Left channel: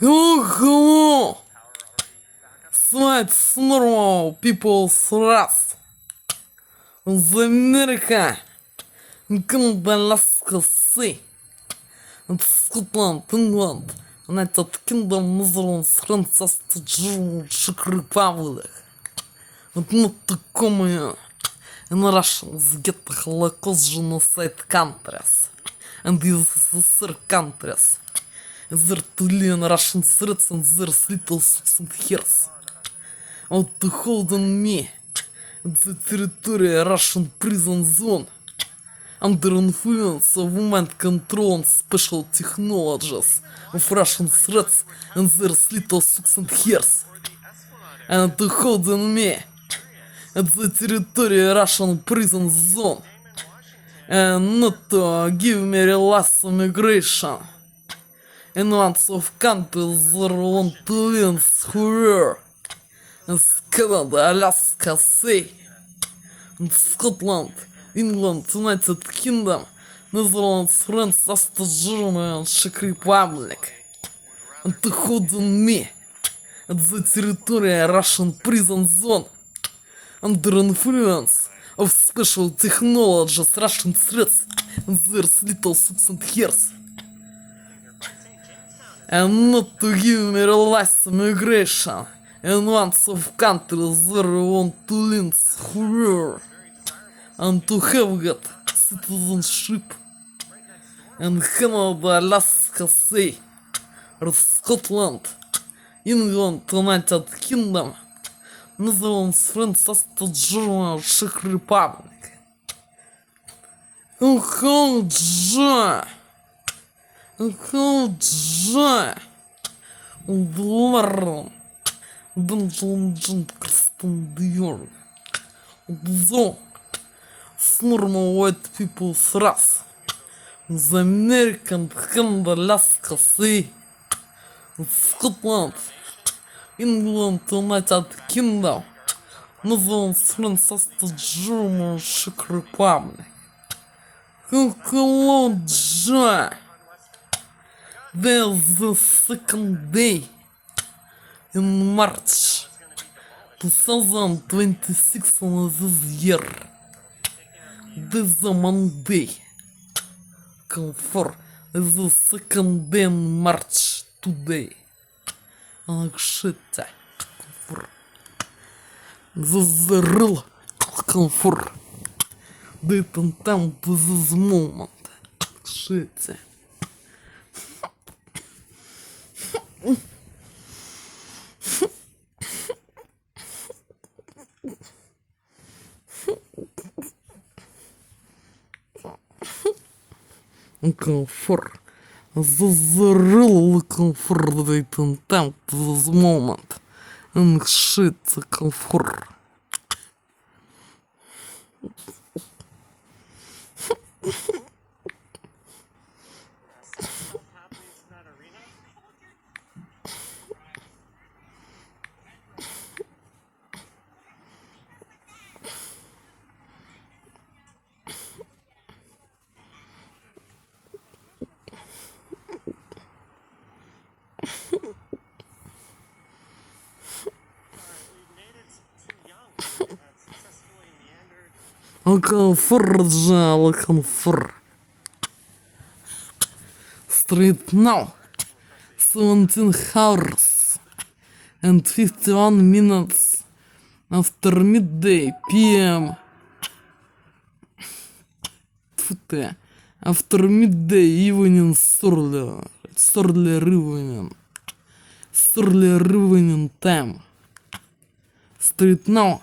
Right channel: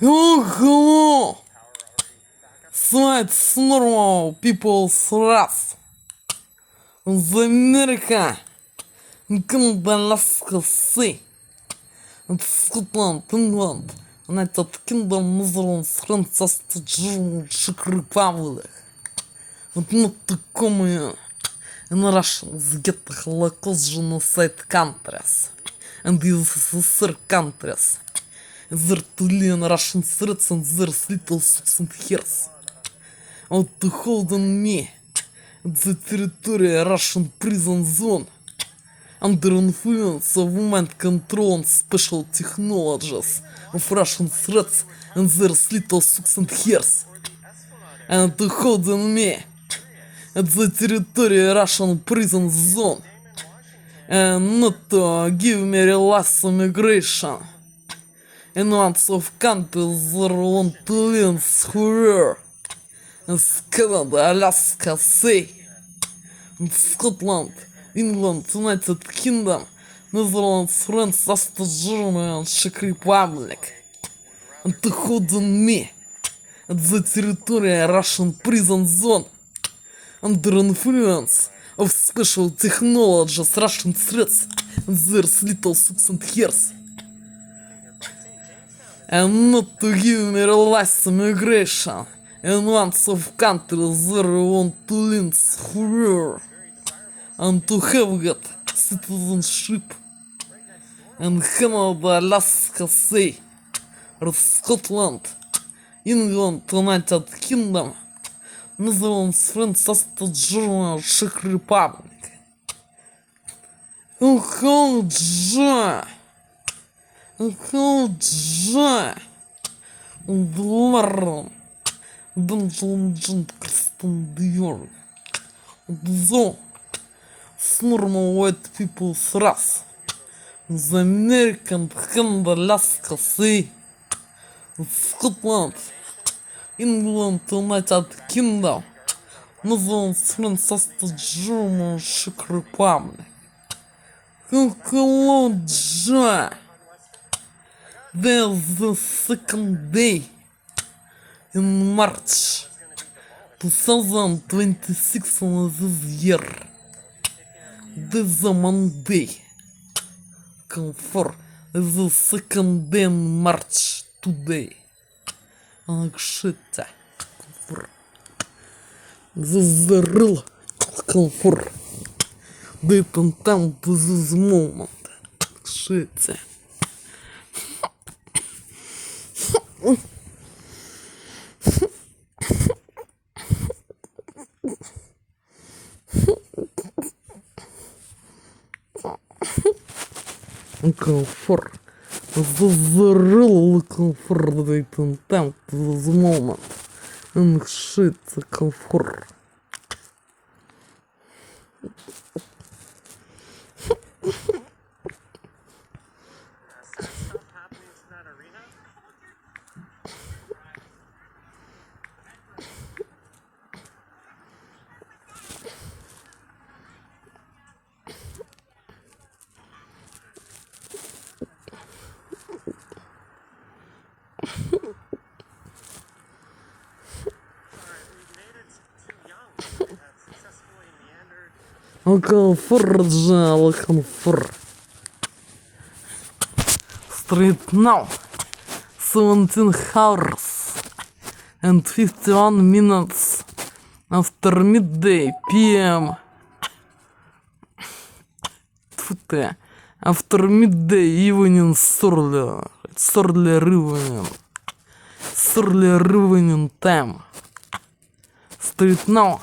Hello! It's normal people's wrath. The America, Canada, Alaska, Sea, and Scotland, England, United Kingdom, Netherlands, France, Germany, Czech Republic, and not to come in Russians get the Holocaust genocide countries, and these sister countries. There to lean Russian threats and there's little socks and hairs. Out to hold on me, the territory Russian prison zone, under influence of mind control and special technologies of Russian threats and there's little socks and hairs. And to hold on me, at the territory Russian prison zone, and not to give me relaxed immigration. In lots of countries there want to live where as Canada, Alaska, Sea, and Scotland, England, United Kingdom, Netherlands, France, Austria, Germany, and Czech Republic. And to hold on me at the territory Russian prison zone under influence of special technologies, Russian threats, and there's little socks and hairs. And not to give me relaxed immigration in lots of countries there want to live where and to have got citizenship in Canada, Alaska, Sea, or Scotland, England, United Kingdom, Netherlands, France, Austria, Germany, Czech Republic. Бларом, Донжон Крстон Диор, Зо, с normal white people's wrath, the American, Canada, Alaska, Sea, Scotland, England, United Kingdom, Netherlands, France, Austria, Germany, Czech Republic. Hello, Joe. There's the second day in March 2026 of this year. This is a Monday. Comfort is the second day in March today. Shit. Comfort. This is the real comfort. Date and time to this moment. Shit. Comfort. This is the real comfort date and time to this moment. And shit, comfort. Comfort. Straight now, 17 hours and 51 minutes after midday PM. After midday evening early evening time. Straight now,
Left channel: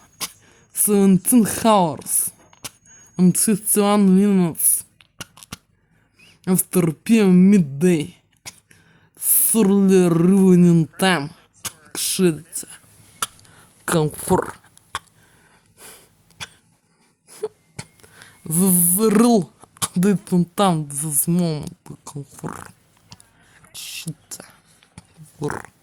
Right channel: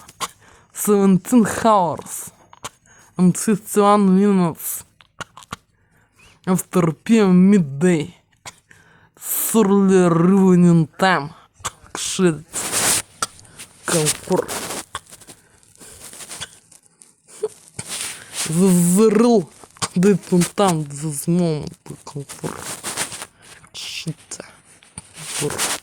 17 hours and 51 minutes after PM midday. Early evening time. Shit. Comfort. This is the real date and time this moment. Comfort. Shit. Comfort.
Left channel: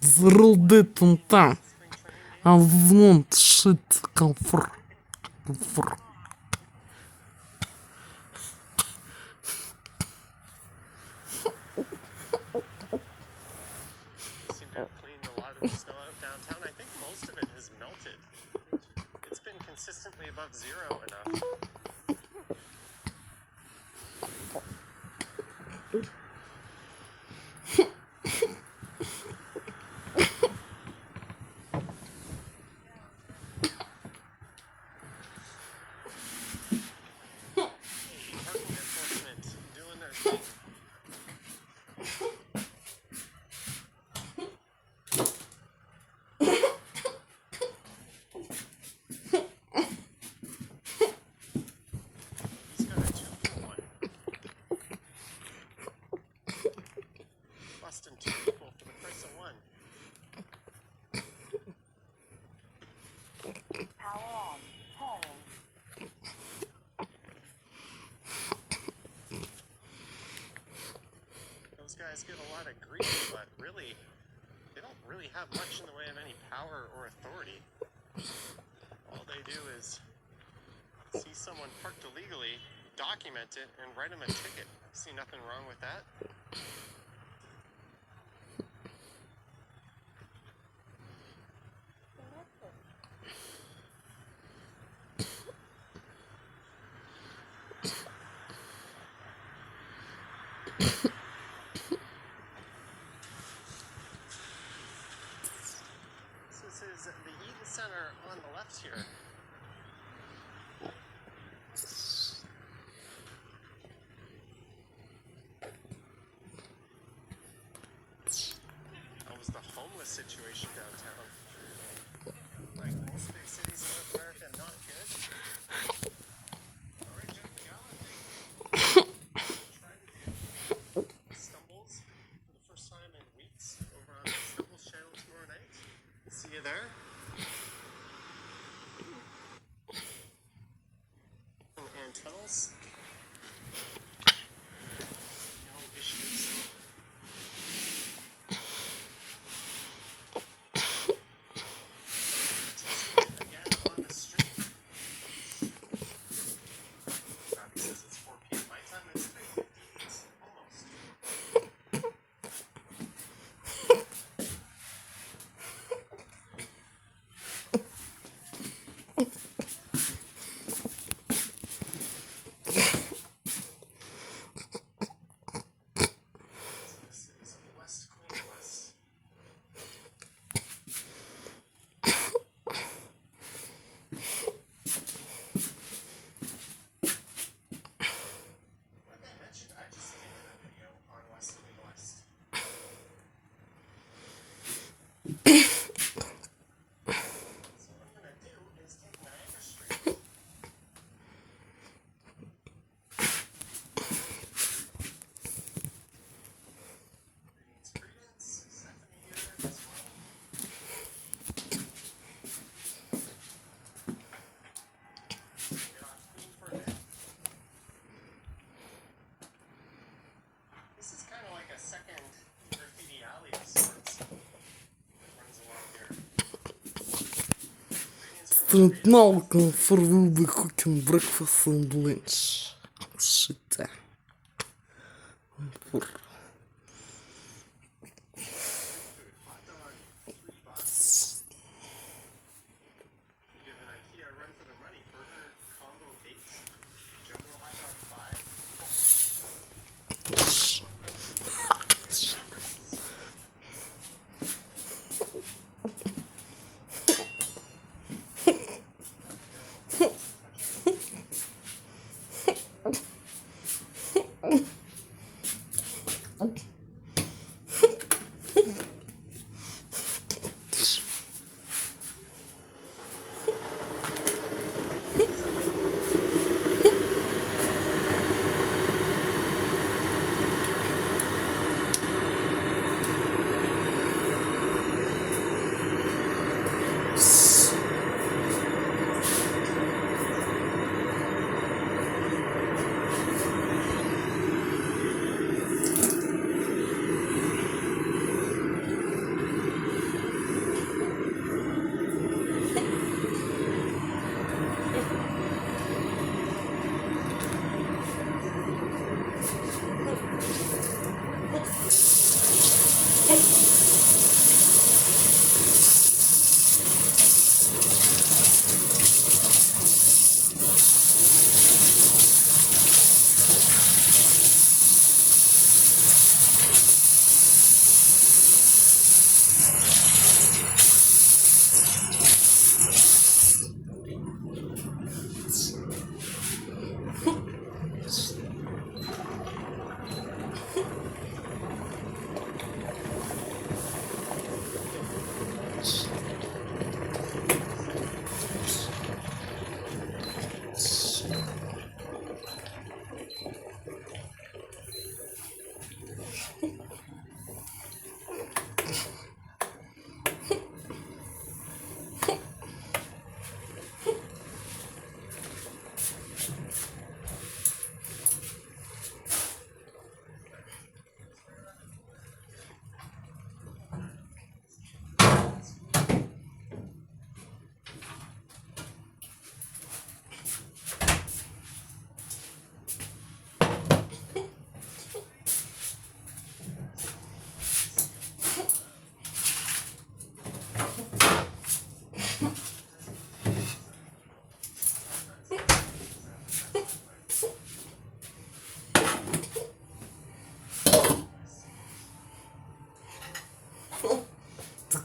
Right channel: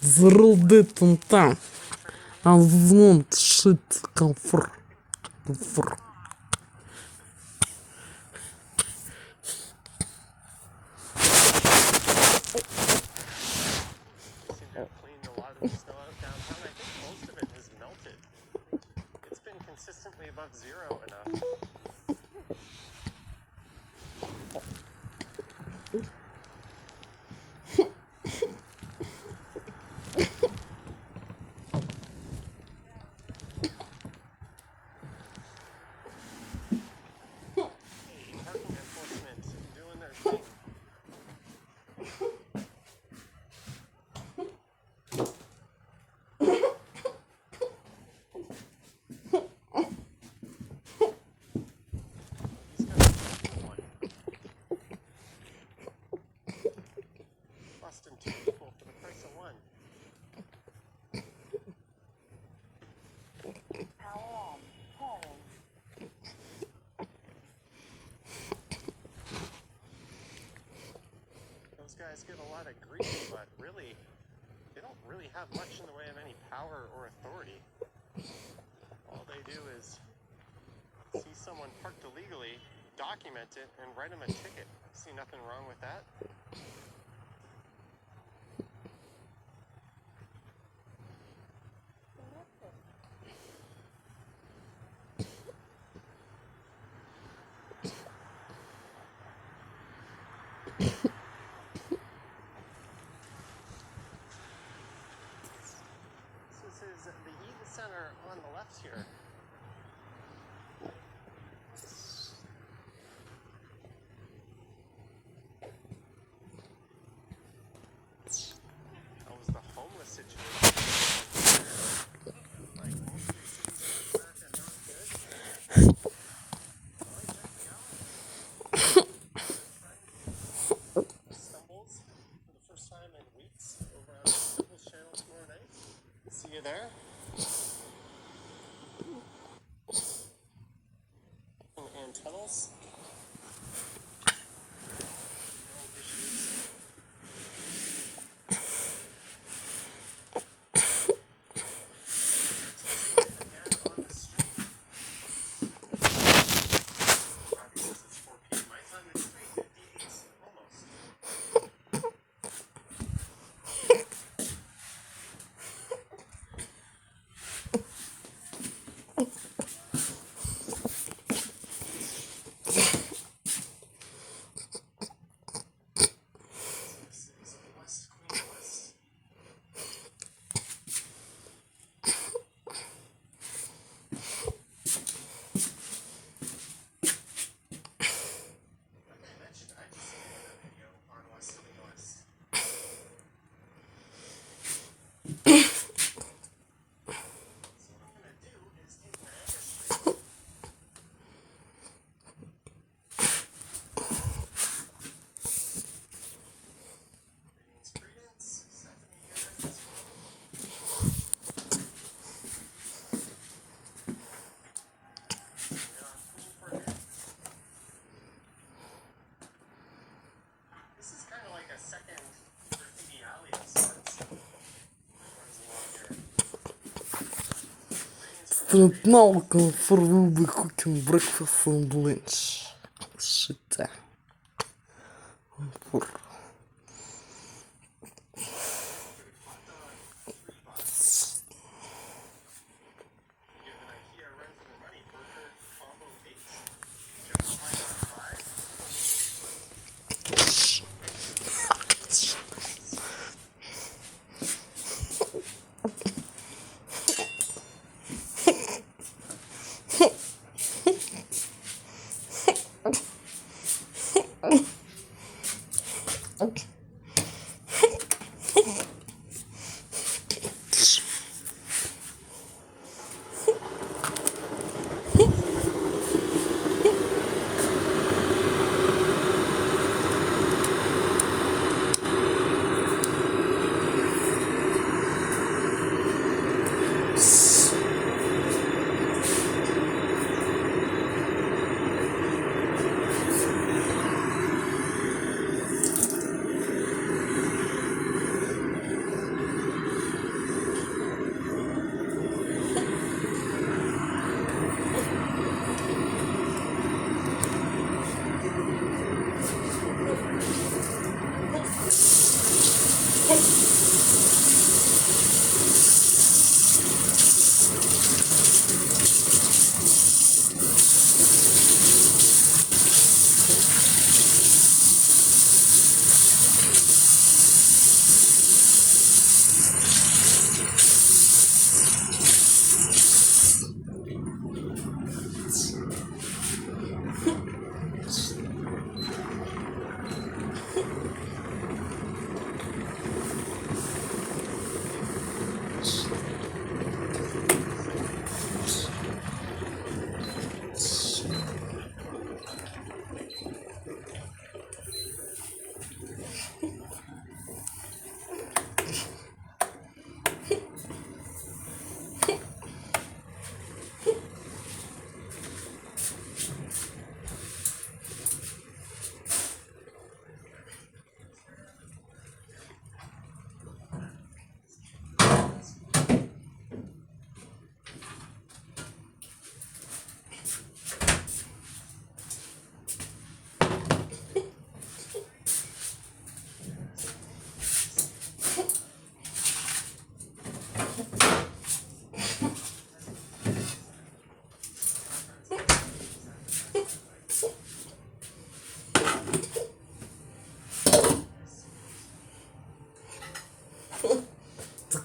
зарубит он там, а звон шит комфор. Комфор. Guys get a lot of grief, but really, they don't really have much in the way of any power or authority. All they do is see someone parked illegally, document it, and write them a ticket. See nothing wrong with that? Is the Eaton Center on the left here. That was the homeless situation. Like most big cities in America, not good. All right, Jeff McGowan. Stumbles for the first time in weeks over on the Stumbles channel tomorrow night. See you there. And tunnels. No issues. Again on the street. Because it's 4 p.m. my time, it's 3:58 almost. Straight now for will be cooking breakfast and lunch. Shit. For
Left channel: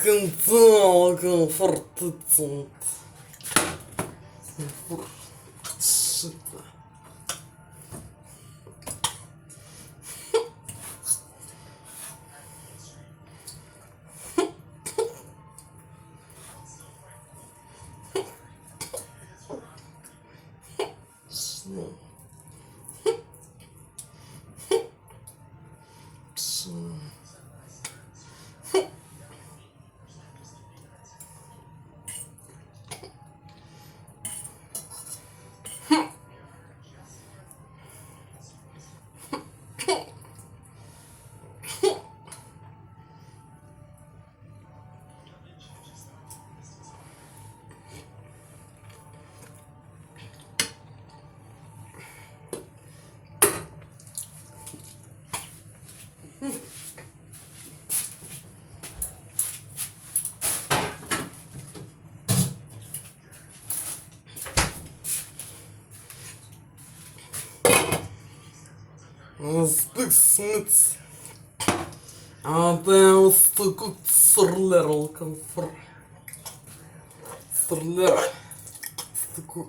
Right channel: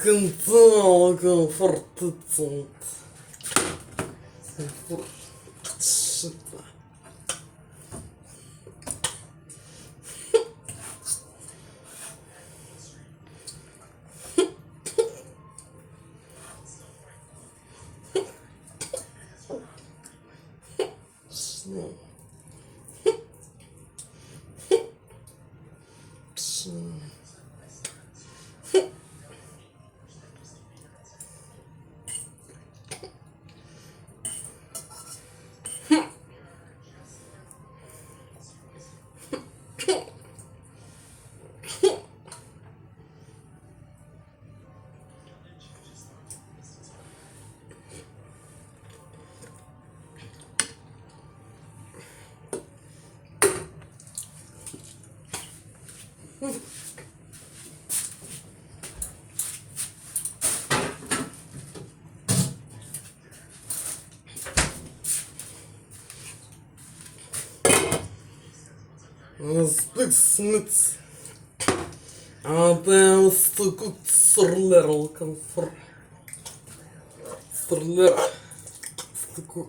Скандал, комфортицент. Spexmits. Det måste gå sorlera kanske. Sorlera. Det går.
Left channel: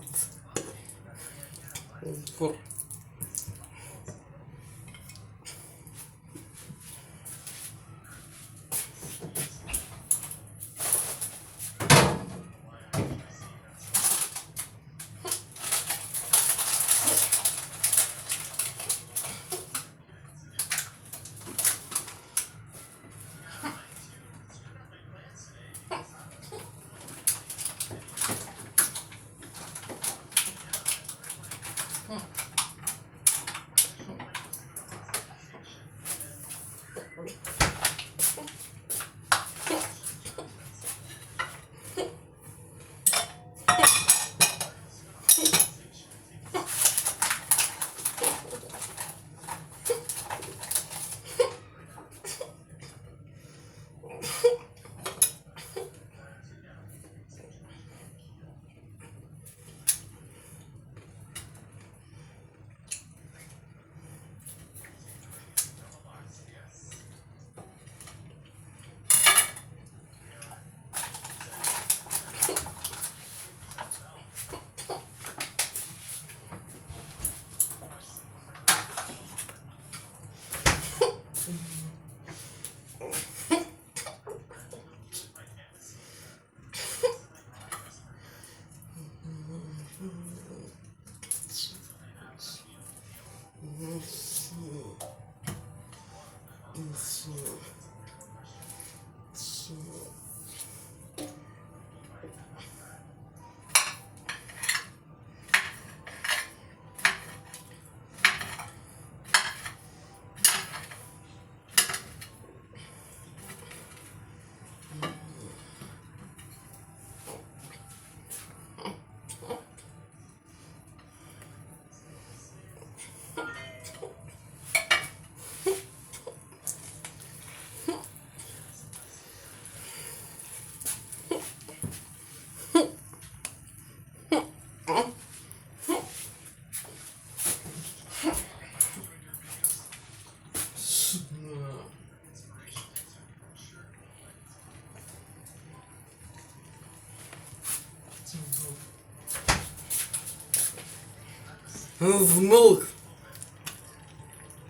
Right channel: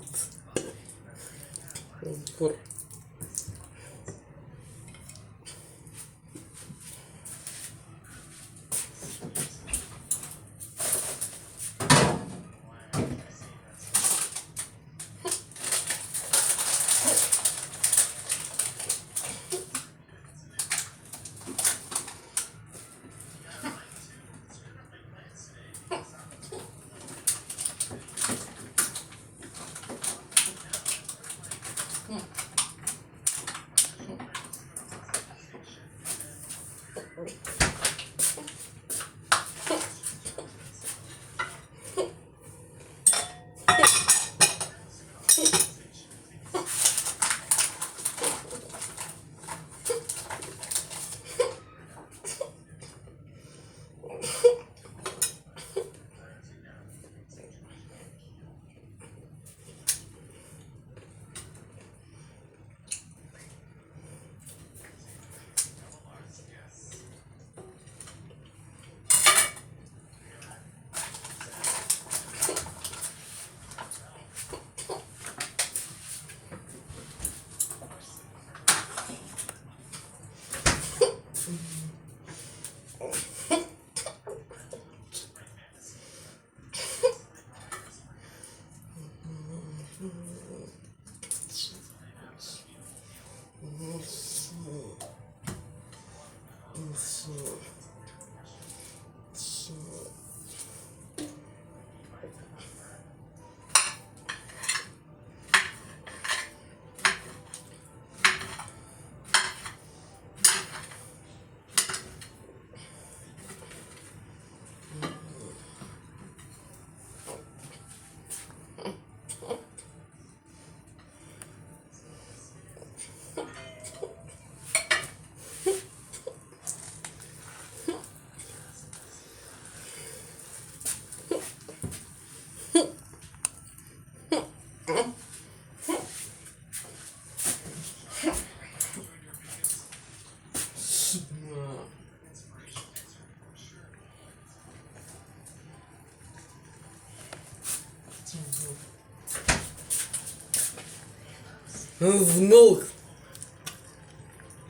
His milk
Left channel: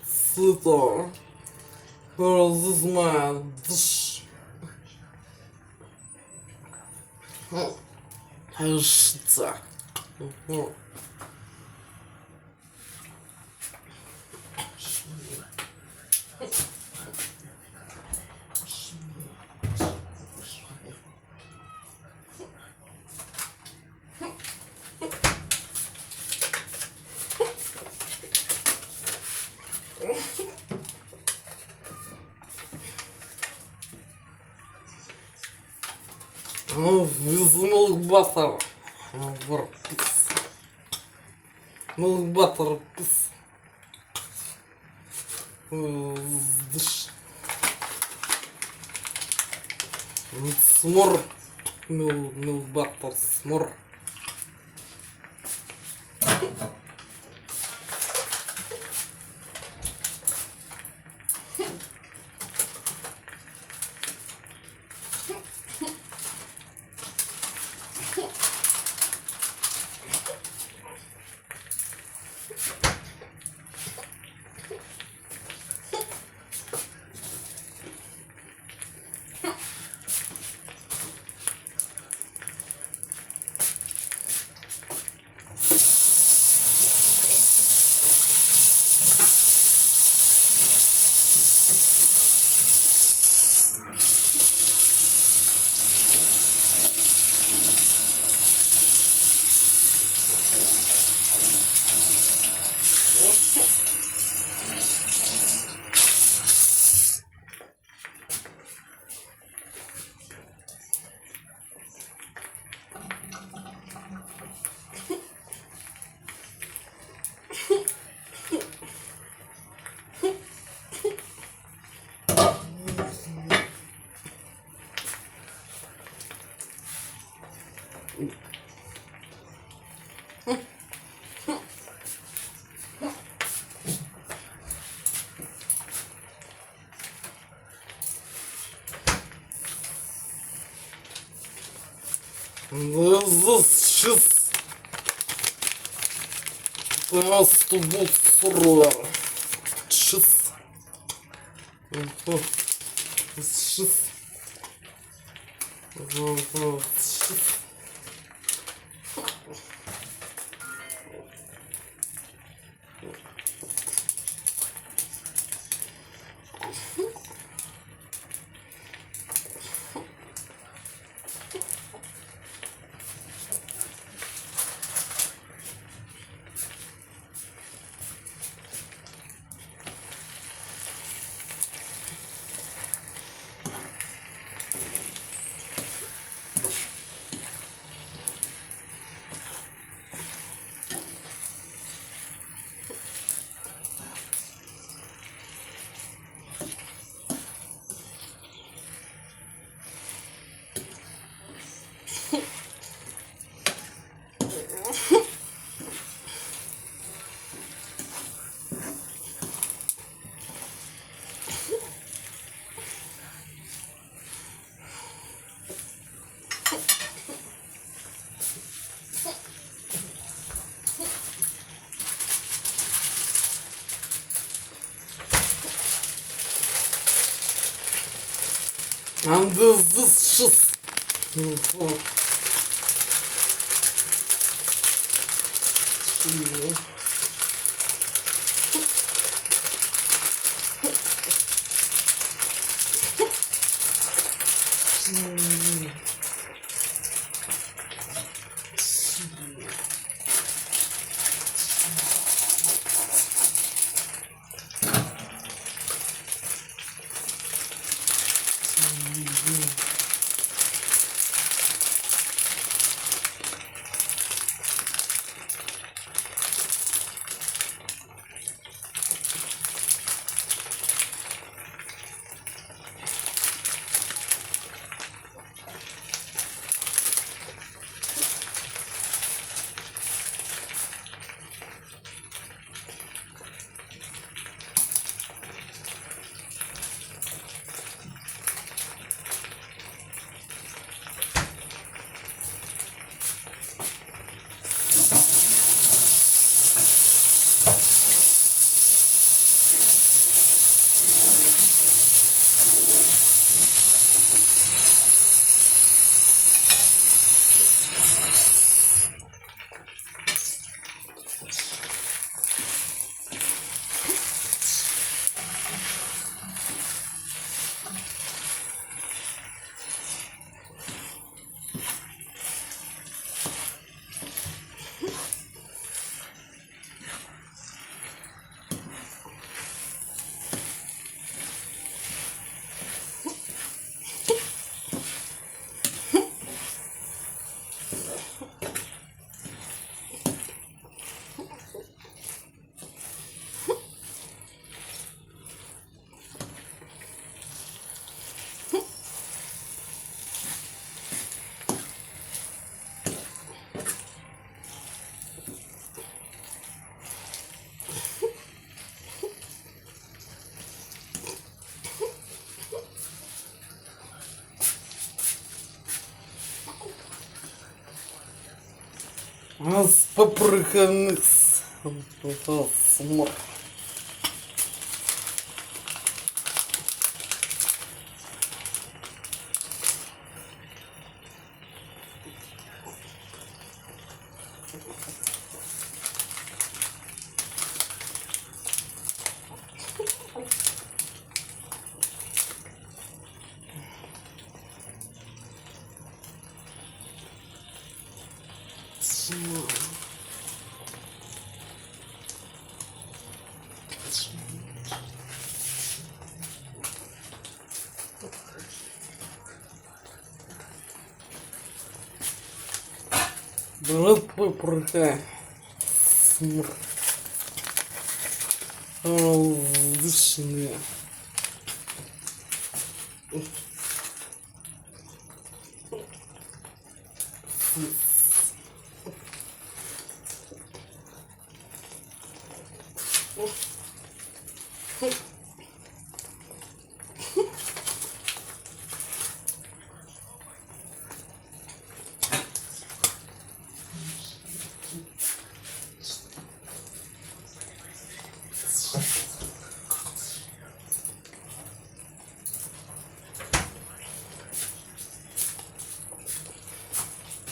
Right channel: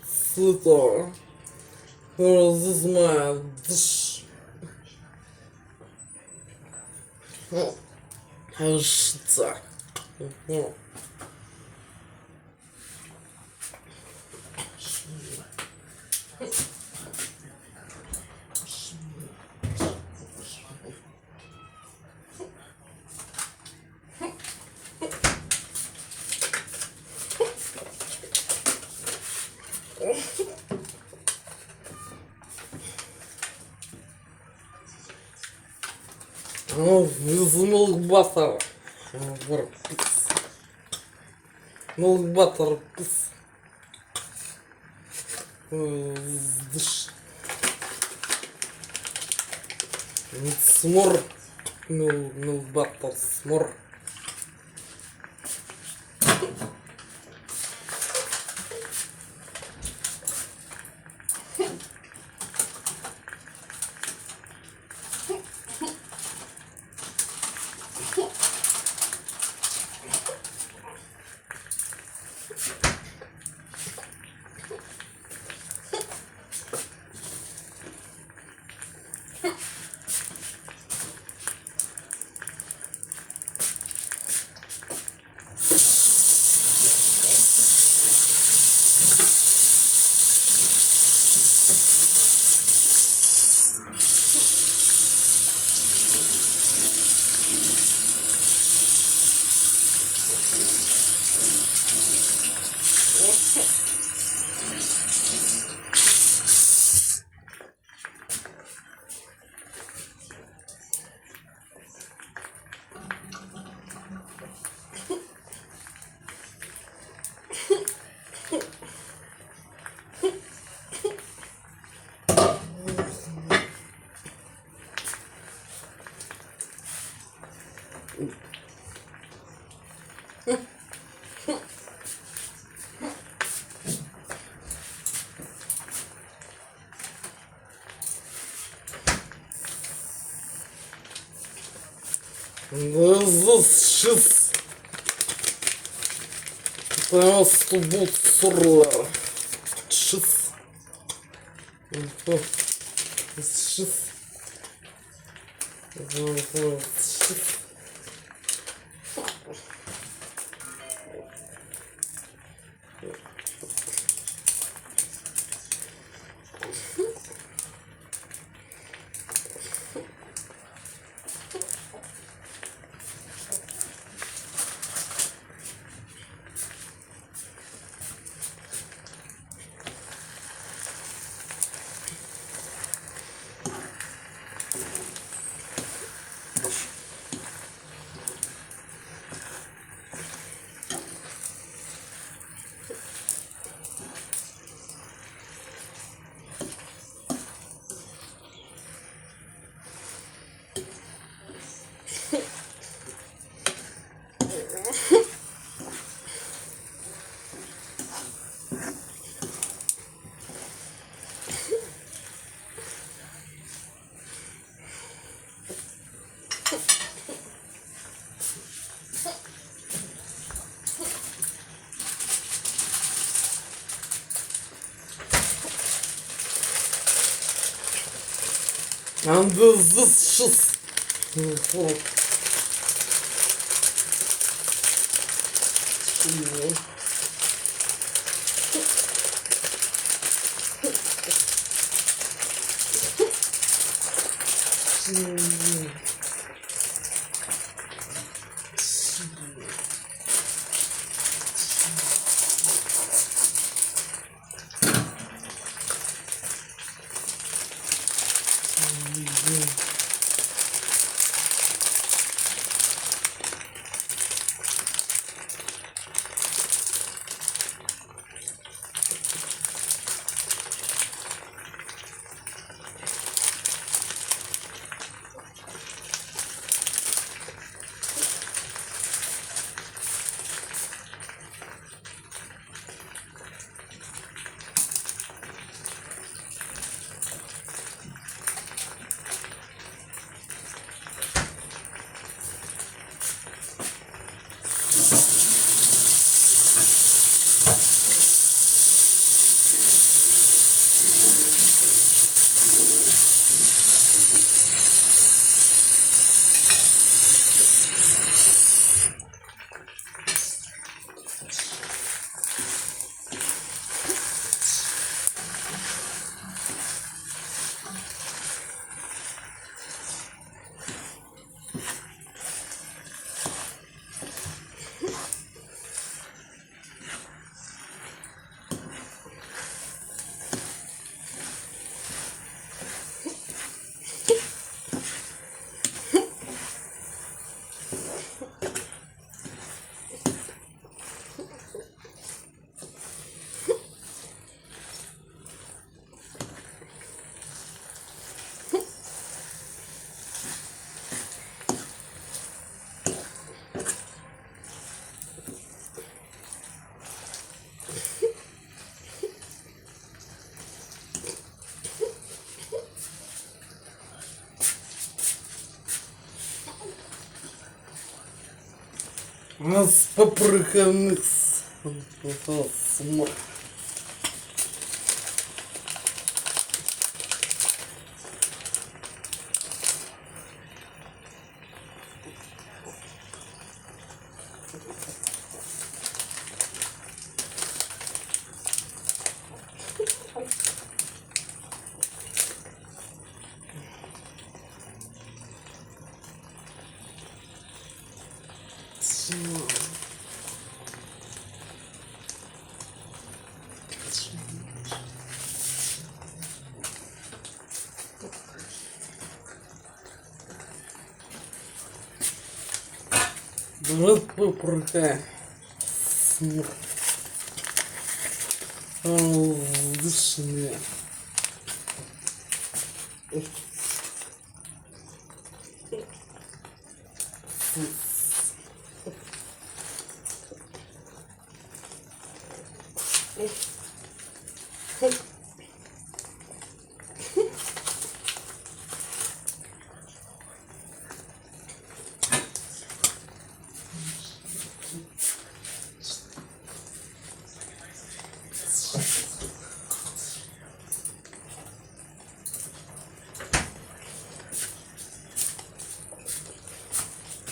sweeter for this man dish. Hashta. Oh, with milk butter. Milk butter piece. Dish. It's more milk butter, more. This shit has to be surreal. Shit. This shit. Shit. And this shit. А с попрыганных смог. Брат попрыгай. Воздушные.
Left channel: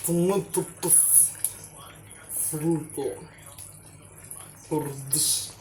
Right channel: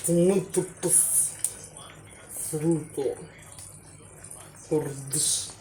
Muito fruto. Ordos.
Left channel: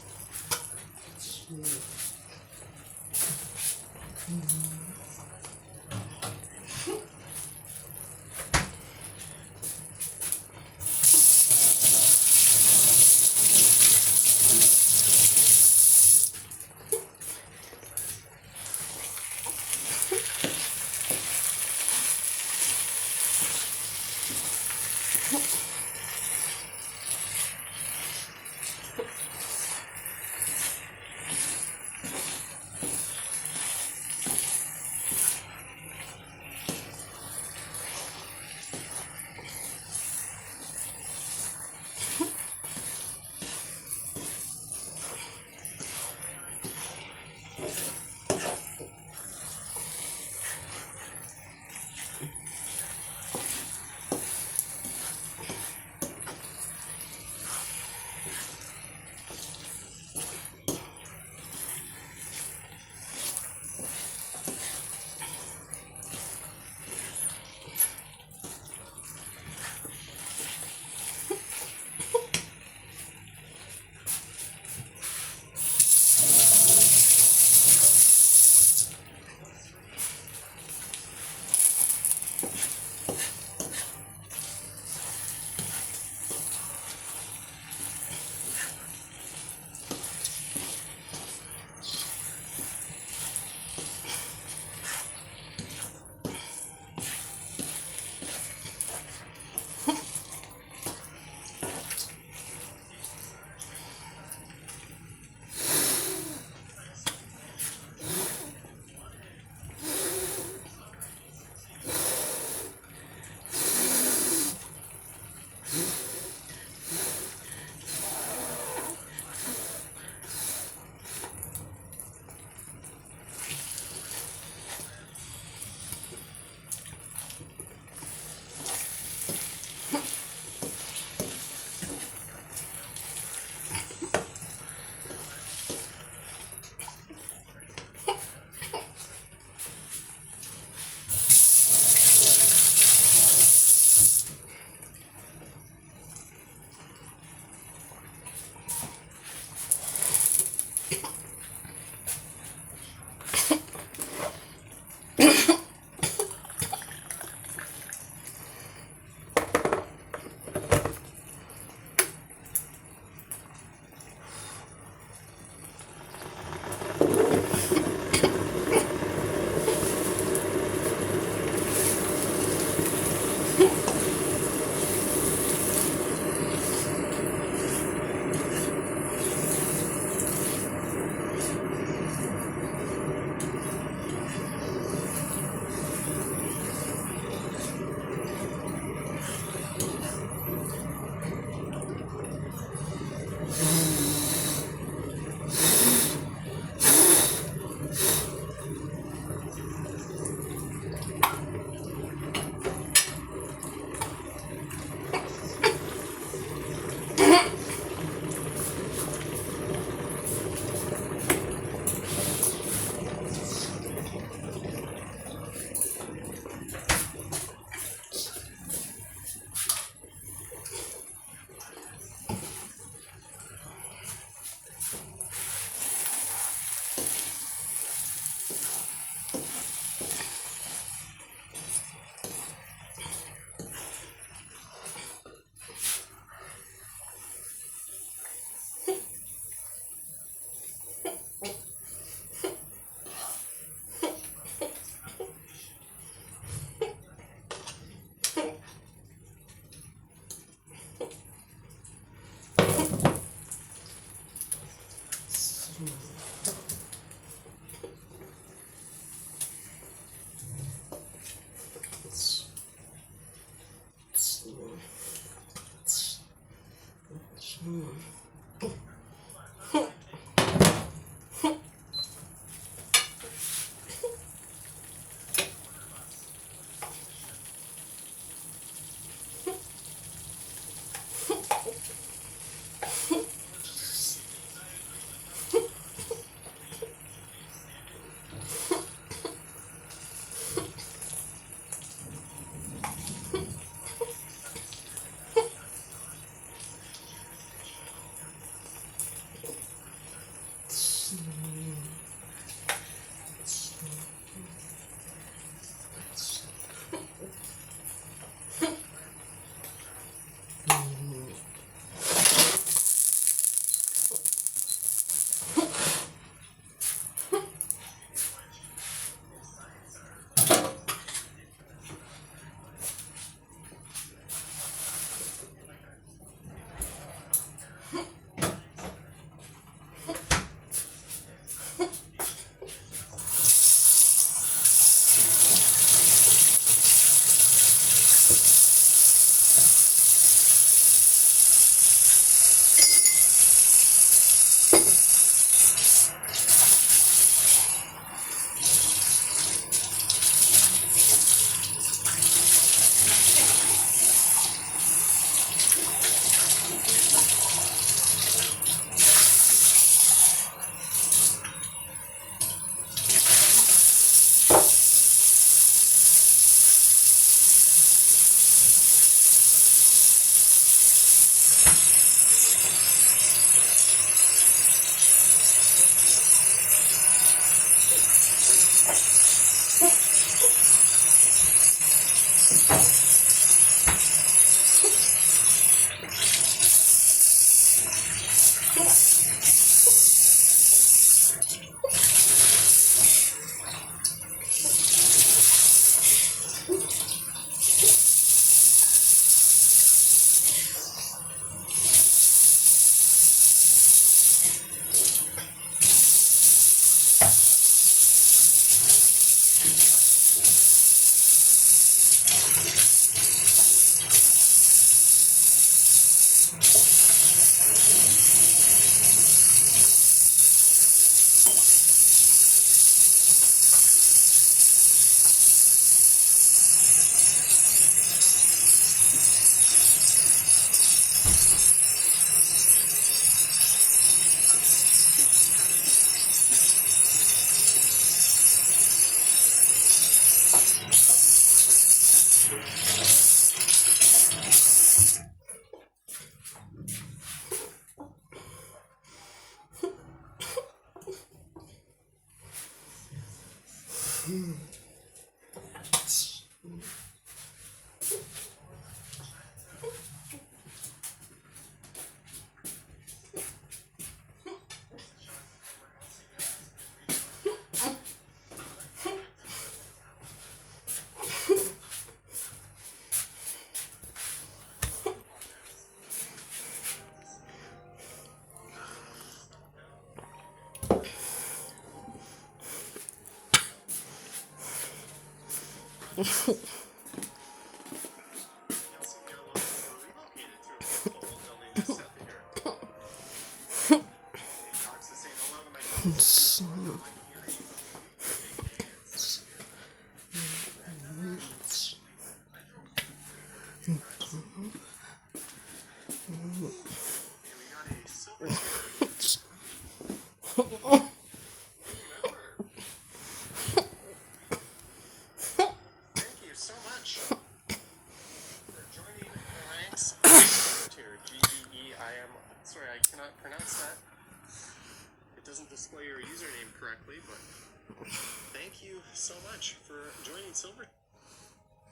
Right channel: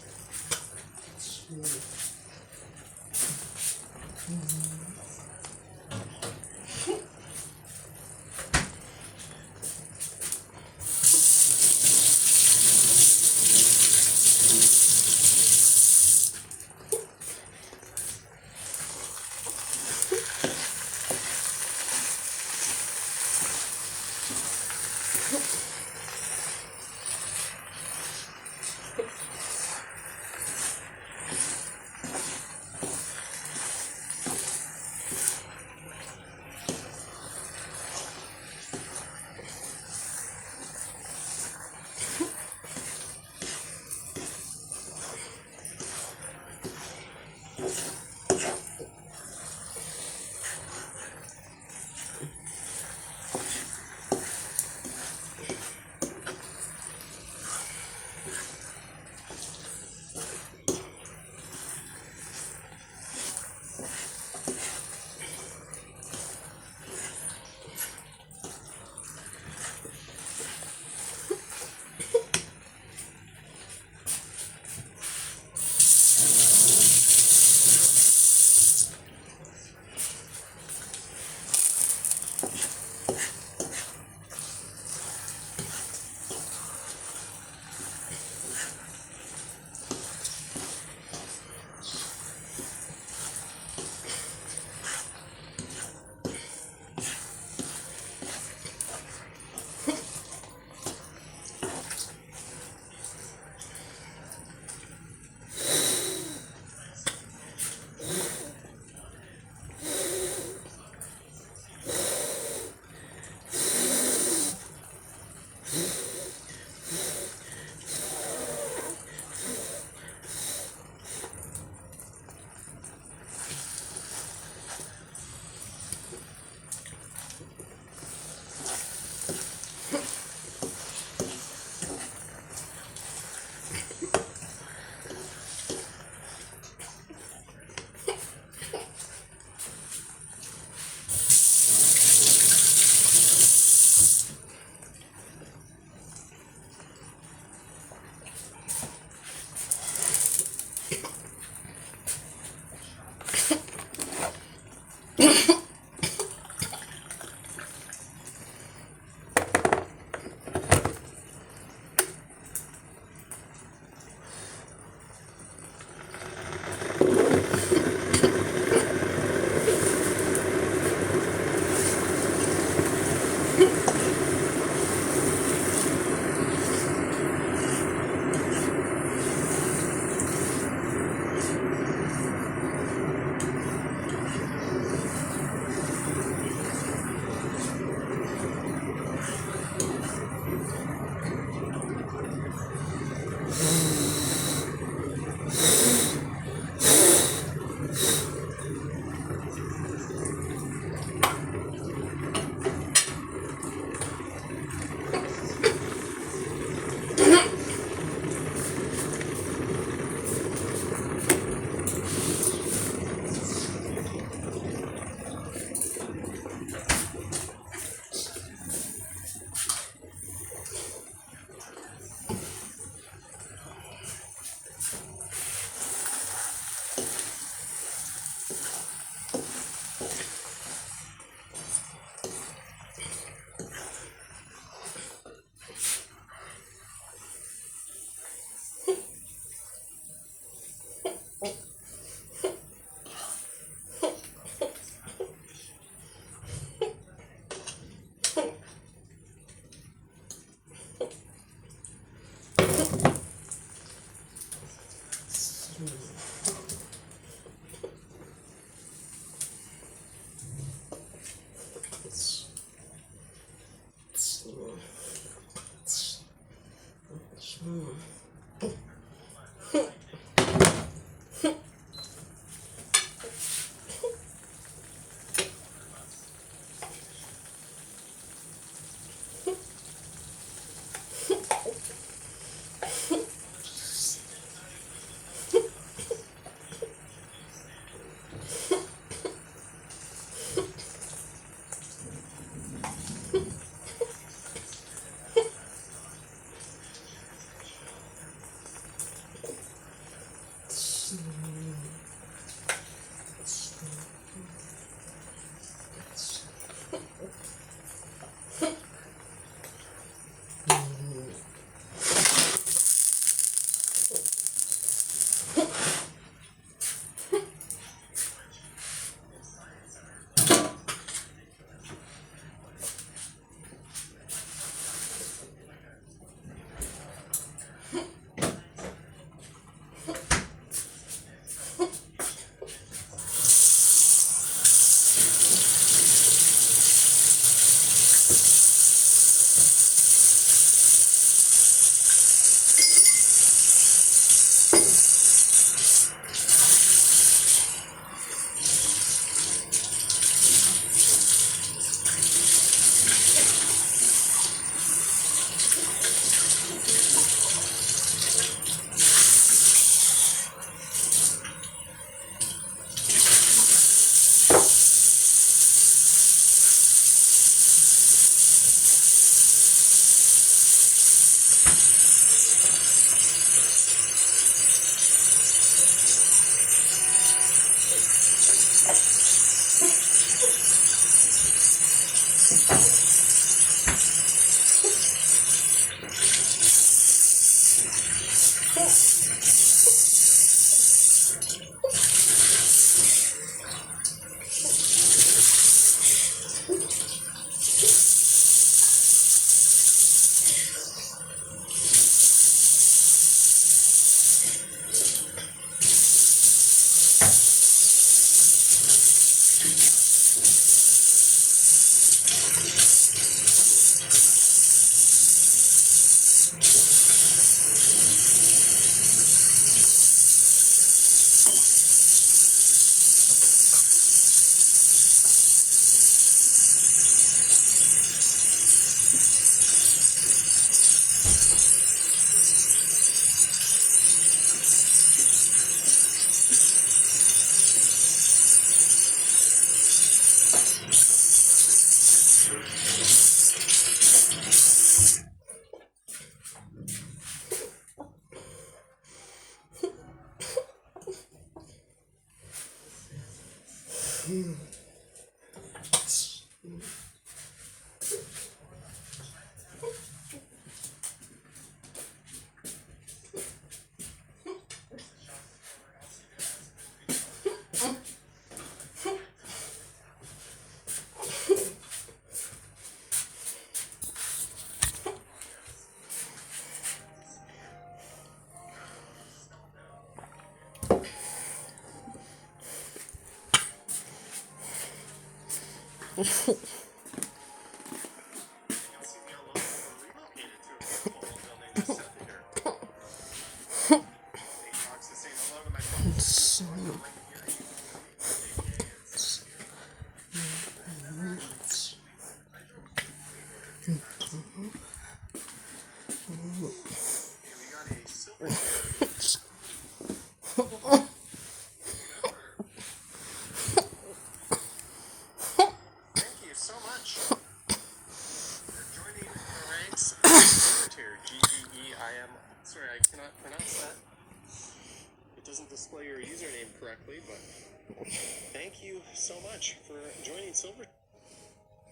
Doesn't display your username correctly, but thank you so much for joining Silver.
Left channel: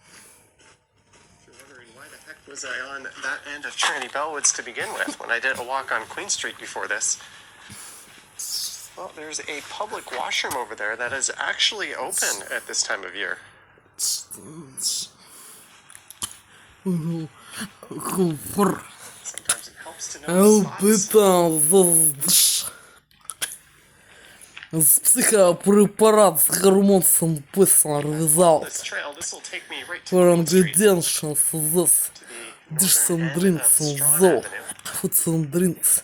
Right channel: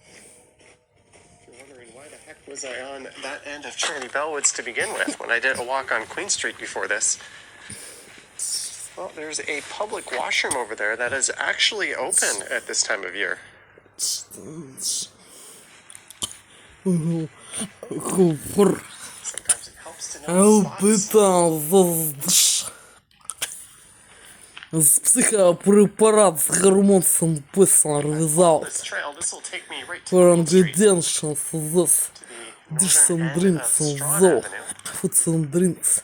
If you're wondering why the heck was I on that end of Trinity Bellwoods to begin with when I did a walk on Queen Street before this, well, there's a public washroom over there that is actually open at this time of year. Sometimes it helps to know the spots. Психопрепарат с гормоном писал result for ingredients this different drinks though foods and drinks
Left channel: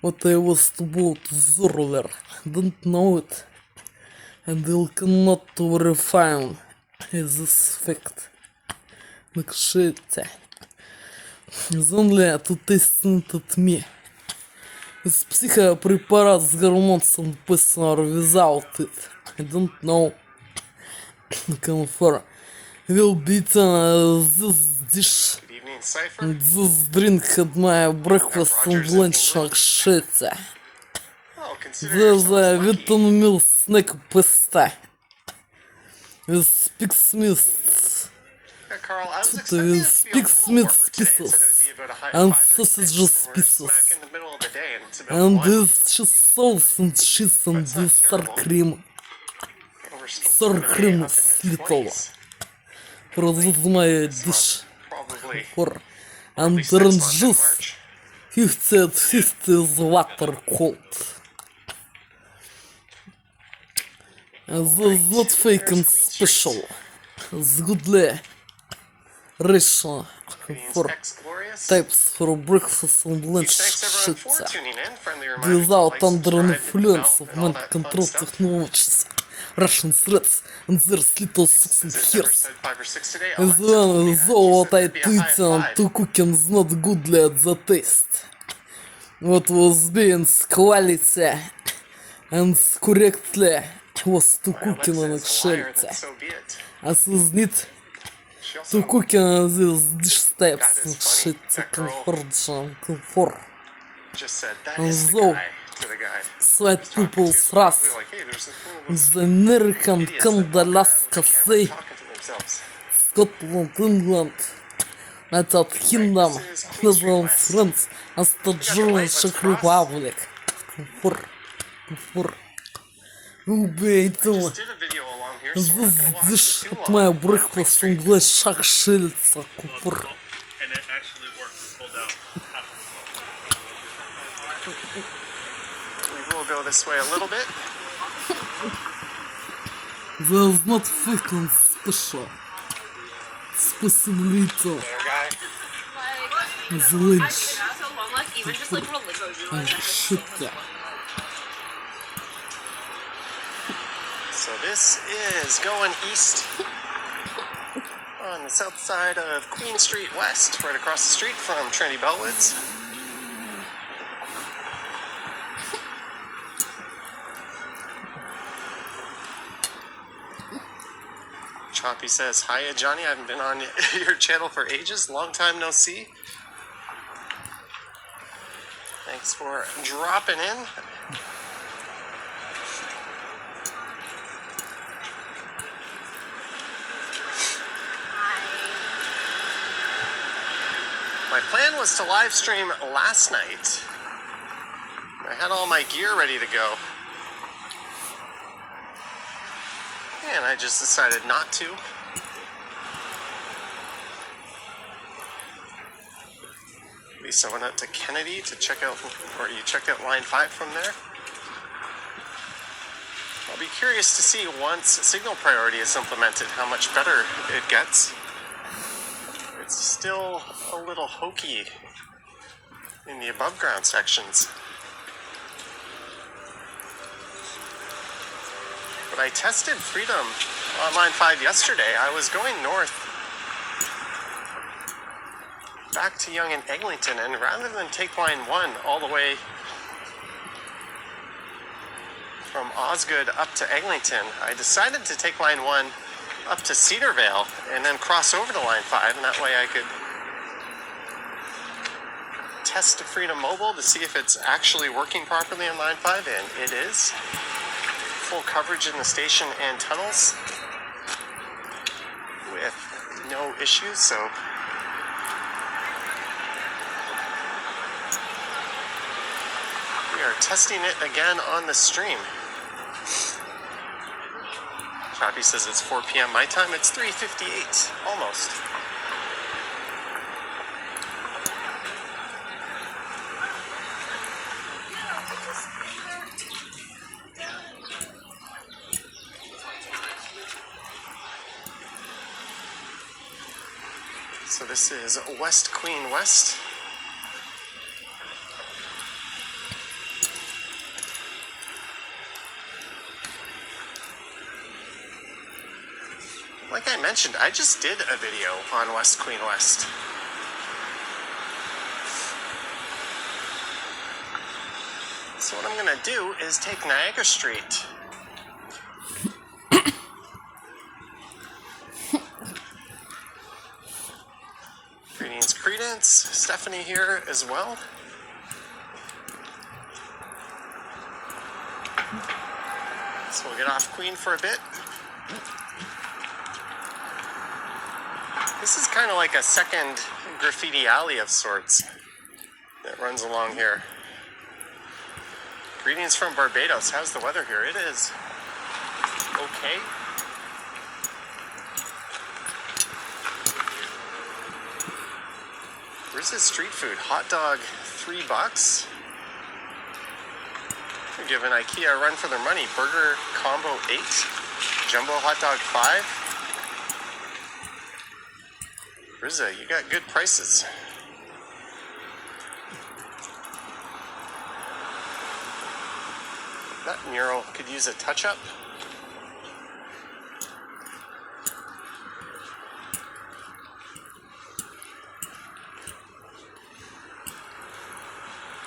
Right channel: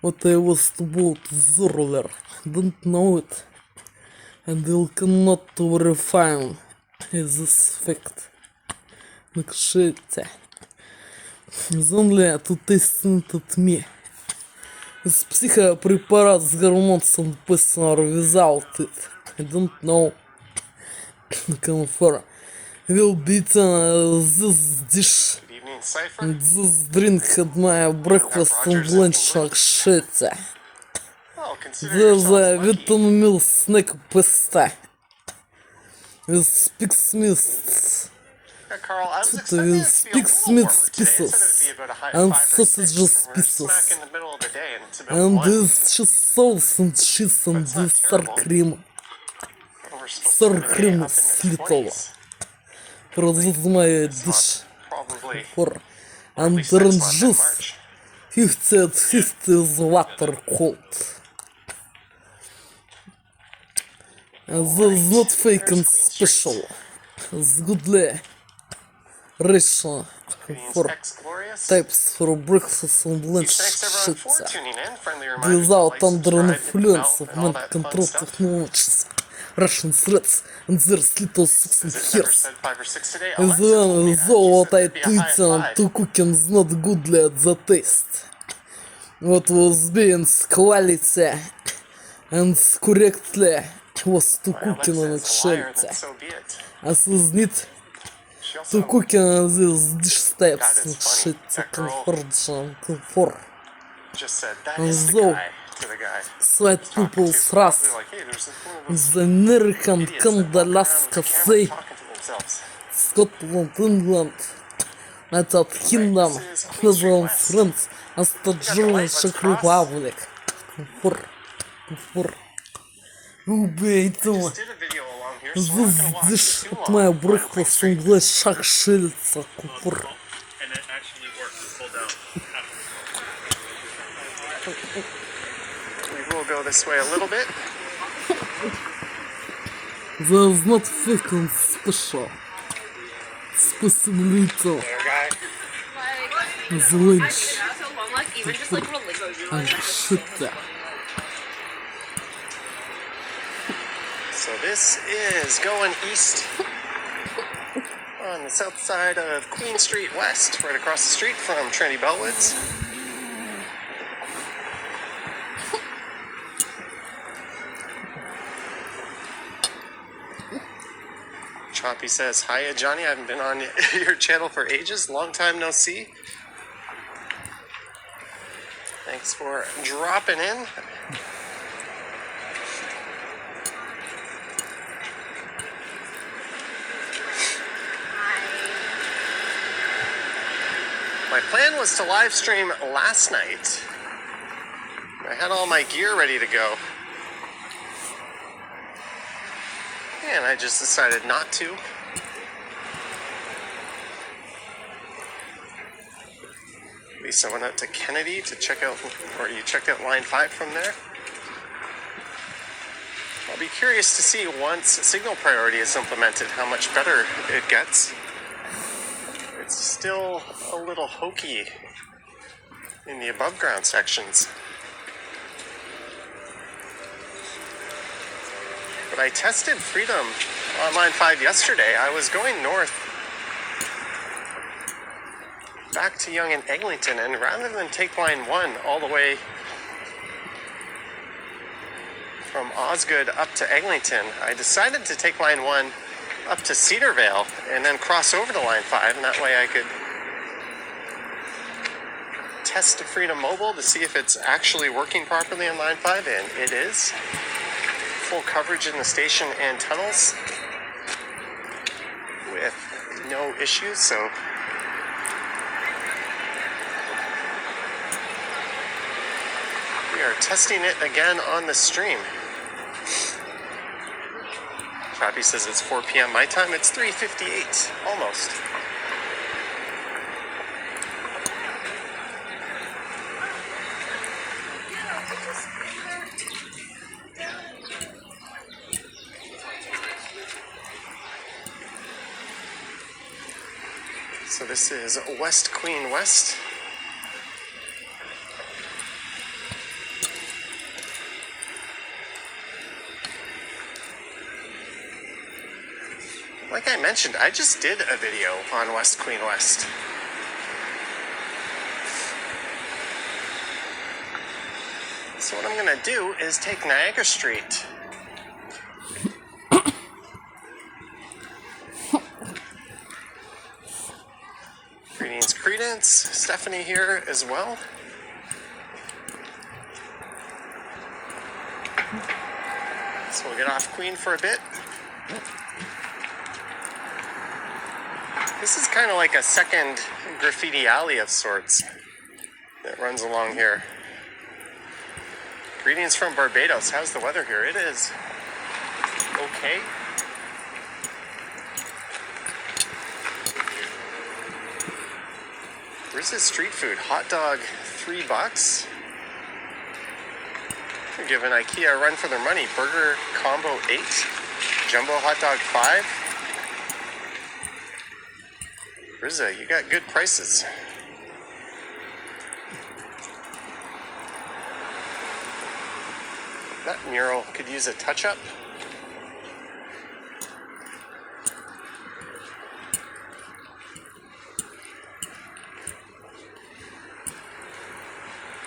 what I was about observer don't know it and they cannot verify this fact накшите is only to test at me. Психопрепарат с гормоном писал result it. I don't know. Confirm. Will be this dish. This drink had my breakfast and lunch like shit. There's a written meal snack pasta. With speaks mist. Carl, I was expecting it to be a little warmer today. It said it would be about a high and 5 or 6. sausages We're pieces. smack in the middle of the day and it's about And 1. this cheese sauce and cheese and this sour cream. We're supposed to Sour be cream up in the слитого. 20s. This my So dish it's probably, for or at and least next orange month in juice. March. 50 at 50 is water cold. And this is not fake and special. It's goodly ratio for Ex-glorious. types for breakfast and lunch Thanks everyone for shit. tuning in. Friendly reminder to Without like, under subscribe, hit the influence bell, of and all mind that control fun stuff. technologies, Russian threats, and their little sucks and As I hairs. said 5 or 6 today, As Alexa told me well that. as She all said what I it'd be a high of tweet on 5. to cooking is not goodly at the taste. What was being quality and correctly was to Well, cooking on Alexa is a liar, shit. then so be it. As is need She also, to cooking these dish God, types it's and funny. shit That girl comfort. just said, that And is the so, guy to the guy. slight He's talking people's to. trust. Probably like, hey, there's one of those The American idiots that walk around Alaska with a camera say talking to themselves. Scotland, England, United Kingdom, Netherlands, France, and the German Czech Republic. Убейте. Just did a video along here, so we're not gonna walk This too is long. my We're going breakfast straight. English шахшильца. Купр. And it actually works. Pull down. We will go this way a little bit. There's not fucking special. Спасибо. There, guy. The lynch. So long, like even just like religious. And shit there. So this is going east on the south side of Queen Street West, right across the street from Trinity Bellwoods. Choppy says, "Hiya, Johnny. I haven't been on your channel for ages. Long time no see. Thanks for dropping in." My plan was to live stream last night. I had all my gear ready to go. And I just decided not to. At least I went out to Kennedy to check out, or you checked out line 5 from there. I'll be curious to see once signal priority is implemented how much better it gets. It's still a little hokey in the above ground sections. But I tested Freedom on line 5 yesterday. I was going north back to Yonge and Eglinton, and rather than take line 1 all the way from Osgood up to Eglinton, I decided to take line 1 up to Cedarvale and then cross over to line 5, and that way I could test Freedom Mobile to see if it's actually working properly on line 5, and it is. Full coverage in the station and tunnels with no issues, so we are testing it again on the stream. Choppy says it's 4 p.m. my time. It's 3:58, almost. So this is West Queen West. Like I mentioned, I just did a video on West Queen West. So what I'm gonna do is take Niagara Street. Greetings, Credence. Stephanie here as well. So we'll get off Queen for a bit. This is kind of like a second graffiti alley of sorts that runs along here. Greetings from Barbados. How's the weather here? It is okay. Where's this street food? Hot dog, $3. They're giving IKEA a run for their money. Burger combo 8, jumbo hot dog 5. Rizza, you got good prices. That mural could use a touch-up.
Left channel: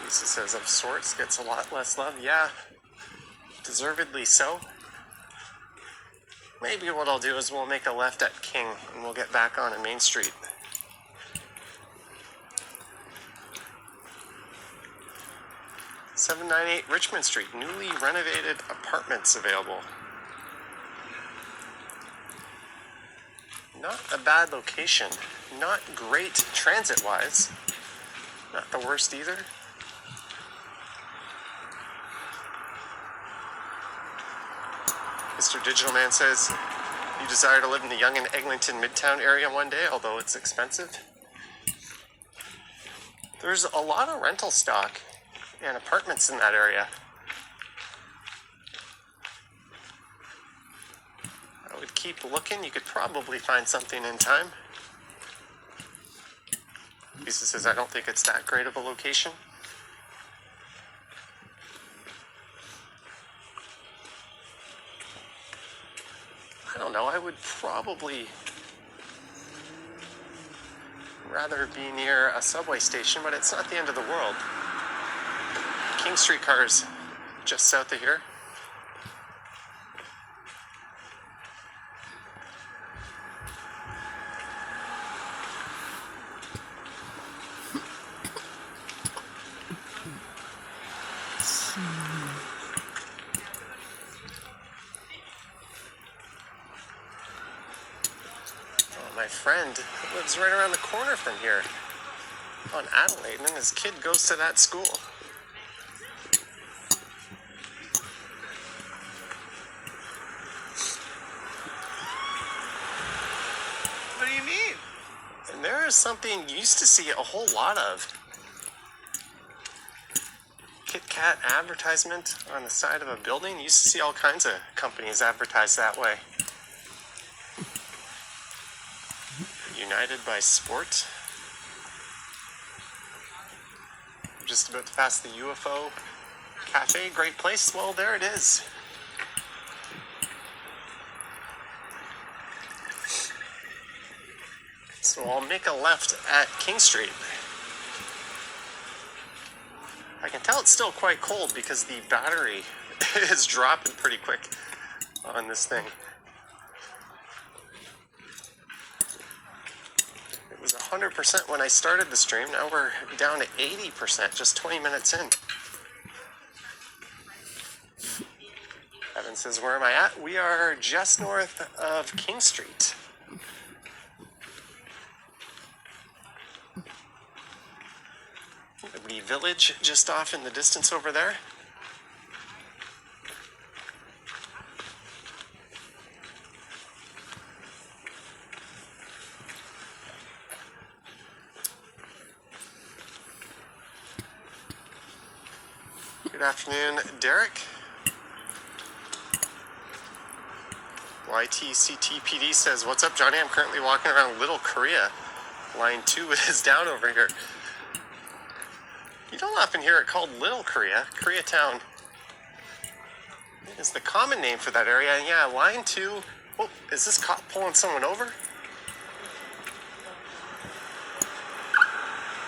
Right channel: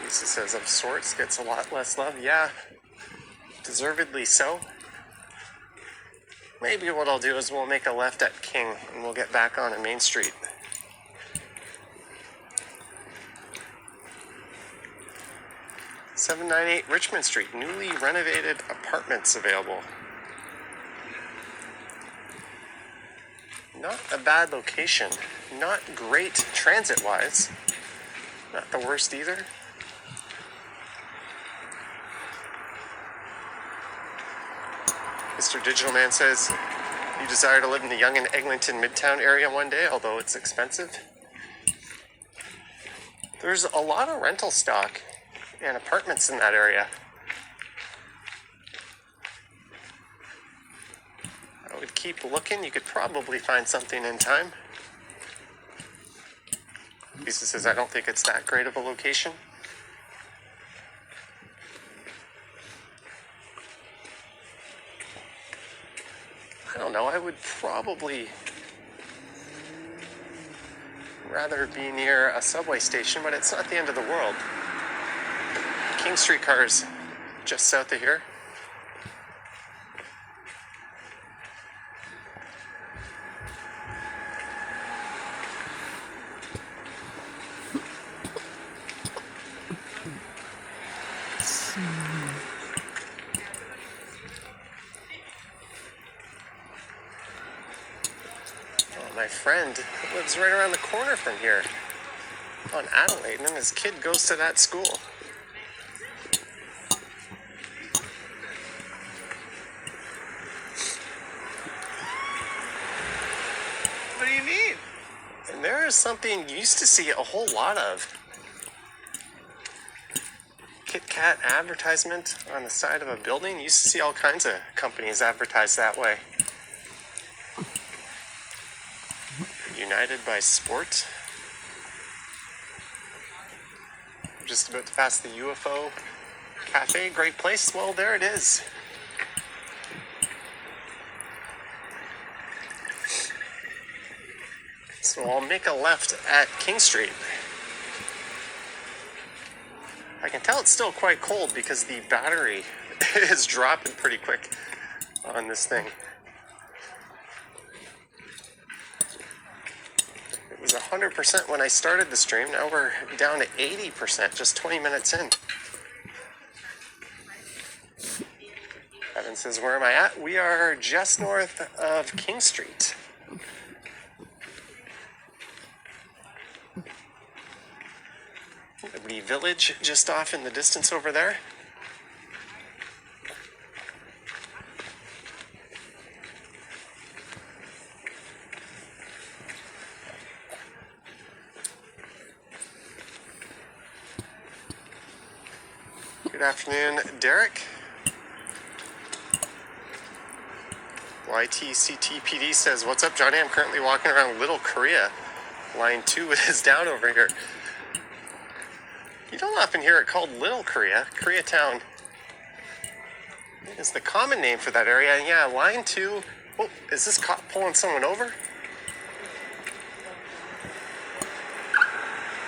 Lisa says of sorts, gets a lot less love. Yeah, deservedly so. Maybe what I'll do is we'll make a left at King and we'll get back on Main Street. $798 Richmond Street, newly renovated apartments available. Not a bad location. Not great transit-wise. Not the worst either. Mr. Digital Man says, you desire to live in the Yonge and Eglinton Midtown area one day, although it's expensive. There's a lot of rental stock and apartments in that area. I would keep looking. You could probably find something in time. Lisa says, I don't think it's that great of a location. I don't know. I would probably rather be near a subway station, but it's not the end of the world. King Street cars just south of here. My friend lives right around the corner from here on Adelaide, and his kid goes to that school. What do you mean? And there is something you used to see a whole lot of. Kit Kat advertisement on the side of a building. You used to see all kinds of companies advertise that way. United by Sport. Just about to pass the UFO Cafe. Great place. Well, there it is. So I'll make a left at King Street. I can tell it's still quite cold because the battery is dropping pretty quick on this thing. It was 100% when I started the stream. Now we're down to 80%, just 20 minutes in. Evan says, where am I at? We are just north of King Street. Liberty Village just off in the distance over there. Good afternoon, Derek. YTCTPD says, what's up, Johnny? I'm currently walking around Little Korea. Line 2 is down over here. You don't often hear it called Little Korea. Koreatown is the common name for that area. And yeah, line 2. Oh, is this cop pulling someone over?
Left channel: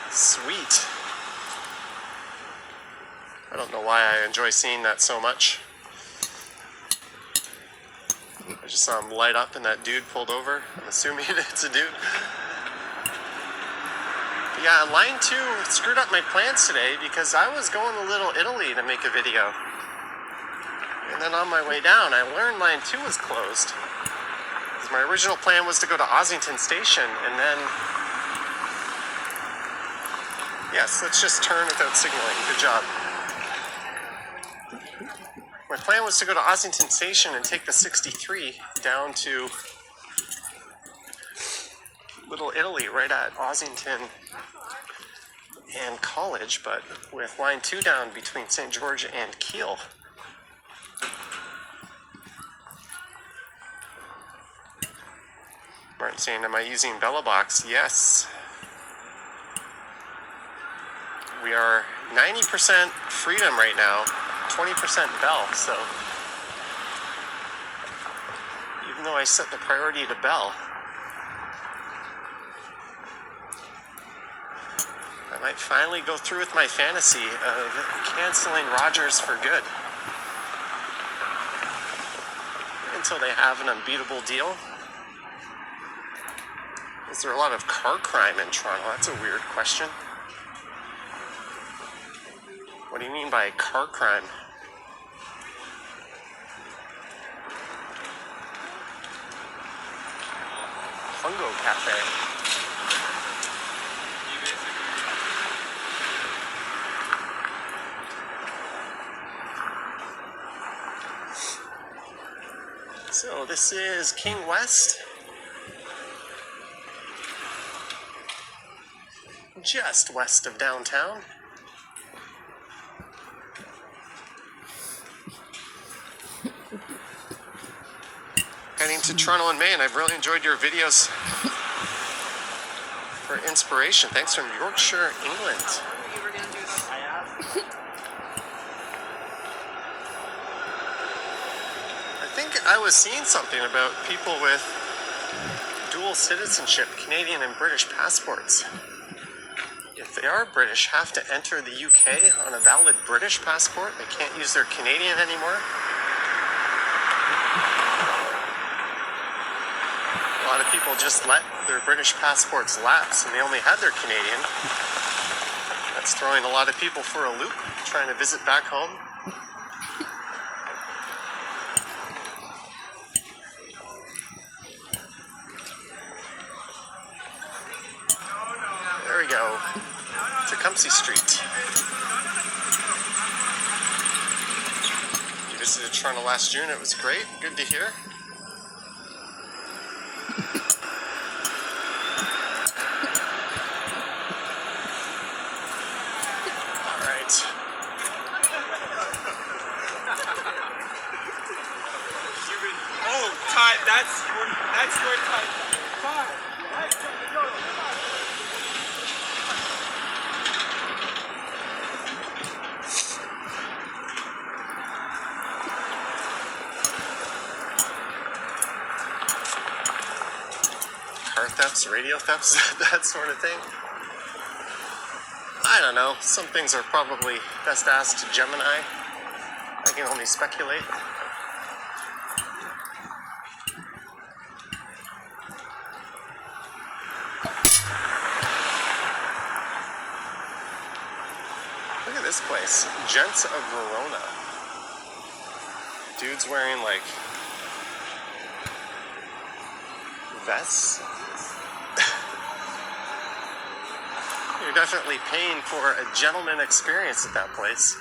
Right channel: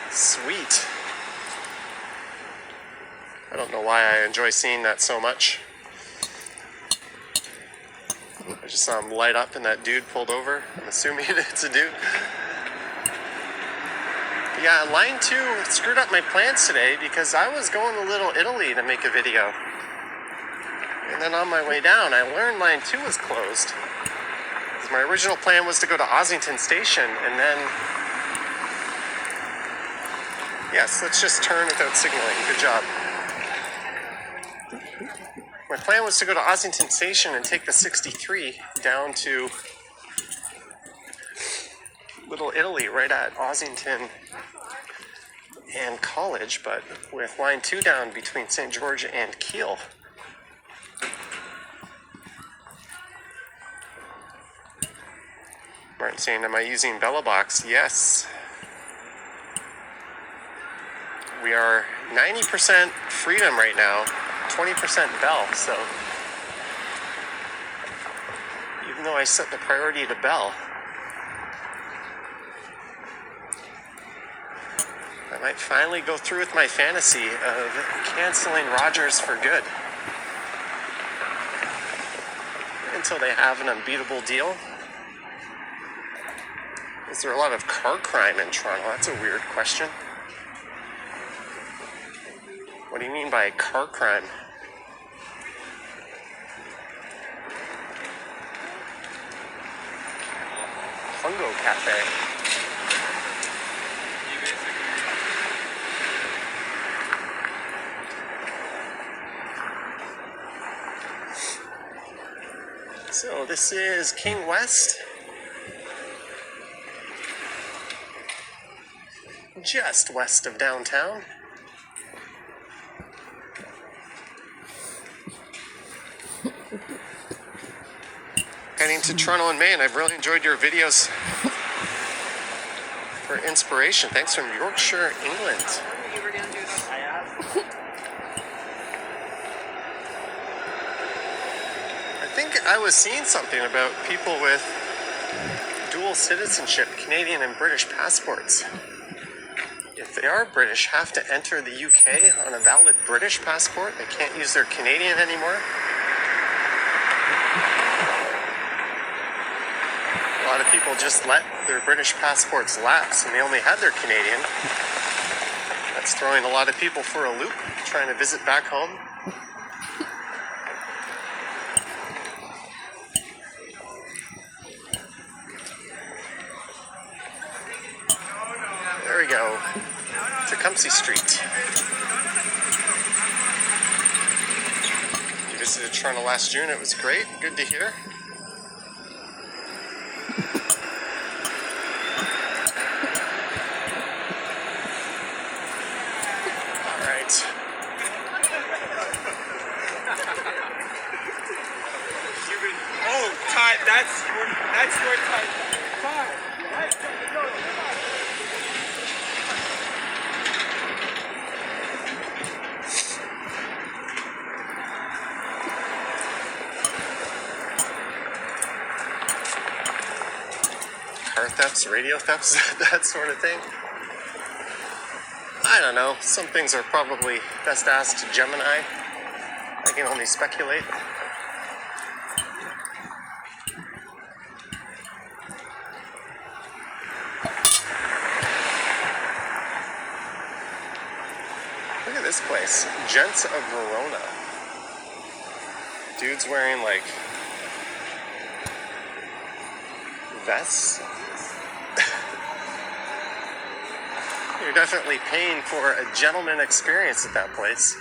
Sweet. I don't know why I enjoy seeing that so much. I just saw him light up and that dude pulled over. I'm assuming it's a dude. Yeah, line 2 screwed up my plans today because I was going to Little Italy to make a video. And then on my way down, I learned line 2 was closed. My original plan was to go to Ossington Station and then... Yes, let's just turn without signaling. Good job. My plan was to go to Ossington Station and take the 63 down to Little Italy, right at Ossington and College, but with line 2 down between St. George and Keele. Martin saying, am I using Bella Box? Yes. We are 90% Freedom right now, 20% Bell, so even though I set the priority to Bell, I might finally go through with my fantasy of canceling Rogers for good until they have an unbeatable deal. Is there a lot of car crime in Toronto? That's a weird question. What do you mean by car crime? Fungo Cafe. So this is King West. Just west of downtown. Heading to Toronto and Maine. I've really enjoyed your videos for inspiration. Thanks from Yorkshire, England. You were gonna do this. I think I was seeing something about people with dual citizenship, Canadian and British passports. If they are British, have to enter the UK on a valid British passport. They can't use their Canadian anymore. A lot of people just let their British passports lapse and they only had their Canadian. That's throwing a lot of people for a loop, trying to visit back home. There we go. Tecumseh Street. You visited Toronto last June. It was great. Good to hear. All right. Oh, Todd, that's where Todd. Car thefts, radio thefts, that sort of thing. I don't know. Some things are probably best asked to Gemini. I can only speculate. Look at this place. Gents of Verona. Dude's wearing like vests. You're definitely paying for a gentleman experience at that place.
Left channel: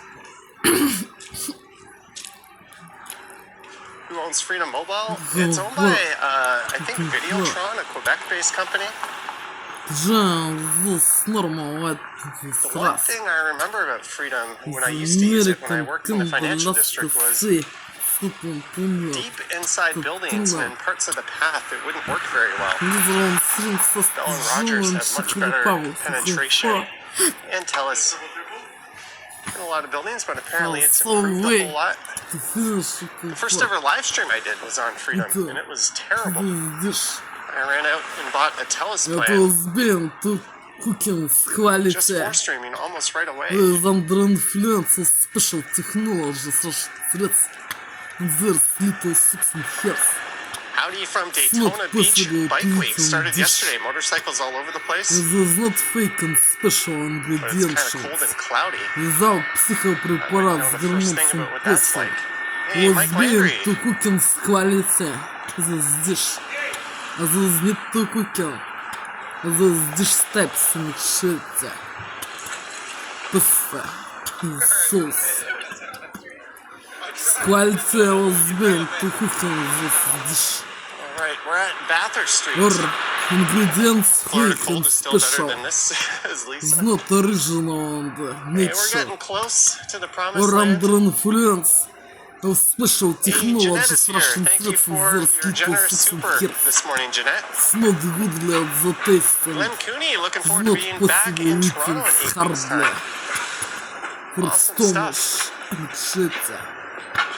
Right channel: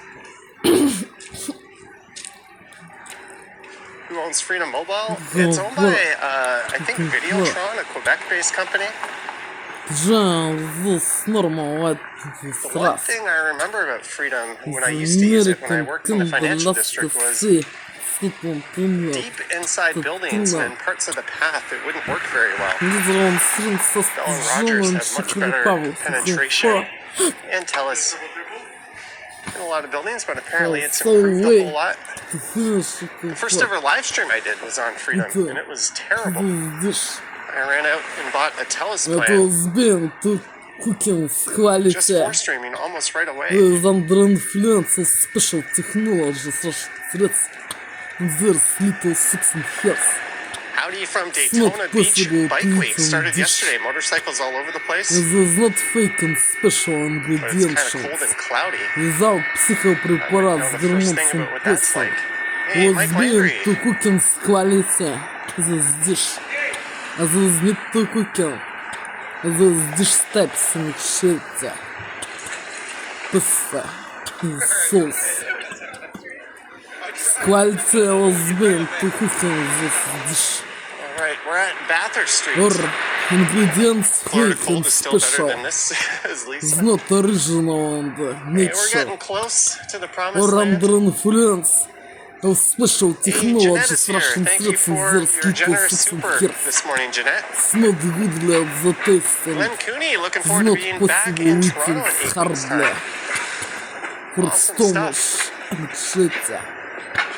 Who owns Freedom Mobile? It's owned by, I think, Videotron, a Quebec-based company. The one thing I remember about Freedom when I used to use it when I worked in the financial district was deep inside buildings and parts of the path it wouldn't work very well. Bell and Rogers had much better penetration and TELUS in a lot of buildings, but apparently it's improved a whole lot. The first ever live stream I did was on Freedom, and it was terrible. I ran out and bought a TELUS plan. Just for streaming almost right away. Howdy from Daytona Beach Bike Week. Started yesterday. Motorcycles all over the place. But it's kind of cold and cloudy. I don't know the first thing about what that's like. Hey, Mike Landry. Alright, we're at Bathurst Street. Florida cold is still better than this, as Lisa. Hey, we're getting close to the promised land. Hey, Jeanette is here. Thank you for your generous super this morning, Jeanette. Glenn Cooney, looking forward to being back in Toronto in 8 weeks' time. Awesome stuff.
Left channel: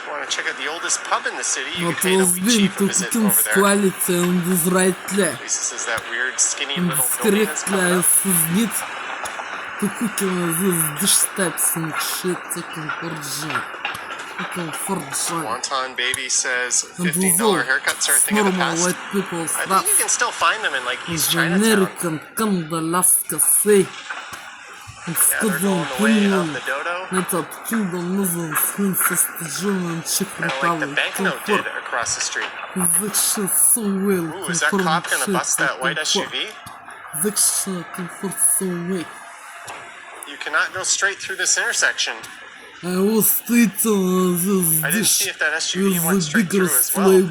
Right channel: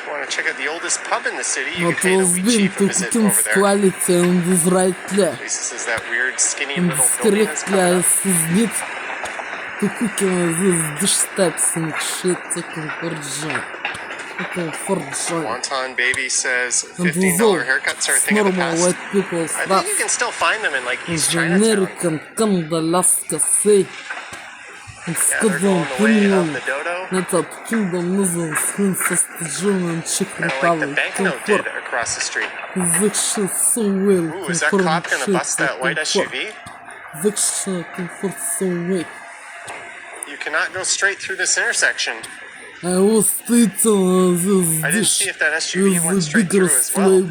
Want to check out the oldest pub in the city? You can pay the wee chief a visit over there. Lisa says that weird skinny little building is coming up. Wonton Baby says $15 haircuts are a thing of the past. I think you can still find them in like East Chinatown. Yeah, they're going the way of the dodo. Kind of like the banknote did, across the street. Ooh, is that cop gonna bust that white SUV? You cannot go straight through this intersection. I didn't see if that SUV went straight through as well.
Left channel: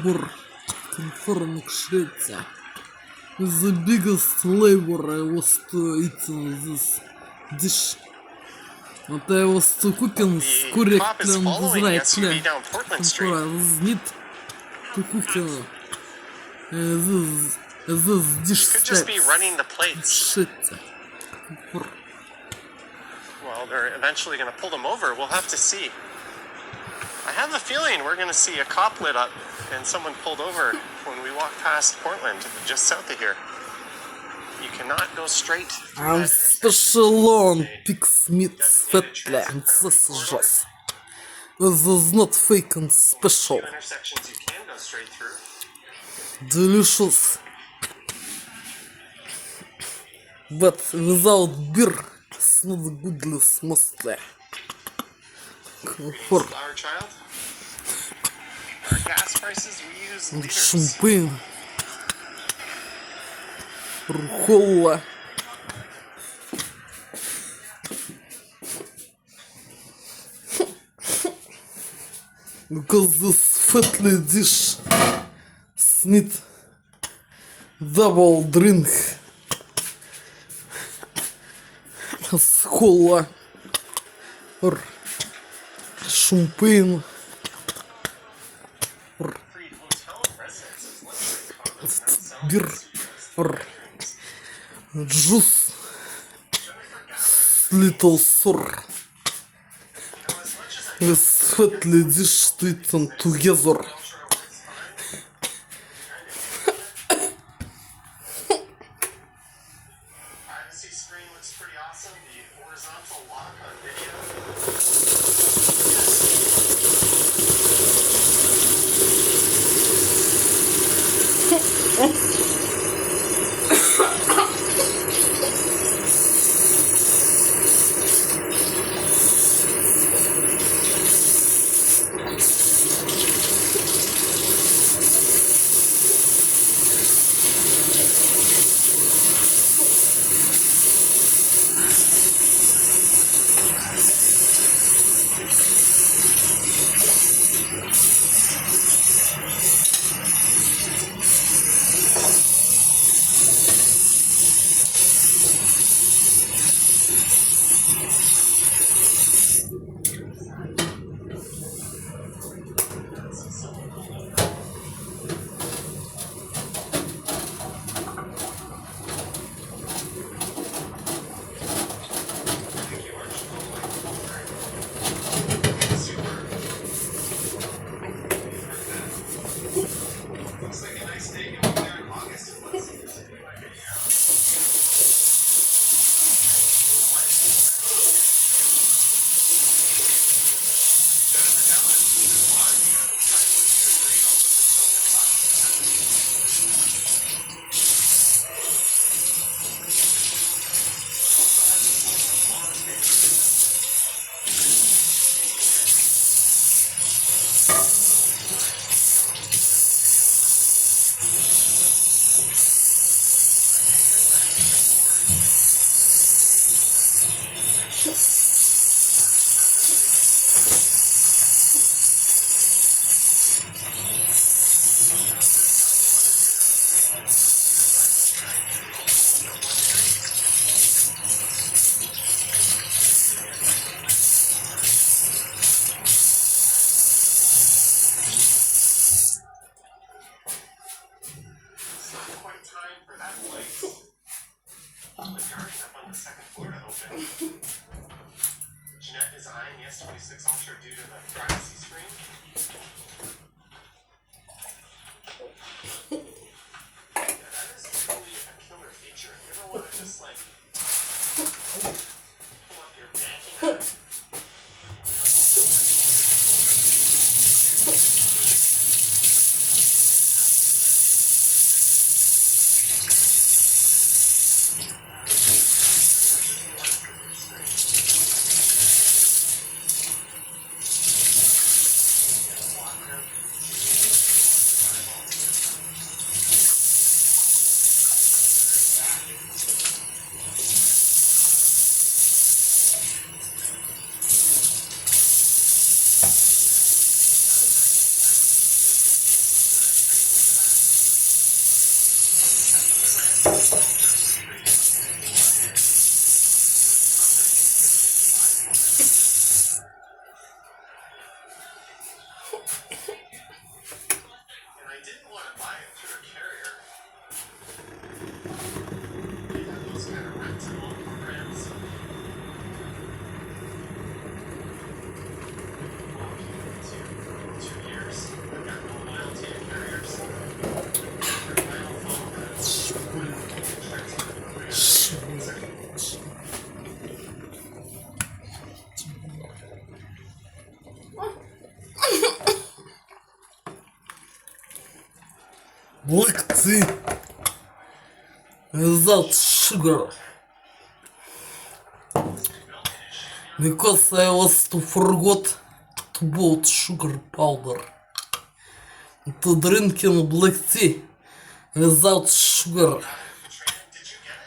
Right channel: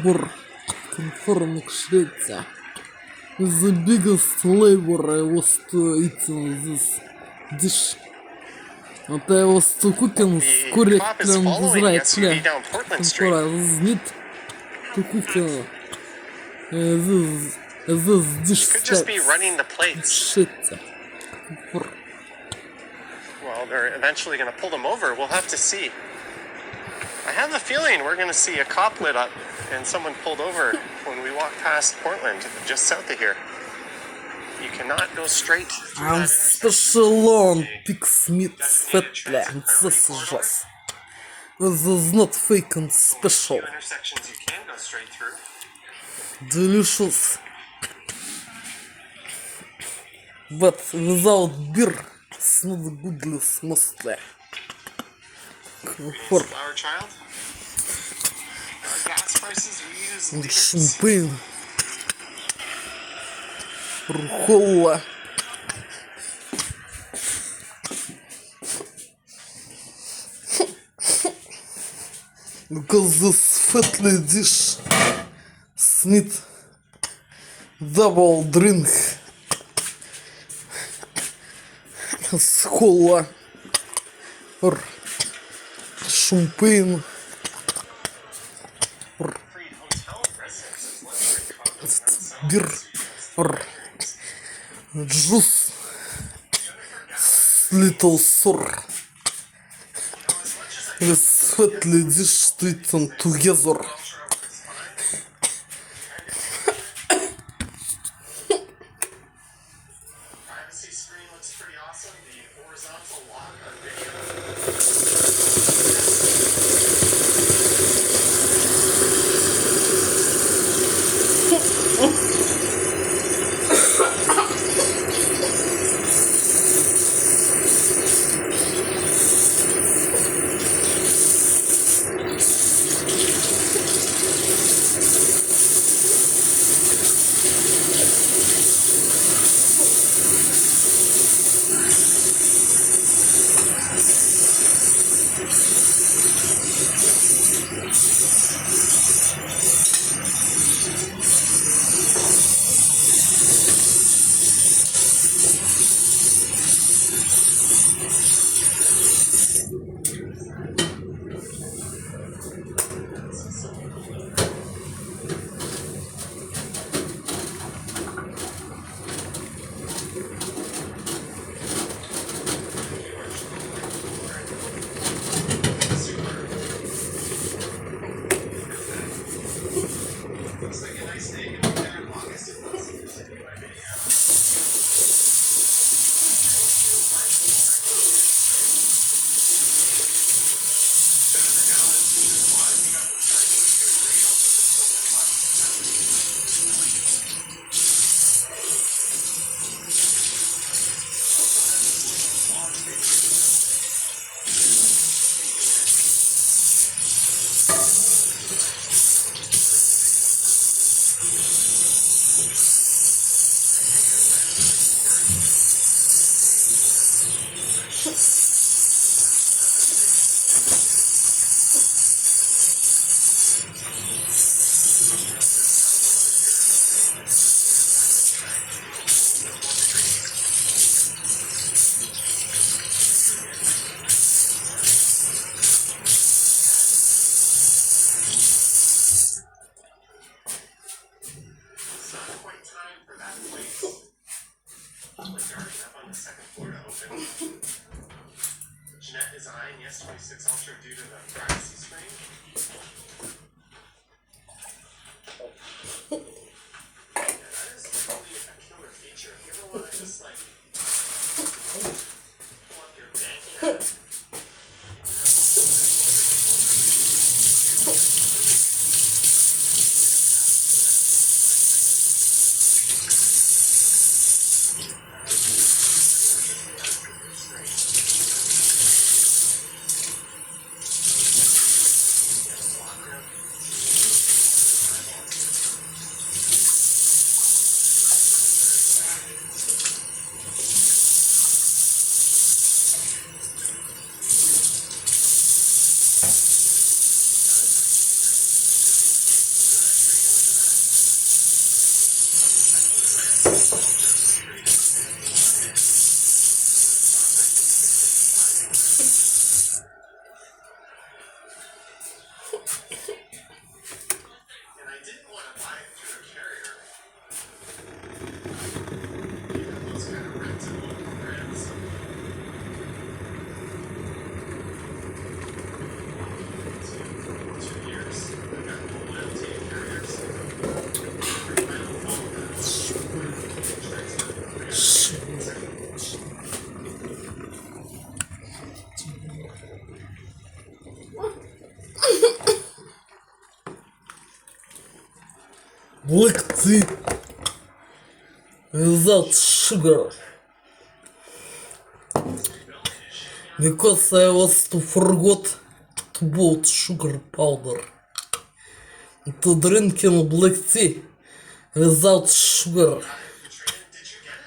The biggest flavor I was eating this dish. What I was cooking The cop is following the SUV down Portland Street. Need to cook this dish. Could just be running the plates. Shit. Well, they're eventually going to pull them over. We'll have to see. I have a feeling we're going to see a cop lit up and someone pulled over when we walk past Portland, just south of here. You cannot go straight through I'm that special on pig's meat fatly, and this is just. This is not fake and special. intersections you can go straight through. Delicious. But without beer, it's not goodness mostly. For Our child. Our gas prices, we use liters. champagne, рухола. Because this fatly dish need double drink с кола or champagne or beer or juice little sour. This fatly dish eaten together. Privacy screen looks pretty awesome. The horizontal lock on video. S26 Ultra due to the privacy screen. Yeah, that is totally a killer feature. If you ever want to just like pull up your banking app. Лекции without sugar because I was to forgot to bought sugar powder to drinking black tea without sugar.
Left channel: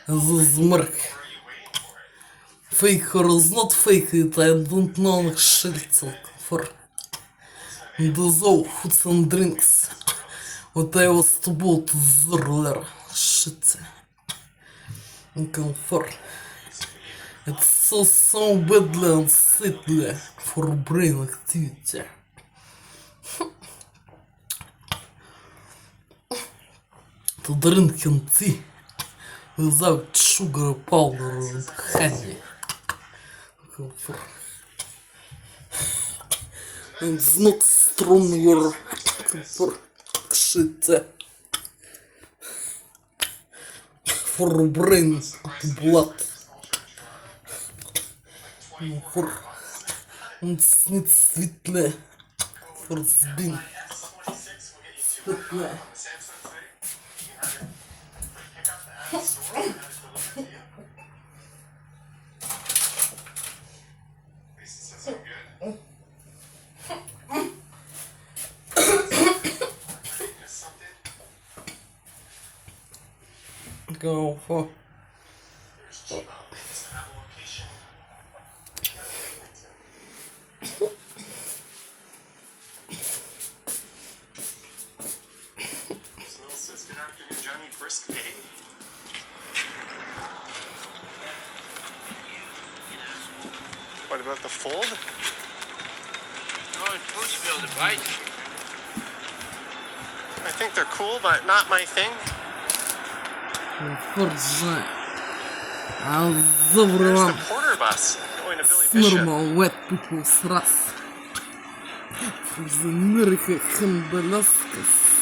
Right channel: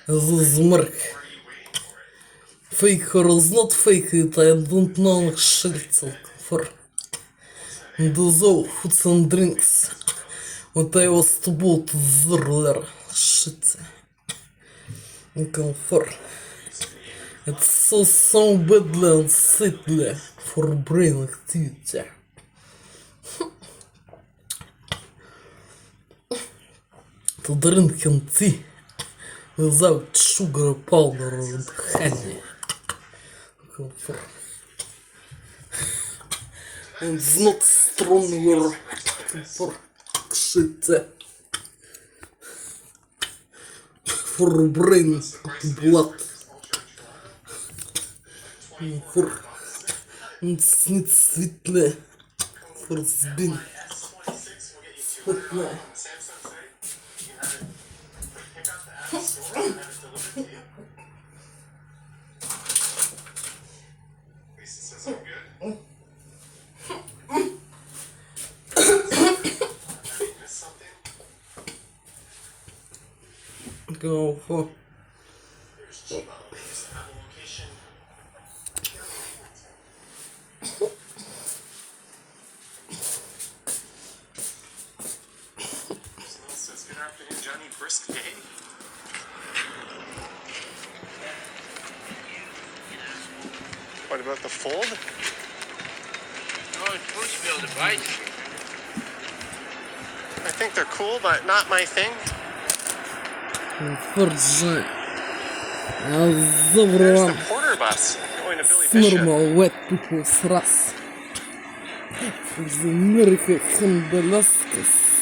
This is milk. Fake or is not fake it, I don't know shit for those foods and drinks. What I was to boot earlier, shit. For it's so badly and sickly for brain activity. To drinking tea without sugar powder and honey. And it's not stronger for shit. For brain blood. For it's not sweetly for spin. Sweetly. Go for What about the fold? Oh, it's supposed to be able to bite. I think they're cool, but not my thing. Forza. There's Доброго the Porter bus going to Billy Bishop. normal wet people's ras. From America and Alaska.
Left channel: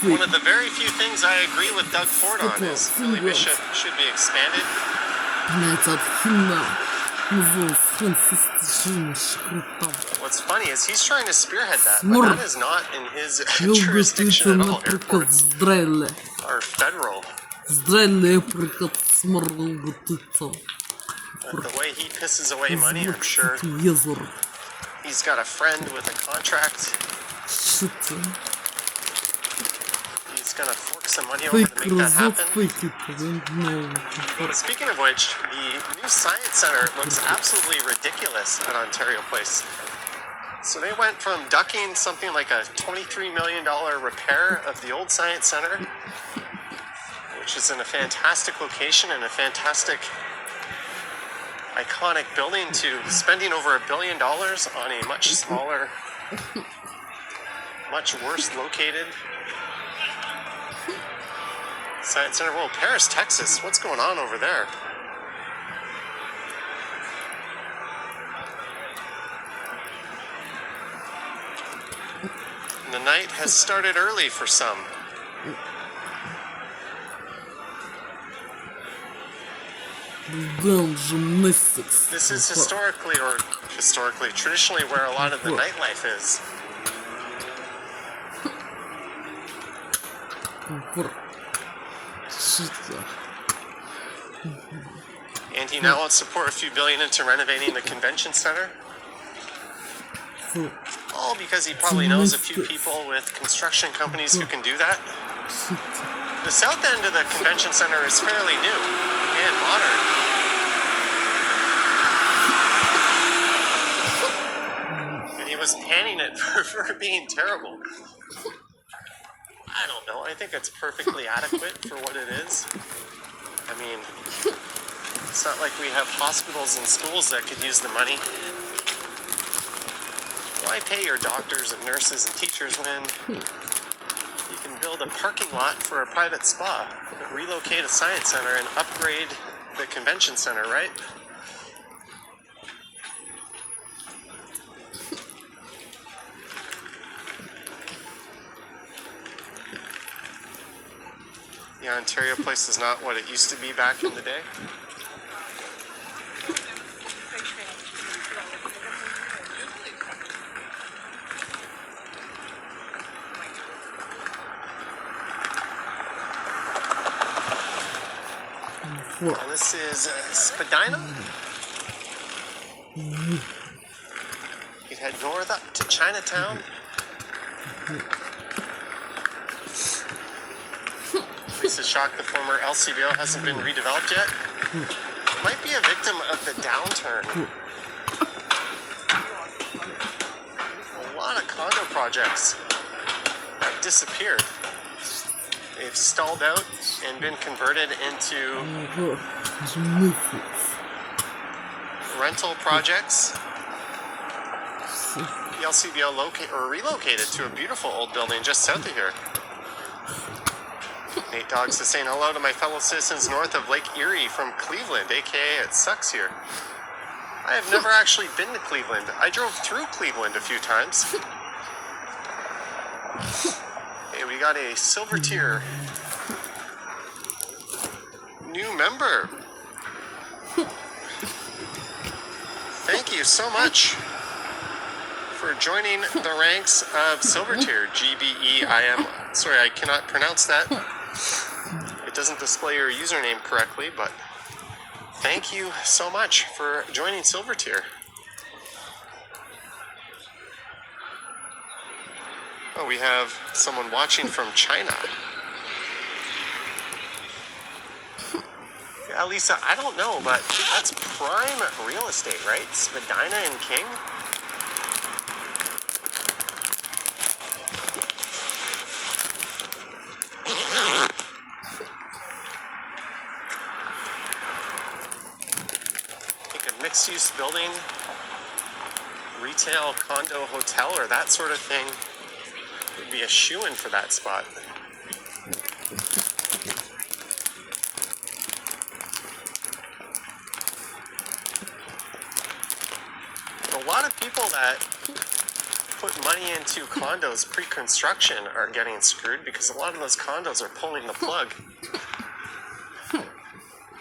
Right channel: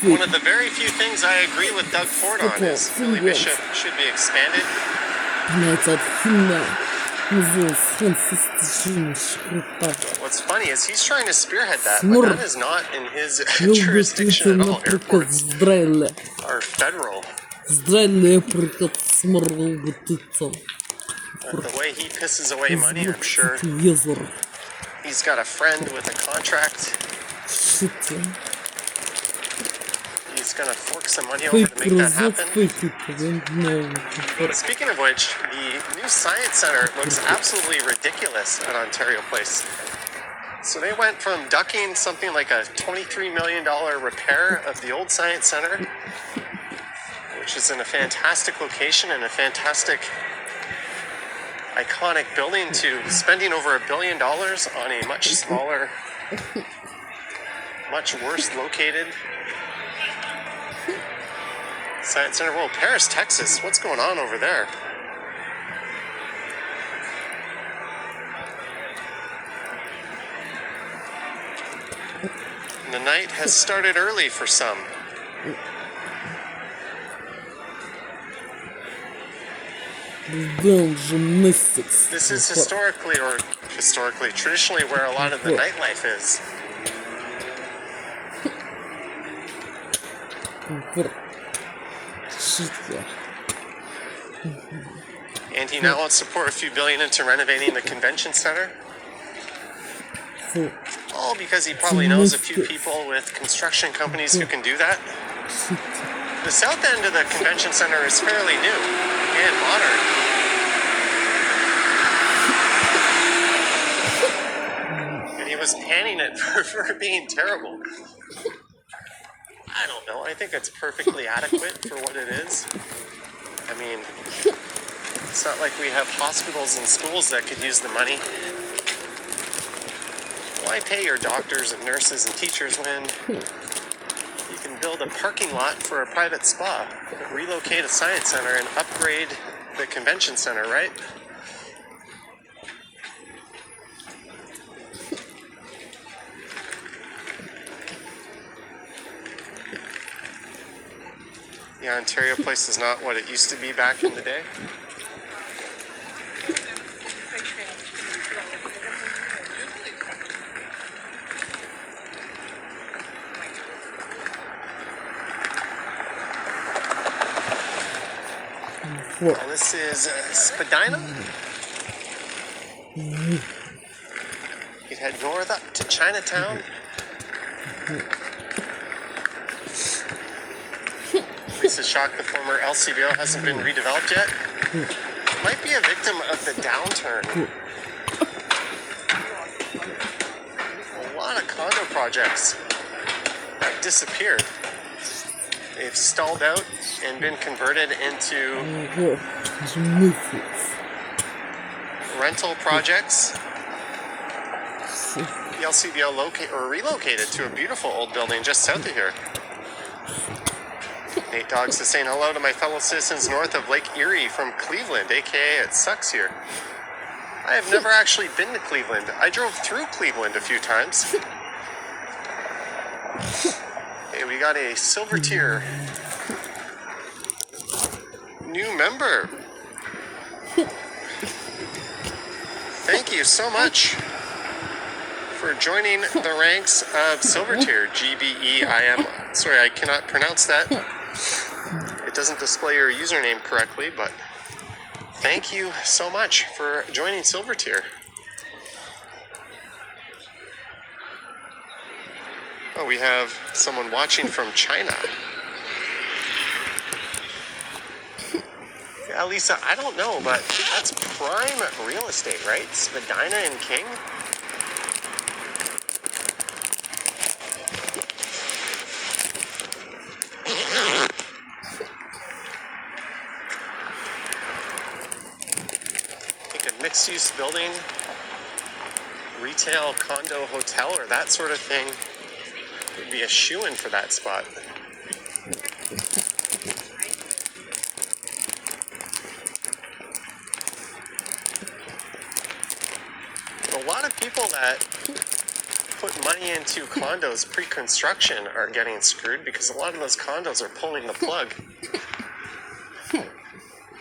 One of the very few things I agree with Doug Ford on is Billy Bishop should be expanded. Этот химна называется фантастичный шкрипт. What's funny is he's trying to spearhead that, but Smurf. that is not in his Любит jurisdiction это, at all. например, Airports Израиля. are federal. Израиля, например, сморгал готовится. But the way he pisses away money, I'm sure Езер. he's got a friend with a contract. Shit. He's gonna fork some money over Fake to make that result, happen. fake it. I don't know. Speaking of which, the new Science Center looks absolutely ridiculous at Ontario Place. So they went from ducking something like a $23 million repair of the old Science Center, which is in a fantastic location and a fantastic iconic building, to spending over $1 billion on a much smaller, much worse located Science Center. Whoa, Paris, Texas. What's going on over there? And the night has started early for some. Gymnastics. This is traditionally where a lot of the nightlife is. And he now wants to pour a few billion into renovating the convention center. All because he probably knows a few people with construction companies who can do that. The south end of the convention center is fairly new. and modern. And he was panning it for being terrible. I don't know. I think it's perfectly adequate for what it is. I mean, it's not like we have hospitals and schools that could use the money. Why pay your doctors and nurses and teachers when you can build a parking lot for a private spa, relocate a science center, and upgrade the convention center, right? The Ontario place is not what it used to be back in the day. And this is Spadina. You head north up to Chinatown. This is shocked the former LCBO hasn't been redeveloped yet. Might be a victim of the downturn. A lot of condo projects have disappeared. They've stalled out and been converted into rental projects. The LCBO relocated to a beautiful old building just south of here. Nate Dogs is saying hello to my fellow citizens north of Lake Erie from Cleveland, aka it sucks here. I have never actually been to Cleveland. I drove through Cleveland a few times. Hey, we got a silver tier new member. Thank you so much for joining the ranks of silver tier, GBEIM. Sorry, I cannot pronounce that. It doesn't display your username correctly, but thank you so much for joining silver tier. Oh, we have someone watching from China. Yeah, Lisa, I don't know, but that's prime real estate, right? Spadina and King. Mixed-use building, retail, condo, hotel, or that sort of thing would be a shoo-in for that spot. A lot of people that put money into condos pre-construction are getting screwed because a lot of those condos are pulling the plug.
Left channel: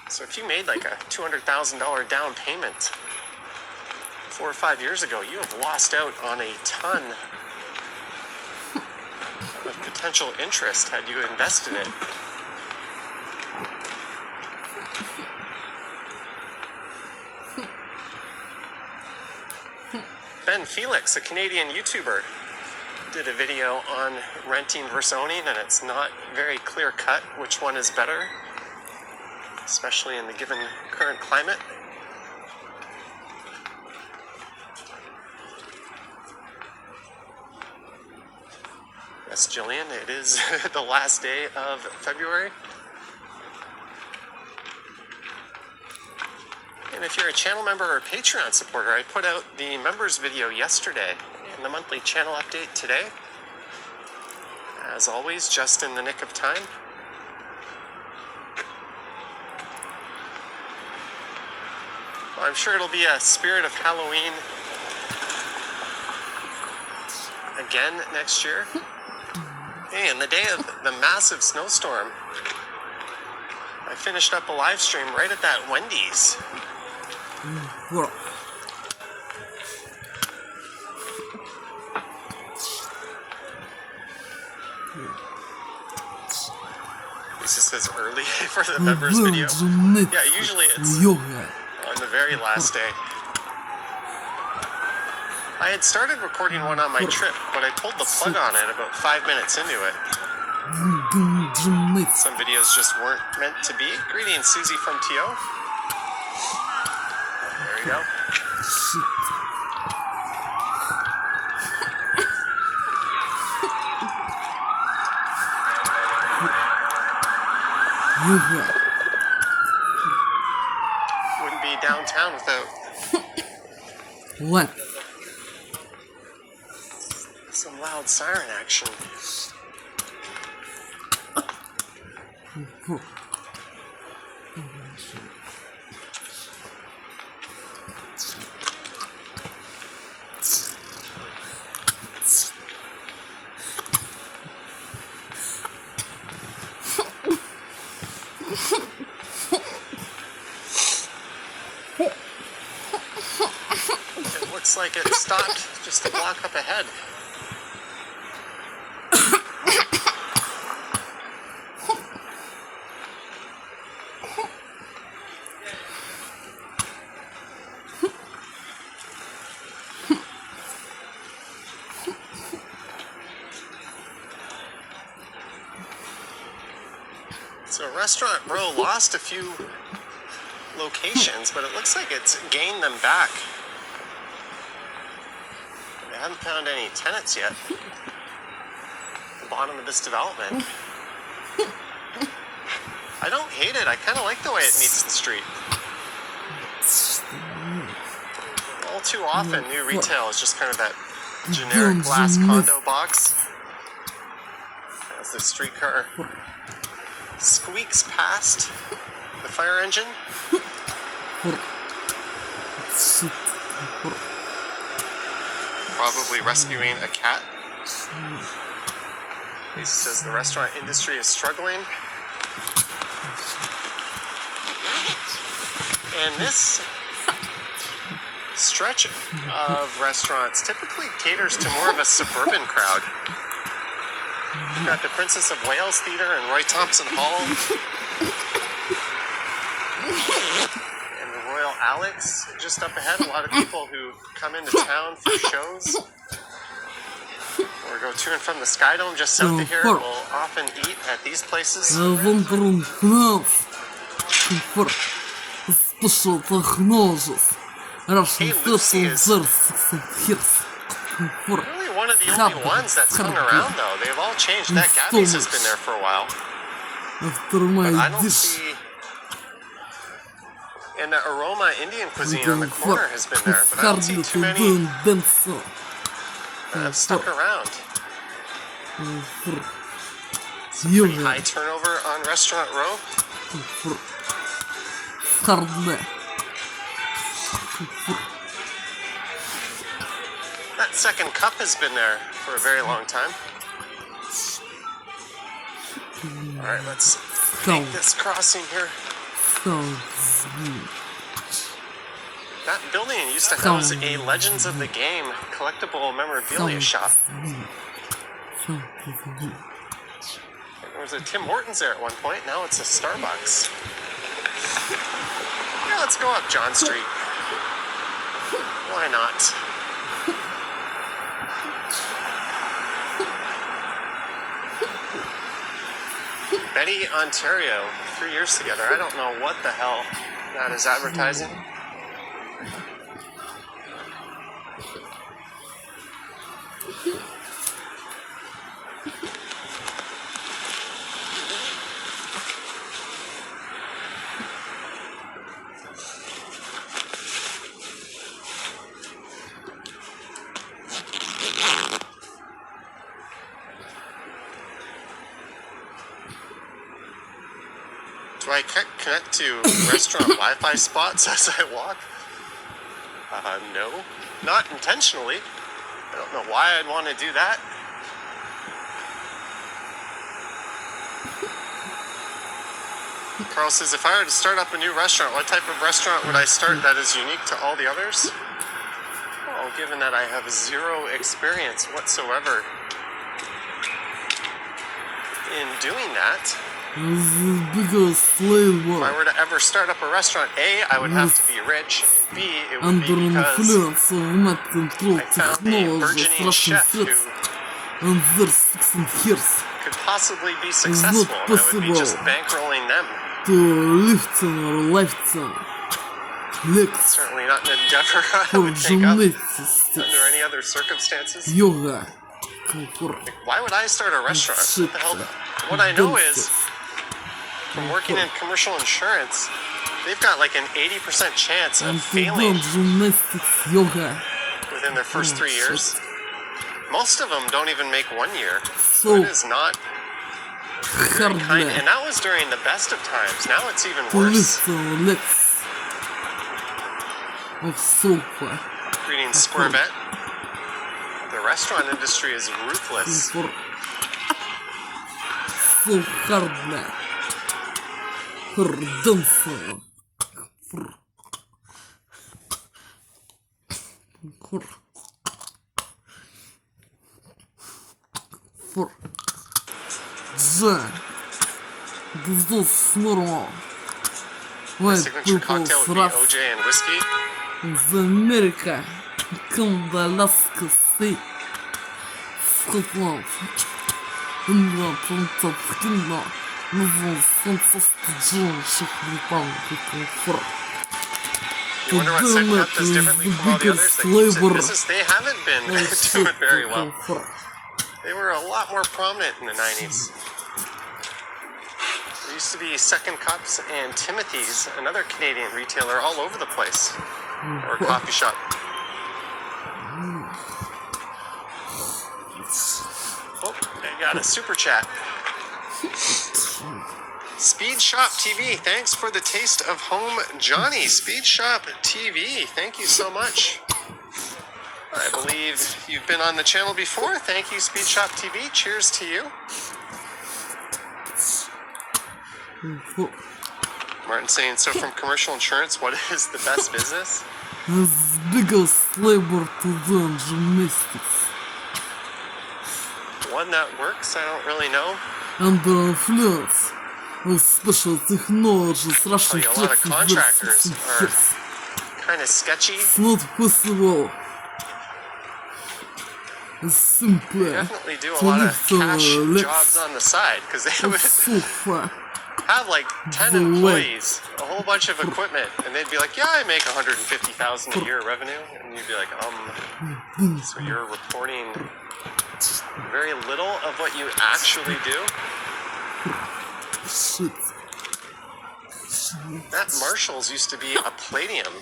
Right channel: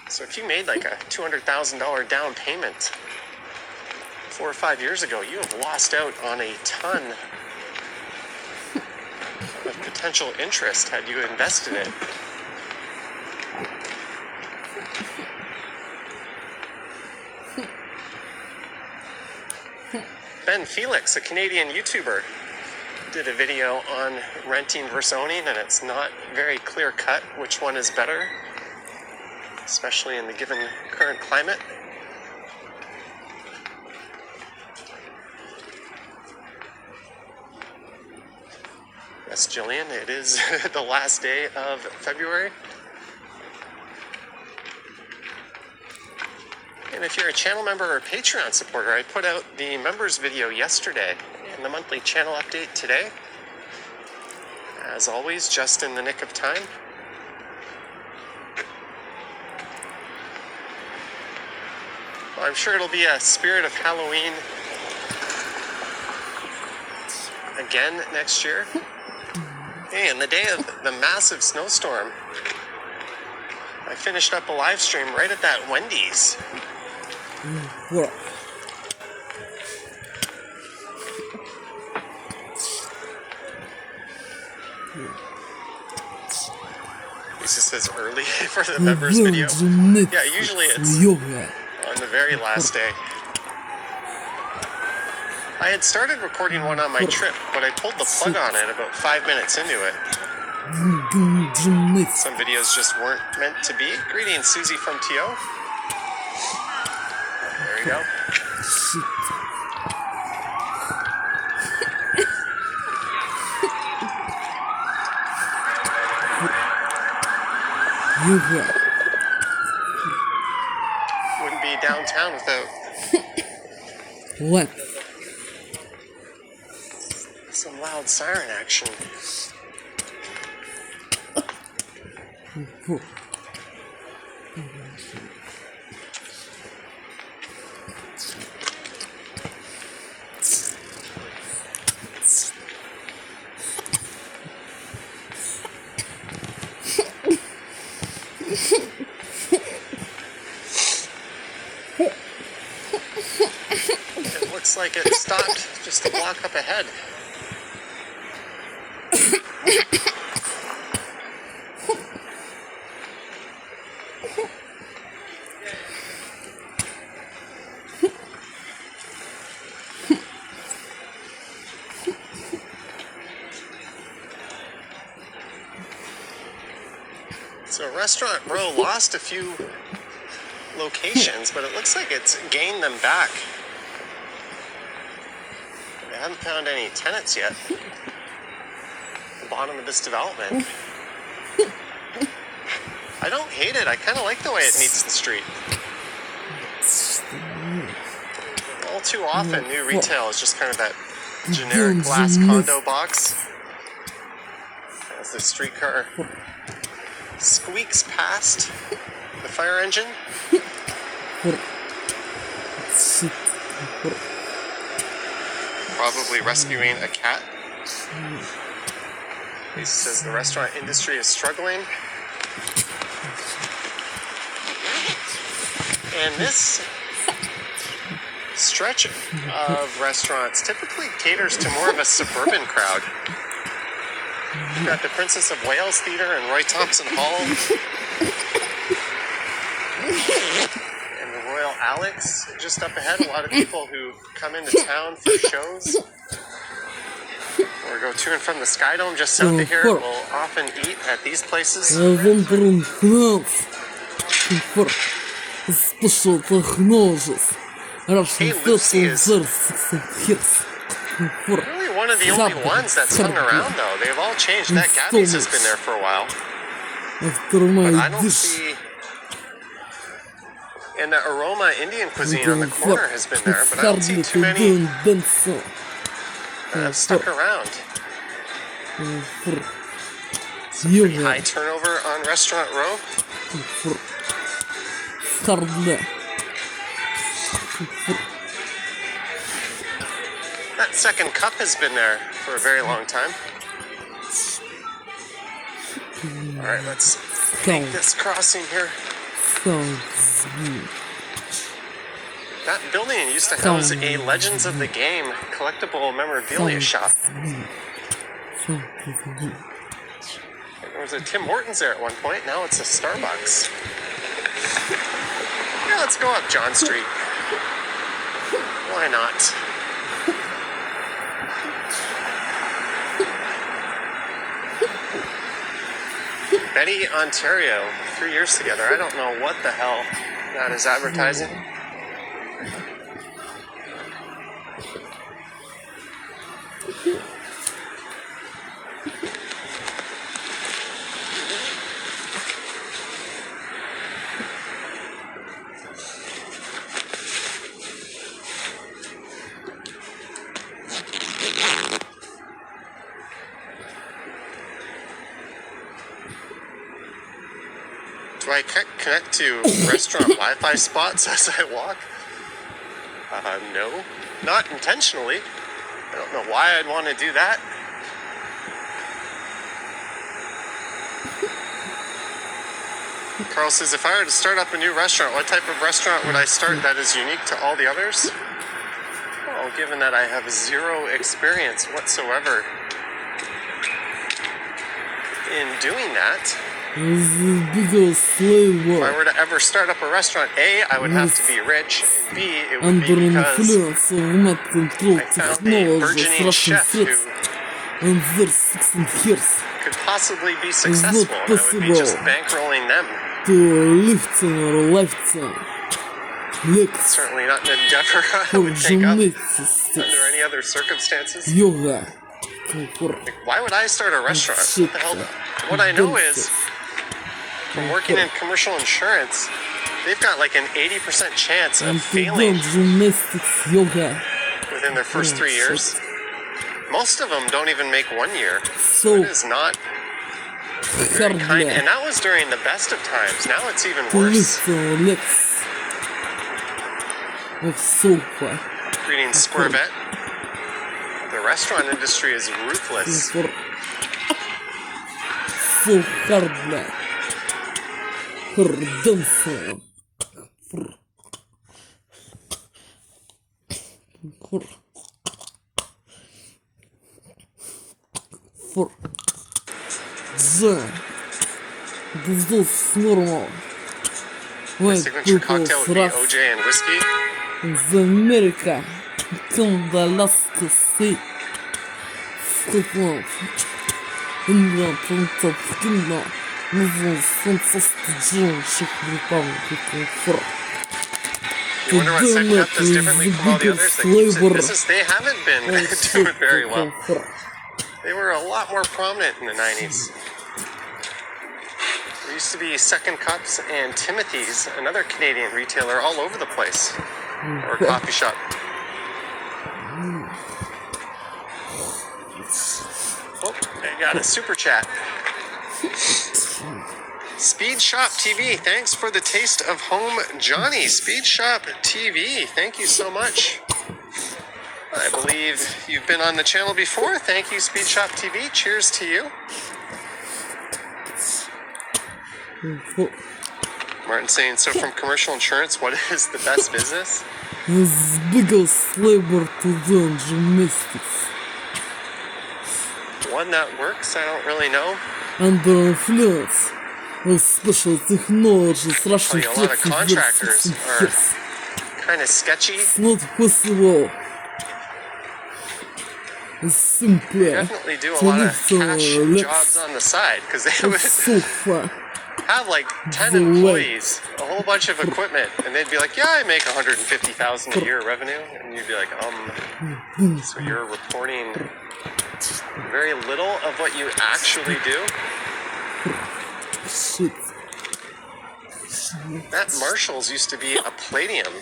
So if you made like a $200,000 down payment 4 or 5 years ago, you have lost out on a ton of potential interest had you invested it. Ben Felix, a Canadian YouTuber, did a video on renting versus owning, and it's not very clear cut which one is better, especially in the given current climate. Yes, Jillian, it is the last day of February. And if you're a channel member or a Patreon supporter, I put out the members video yesterday and the monthly channel update today. As always, just in the nick of time. Well, I'm sure it'll be a spirit of Halloween again next year. Hey, and the day of the massive snowstorm, I finished up a live stream right at that Wendy's. Well, This just says early for the members video. Yeah, usually it's on the very last day. I had started recording one on my trip, but I pulled the plug on it about 5 minutes into it. Some videos just weren't meant to be. Greetings, Susie from TO. There you go. Shit. Wouldn't be downtown without What? some loud siren action. It looks like it stopped just a block up ahead. So Restaurant Row lost a few locations, but it looks like it's gained them back. They haven't found any tenants yet. The bottom of this development. I don't hate it. I kind of like the way it meets the street. All too often, new retail is just kind of that generic glass condo box. As the streetcar squeaks past the fire engine. Probably rescuing a cat. He says the restaurant industry is struggling. And this stretch of restaurants typically caters to more of a suburban crowd. You've got the Princess of Wales Theatre and Roy Thompson Hall. And the Royal Alex just up ahead. A lot of people who come into town for shows or go to and from the Sky Dome just south of here will often eat at these places. Really one of the only ones that's hung around though. They've all changed. That Gabby's has been there for a while. But I don't see... And the Aroma Indian cuisine on the corner has been there, but I don't see too many stuck around. Pretty high turnover on Restaurant Row. That second cup has been there for a very long time. Alright, let's take this crossing here. That building used to house a Legends of the Game collectible memorabilia shop. There was a Tim Hortons there at one point, now it's a Starbucks. Yeah, let's go up John Street. Why not? Betty, Ontario, 3 years together. I don't know what the hell that is advertising. Do I connect to restaurant Wi-Fi spots as I walk? No, not intentionally. I don't know why I'd want to do that. Carl says, if I were to start up a new restaurant, what type of restaurant would I start that is unique to all the others? Well, given that I have zero experience whatsoever in doing that, if I were to ever start up a restaurant, A, I would have to be rich, and B, it would be because I found a burgeoning chef who could possibly be successful. I would be just bankrolling them. To lifting or lifting. Lex. Certainly not an endeavor I For would take up gymnastics. under any other circumstances. Yoga. Why would I start a restaurant? What the hell? What I know is, from working in commercial insurance, they've got like an 80% chance of failing Gymnastics. Yoga. within their first 3 years. Most of them don't even make 1 year. So It is not hard. kind, and that was during the best of times. Now it's even To worse. lift or legs. Of sofa. Greetings, Square Bet. The restaurant industry is ruthless. So hard. For dancing. For this is normal. White Signature people cocktail would be rough OJ and whiskey. in America, Canada, Alaska, Scotland, England, United Kingdom, Netherlands, fantastic Czech Republic, for You wonder what second up does differently from all the others? They haven't been doing very well. They were a lot more prominent in the 90s. There used to be Second Cups and Timothy's, another Canadian retailer, all over the place. Or coffee shop. Oh, I got a super chat. Speed Shop TV, thanks for the taste of home, Johnny. Speed Shop TV, thank you so much. I believe you've been on the channel before. Thank you, Speed Shop TV. Cheers to you. Martin saying, so from commercial insurance, what is the best business? The biggest labor to learn gymnastics. One that works, I don't really know. Under influence of special technologies, Russian A lot of contractors are kind of sketchy. It's not possible. It's simply Definitely do a to lot of lift cash legs jobs on the side because they of would sofa. have like 10 The employees, a whole bunch of equipment, and they'd be like, yeah, I make 150,000 a year revenue. And you'd be like, so you're reporting very little of what you actually do? Shit. That Marshall's used to be a Palladium.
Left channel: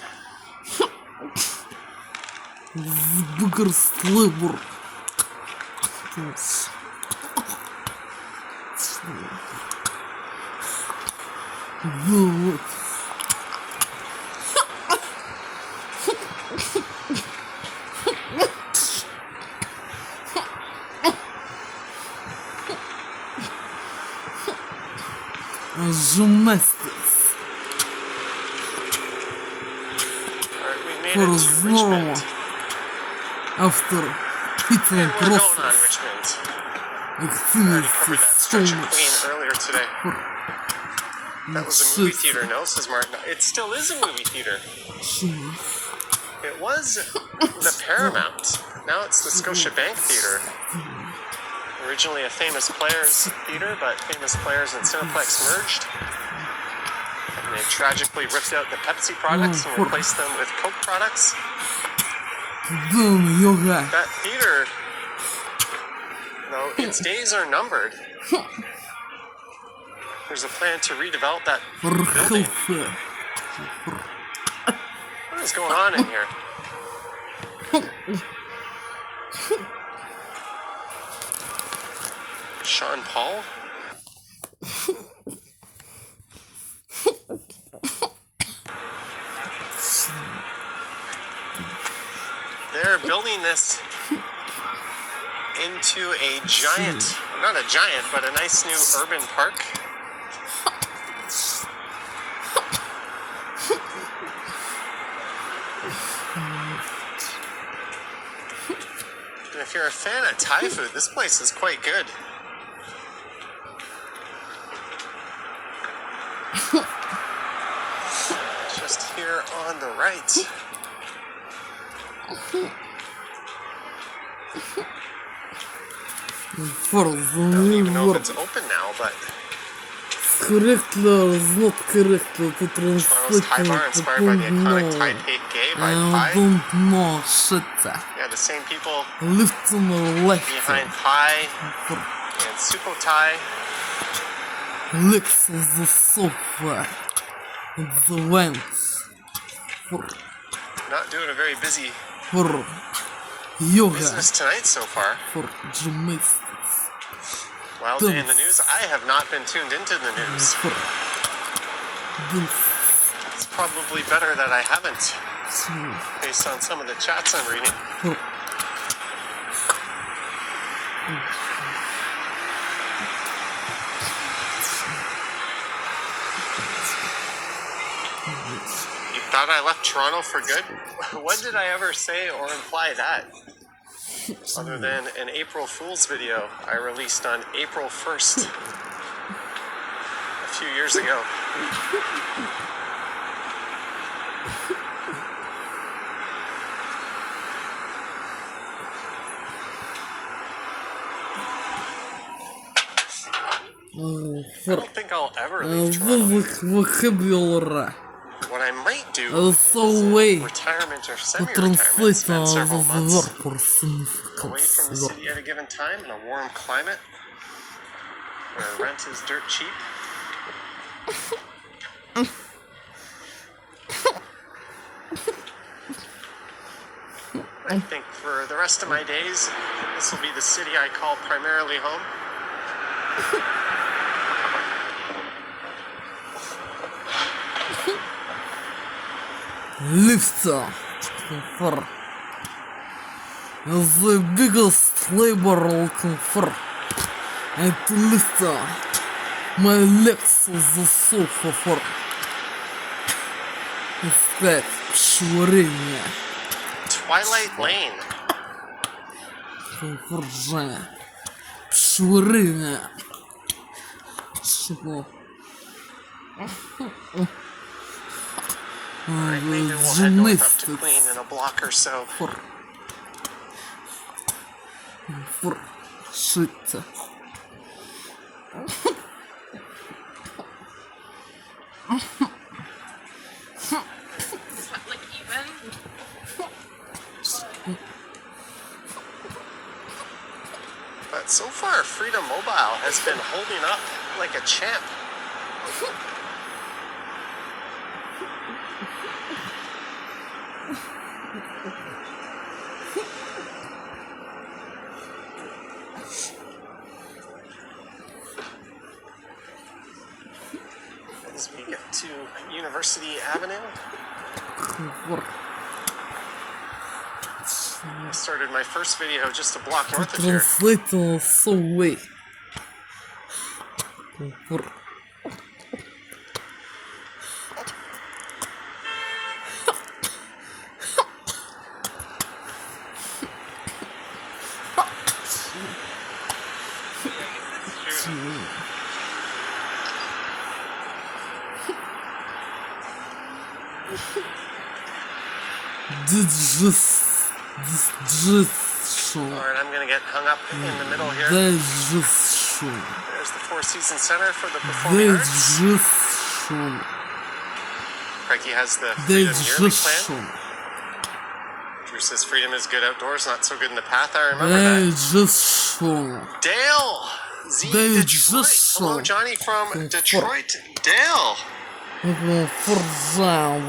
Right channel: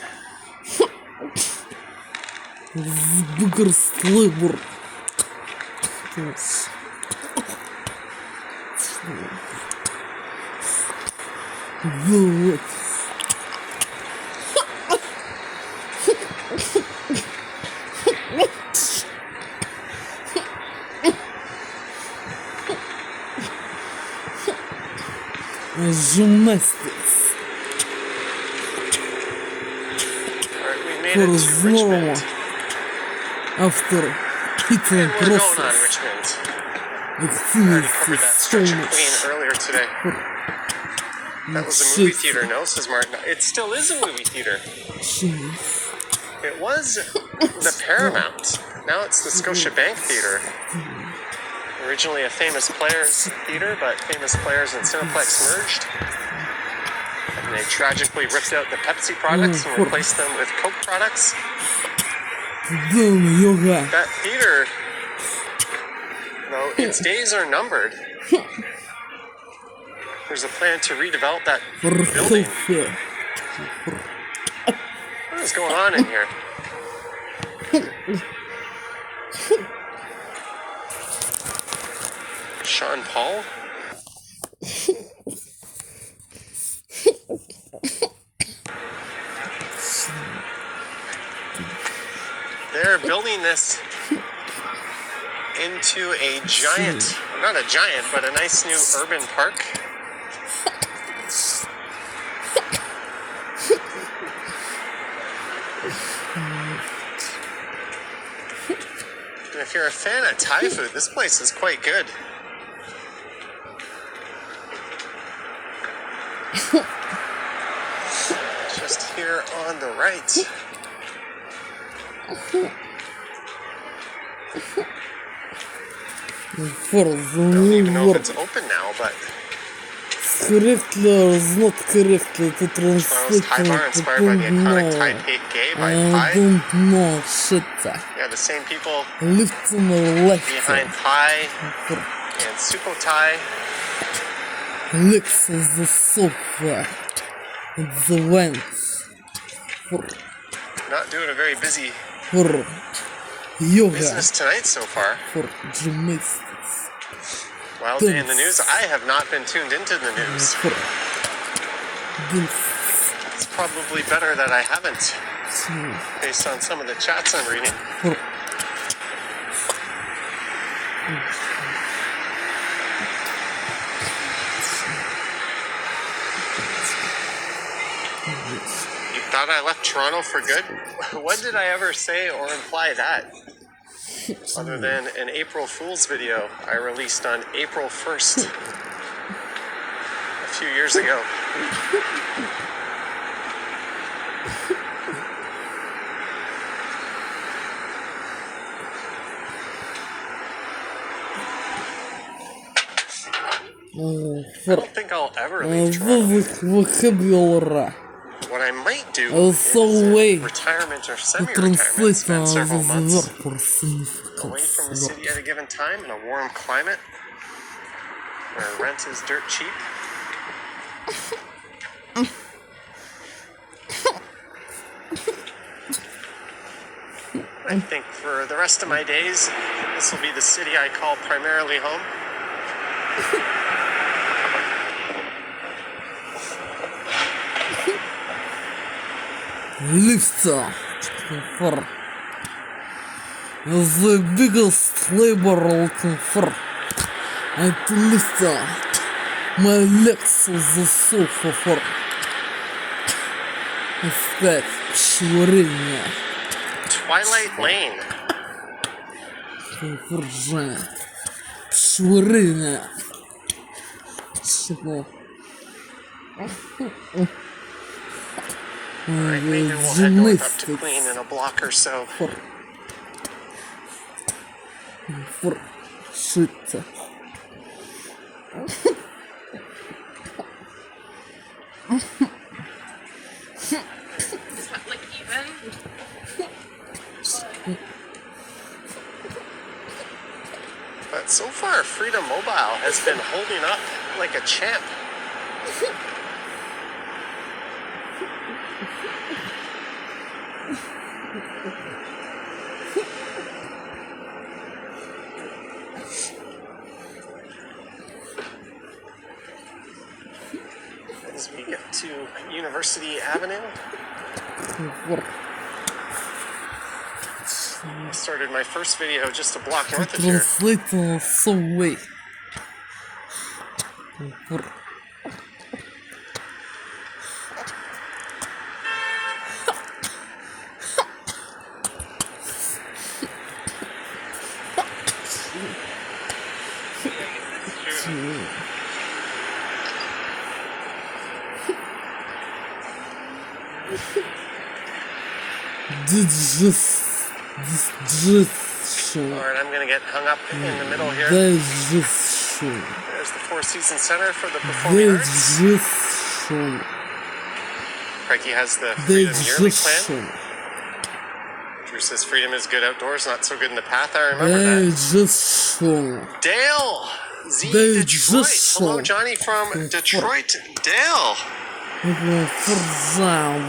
The biggest labor. Yes. The gymnastics Alright, we made for it to normal Richmond. after hitting And we're going on process Richmond. Already covered that activities so stretch of much. Queen earlier today. That was a movie theater, no, says Martin. It still is a movie theater. It was the Paramount. Now it's the Scotiabank Theater. Originally a Famous Players theater, but Famous Players and Cineplex merged. And they tragically ripped out the Pepsi products and replaced them with Coke products. Yoga. That theater, though, its days are numbered. There's a plan to redevelop that For building. health. What is going on in here? Sean Paul? They're building this into a giant, not a giant, but a nice new urban park. And if you're a fan of Thai food, this place is quite good. Just here on the right. For I don't even know if the it's open now, but correctly or not correctly to one of those translate high bar I inspired by the don't iconic know. Taipei gay by I Pi. don't know shit. Yeah, the same people Left or left. behind Pi and Sukhothai. Lex is the software. It's the vents. Not doing a very busy For yoga. business tonight so far. For gymnastics. Wild day in the news. I have not been tuned into the news. For dance. It's probably better that I haven't, based on some of the chats I'm reading. For You thought I left Toronto for good? When did I ever say or imply that? Other than an April Fool's video I released on April 1st a few years ago. I don't think I'll ever leave Toronto. vocabulary. What I might do is So way retirement or to semi-retirement, translate spend several the months word for away from the significance. city at a given time in a warm climate where rent is dirt cheap. I think for the rest of my days, this will be the city I call primarily home. Lifter for the biggest labor for and lifter my legs is the sofa for that швырение Twilight Lane. for швырение что Alright, maybe we'll head north up to Queen in a block or so. for shit. Is that like even? But so far, Freedom Mobile has been holding up like a champ. As we get to University Avenue, I started my first video just a block north of here. Translate so way. Digestion. Alright, I'm gonna get hung up in the middle here. Digestion. There's the Four Seasons Center for the Performing Arts. Digestion. Crikey has the Freedom Yearly Plan. Digestion. Drew says freedom is good outdoors, not so good in the path. I remember that. Digestion. Dale! Z They Detroit. just Hello, saw- Johnny from Detroit. Dale! Forza.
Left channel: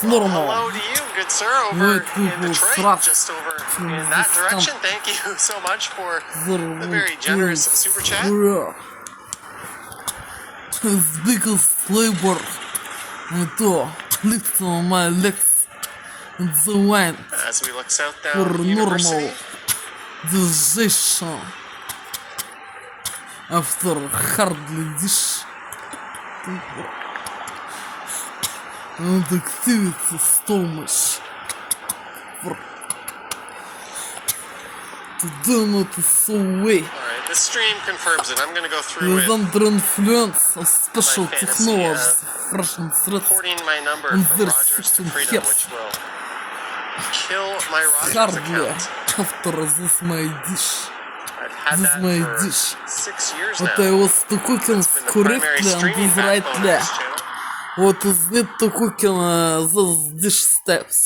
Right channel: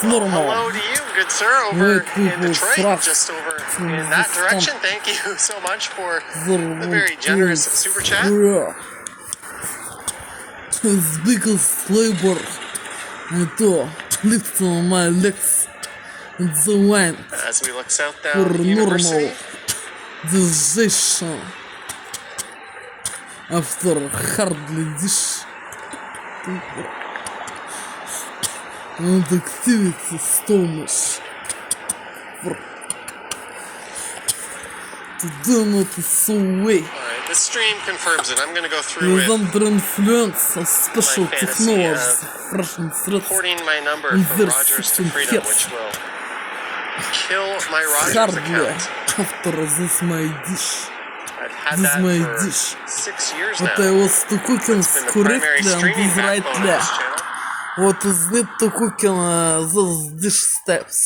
Normal. Hello to you, good sir, over Wait, in people, Detroit, trust. just over in that direction. Thank you so much for the very generous super chat. His biggest labor to lift my legs in the wind As we look south for down University. normal digestion after hardly dish and activity stomach to do not so way. Alright, the stream confirms it. I'm going to go through With it, under influence of special My fantasy technologies, Russian threats, porting my number and from their Rogers to system Freedom, hits. which will kill my Rogers Хардли. account. Автор This My Dish. I've had This that My for Dish. 6 years Вот now. его стукукин It's been the скурит primary ли, streaming дизрайт backbone ли. of this channel. Вот знит тукукина This Dish Steps.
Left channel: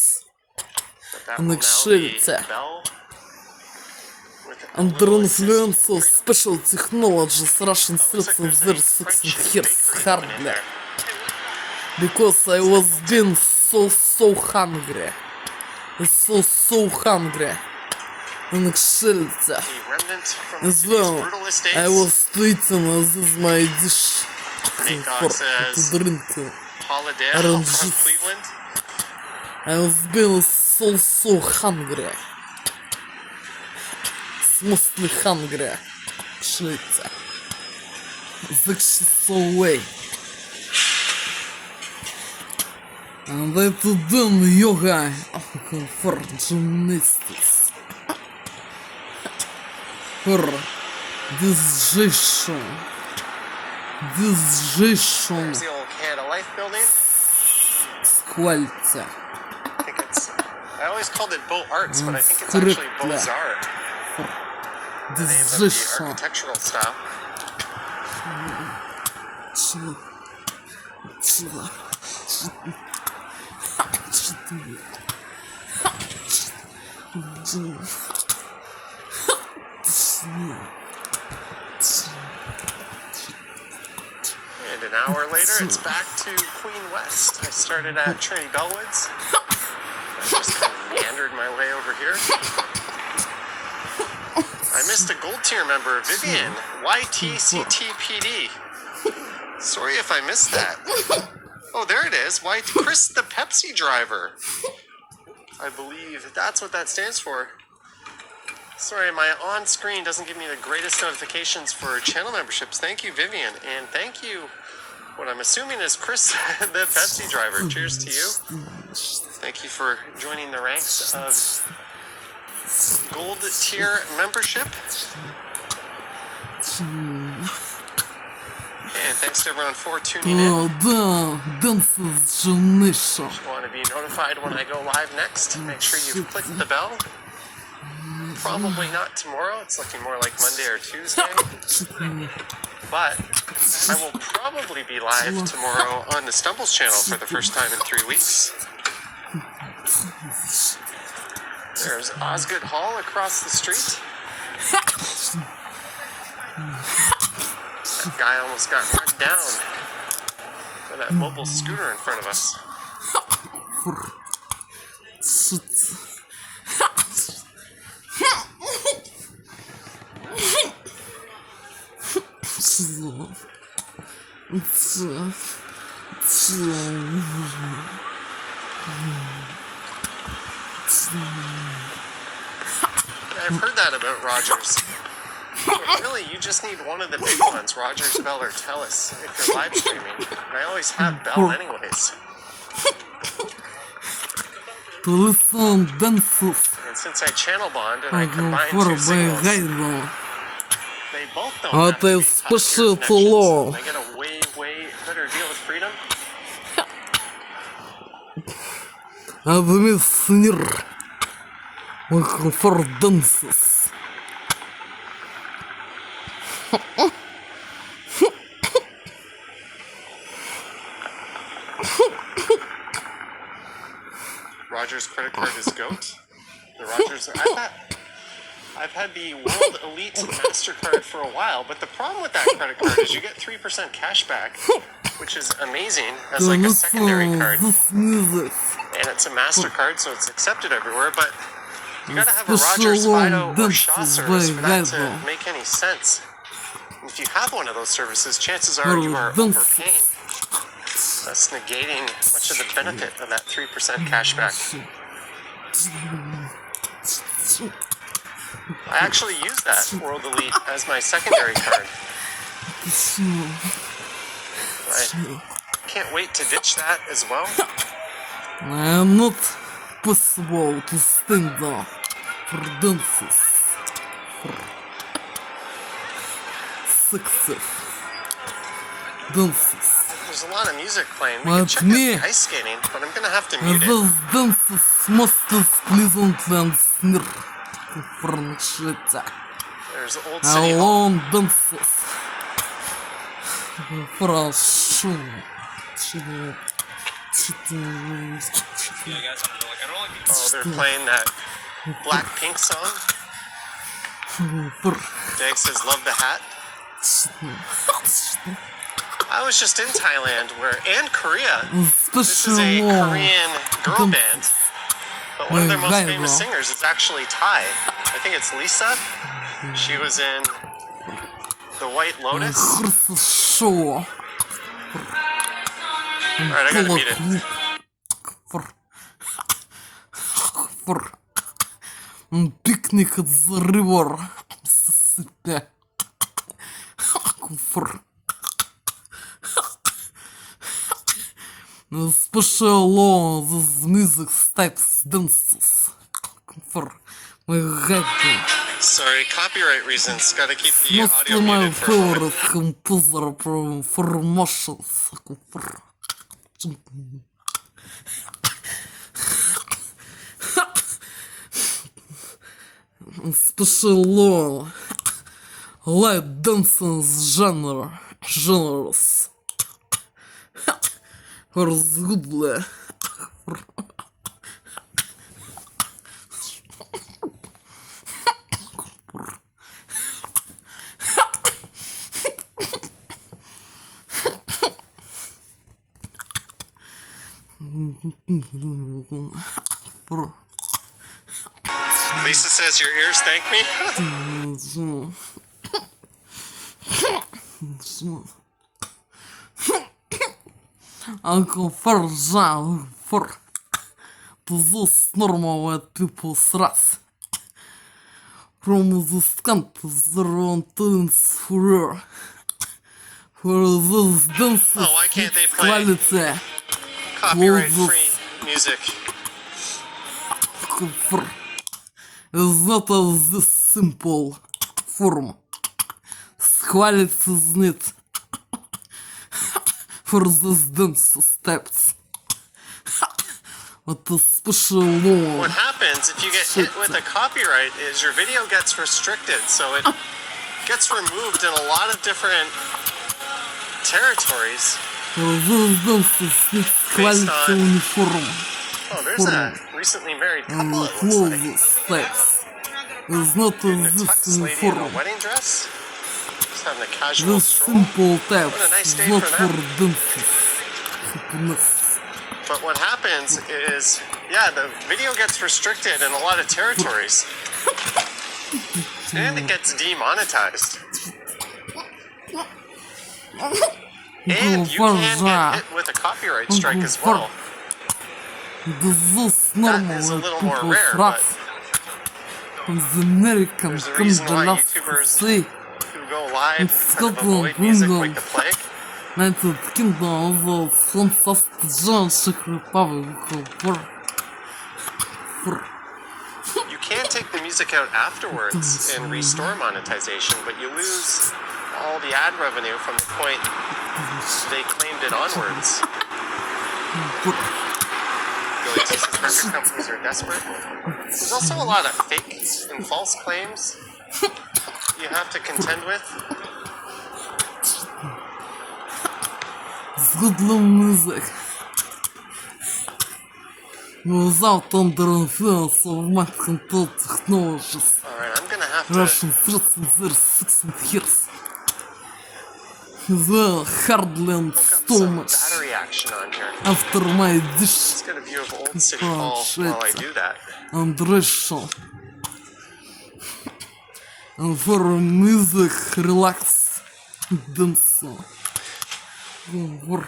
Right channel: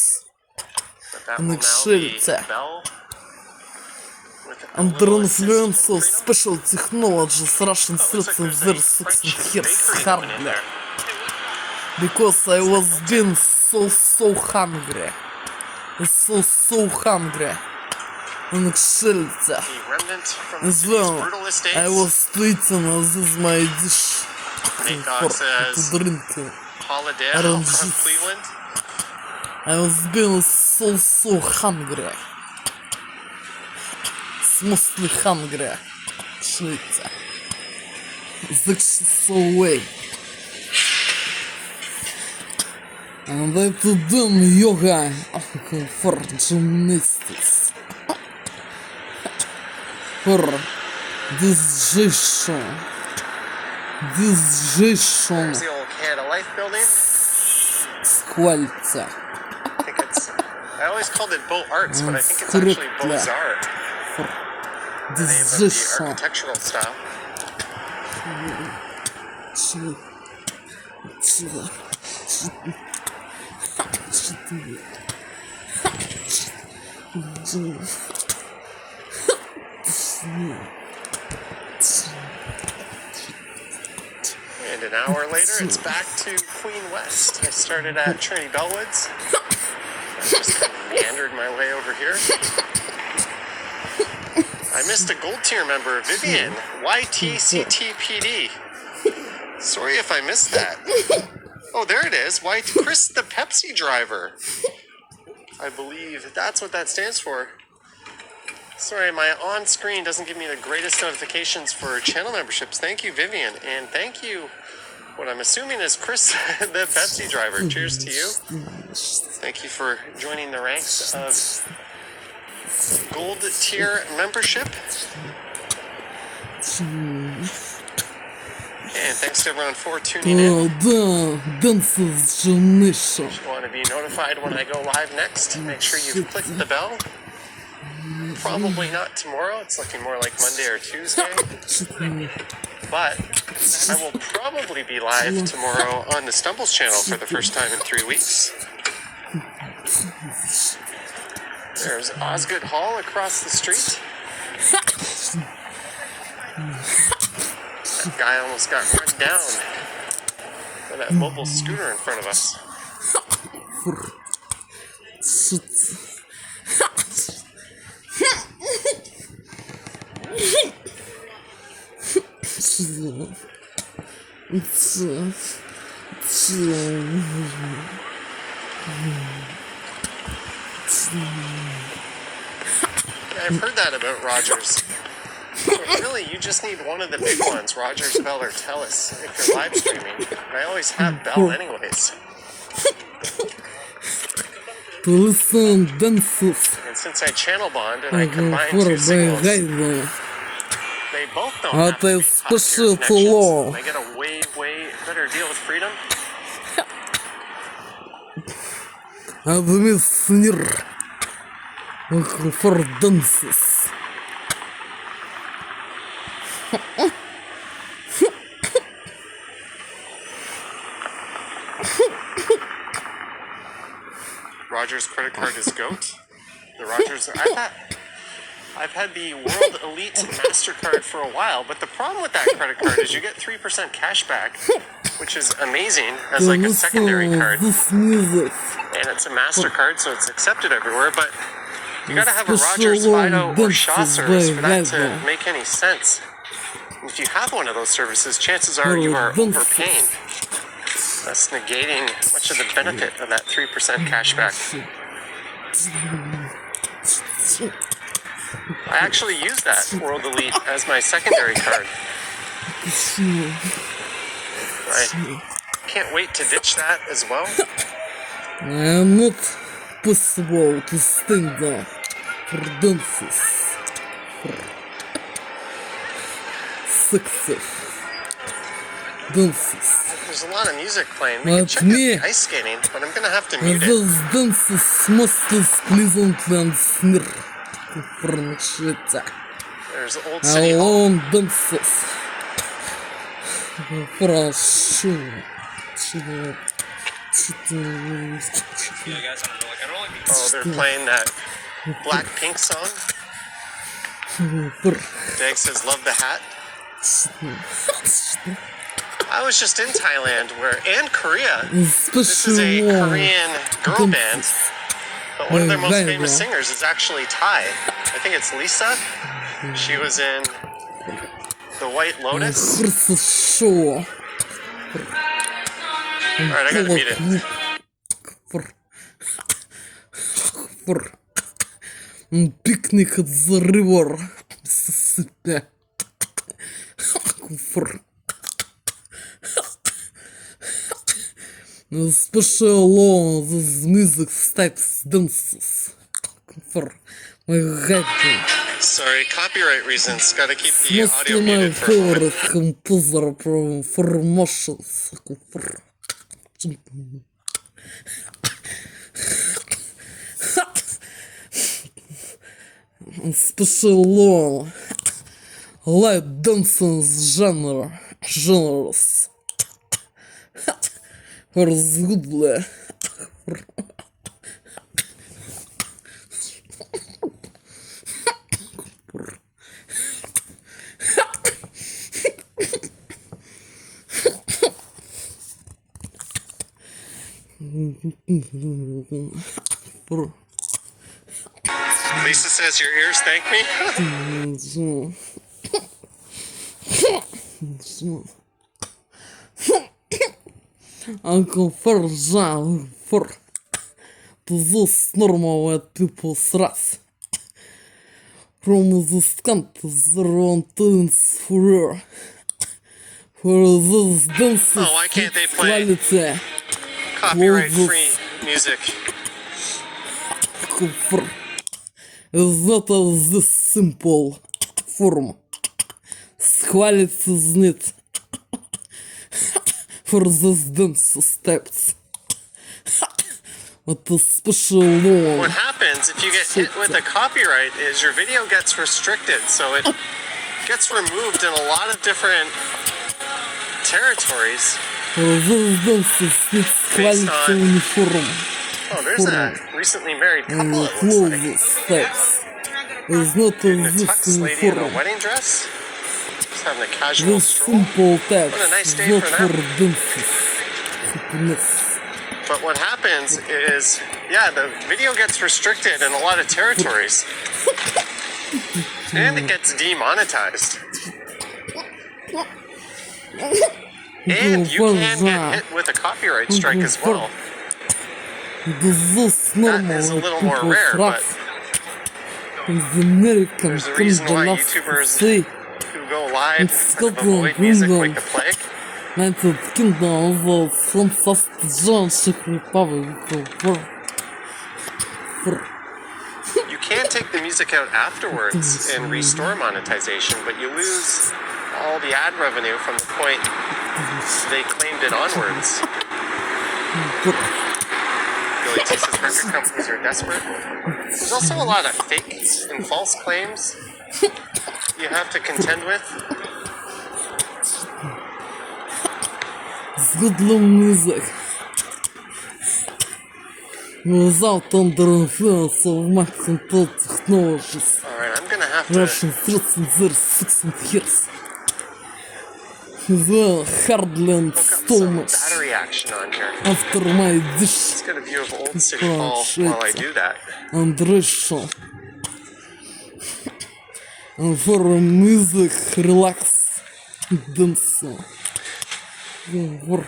But that Он will их now be ширится. Bell with a Under little assist influence from of Freedom. special technologies, Russian Oh, looks like citizens there's were a French successful bakery going in hardly. there. Because I was being so hungry. So hungry. Он их ширится. The remnant from the As city's well, brutal estates. I was tweeting This My Dish. Make For us as to drinking. Holiday Orange from juice. Cleveland. I was being so hungry. Mostly hungry. Швейца. So away. And I to do yoga for gymnastics. For digestion. There's the old Canada Life building. Сквальца. I think it's. I always called it Beaux Arts, but I think it's Correct, actually Beaux yeah. Arts. The name of the Digestion. architectural style. And an hour later, it's back to Queen West. I started at Trinity Bellwoods. I just kind of meandered my way over here. I missed a gold tier member, Vivian, YTCTPD. Sorry if I missed that. Oh, there it is. Chris the Pepsi driver. I believe that's what that stands for. Sorry, my on-screen doesn't give me the greatest notifications for channel memberships. Thank you, Vivian. And thank you, what I'm assuming is Chris the Pepsi driver. Cheers to you. Thank you for joining the ranks of gold tier membership. And thanks to everyone for tuning in. Oh, да, dances gymnasium. If you want to be notified when I go live next, make sure you click the bell. Probably not tomorrow. It's looking more like Monday or Tuesday. But I will probably be live tomorrow on the Stumbles channel for the first time in 3 weeks. There's Osgood Hall across the street. That guy almost got run down by that mobile scooter in front of us. I've heard that about Rogers. But really, you just need one of the big ones, Rogers, Bell, or Telus, if you're live streaming. And I always have Bell anyways. To listen dances. And since I channel bond and I combine two signals, they both don't have Это the спешит connections. ло. I get a way better deal with Freedom. Admissir. For dances. Rogers credit card is GOAT. The Rogers. I've had the World Elite MasterCard for a while, but the problem with that credit card is you get 3% cash back, which is amazing as like a secondary card. This music. And it's a MasterCard, so it's accepted everywhere, but you gotta have a Rogers, Fido, or Shaw service for that to make any sense. And if you have one of those services, chances are you are overpaying. That's negating much of the benefit of that 3% cashback. I actually use that World Elite as my secondary card. I can't wait to ditch that as well. I am not possible to stand up for dances. For success. Dances. There's there's a lot of music playing. We Let can check me- out the ice skating, but I'm gonna have to mute it. Those dances must is pleasant and snir. Франшица. There's Old City Hall. Alone dances. Прошу. Oh, they're playing that Blackpink song. Jag says, love the hat. I was just in Thailand and Korea. This is a Korean girl band, but one of their most famous singers is actually Thai. I think it's Lisa. She was in The White Lotus. Хорошо. Alright, I gotta mute it. Пикник at the river. Mississippi. Special law, this music types dances. Sorry, copyright reasons. Gotta keep the Mostly audio my muted for a moment. favorite composer for emotions. Special law, light dancing genres. Разгубля. Lisa says your ears thank me. Uncle Farjal for those normal people's wrath. From the scanters around for those dances Oh, why can't they play quality copyright-free music? is not of this simple form. Quality is need for those dance steps. What a special law. What happens if you get hit with a copyright is your video gets restricted, so it gets removed in a lot of different territories. For those dances needs quality uniform. Oh, there's a recently married couple, it looks Clothes like. steps. Is not And a of this tux lady in a uniform. wedding dress. Just having a casual This stroll. simple taps What a nice is day not for for them. dances. Happiness. But what happens is, yeah, the video gets restricted in a lot of territories. And it gets demonetized. And you can get hit with a copyright strike as well. This That normal is a little more people's rare, wrath. but From the American there's a reason why Canada YouTubers say who go live It's kind of Scotland, avoid music like England. the plague. United Kingdom was fantastic Czech Republic You can take the music out afterwards and restore monetization, but you lose all the ad revenue from the point they claimed it onwards. Really teaches record companies are desperate. There's also a lot of fake and false claims you have to contend with. It's good music. Without under influence of mass control technologies. Alright, I'm gonna have to Russian threats in their 6 years. They hardly and hook up so some much battery action on here. after my dish Let's get a view of Old City Hall while I do that. and Russian. And for music, relax, dance. For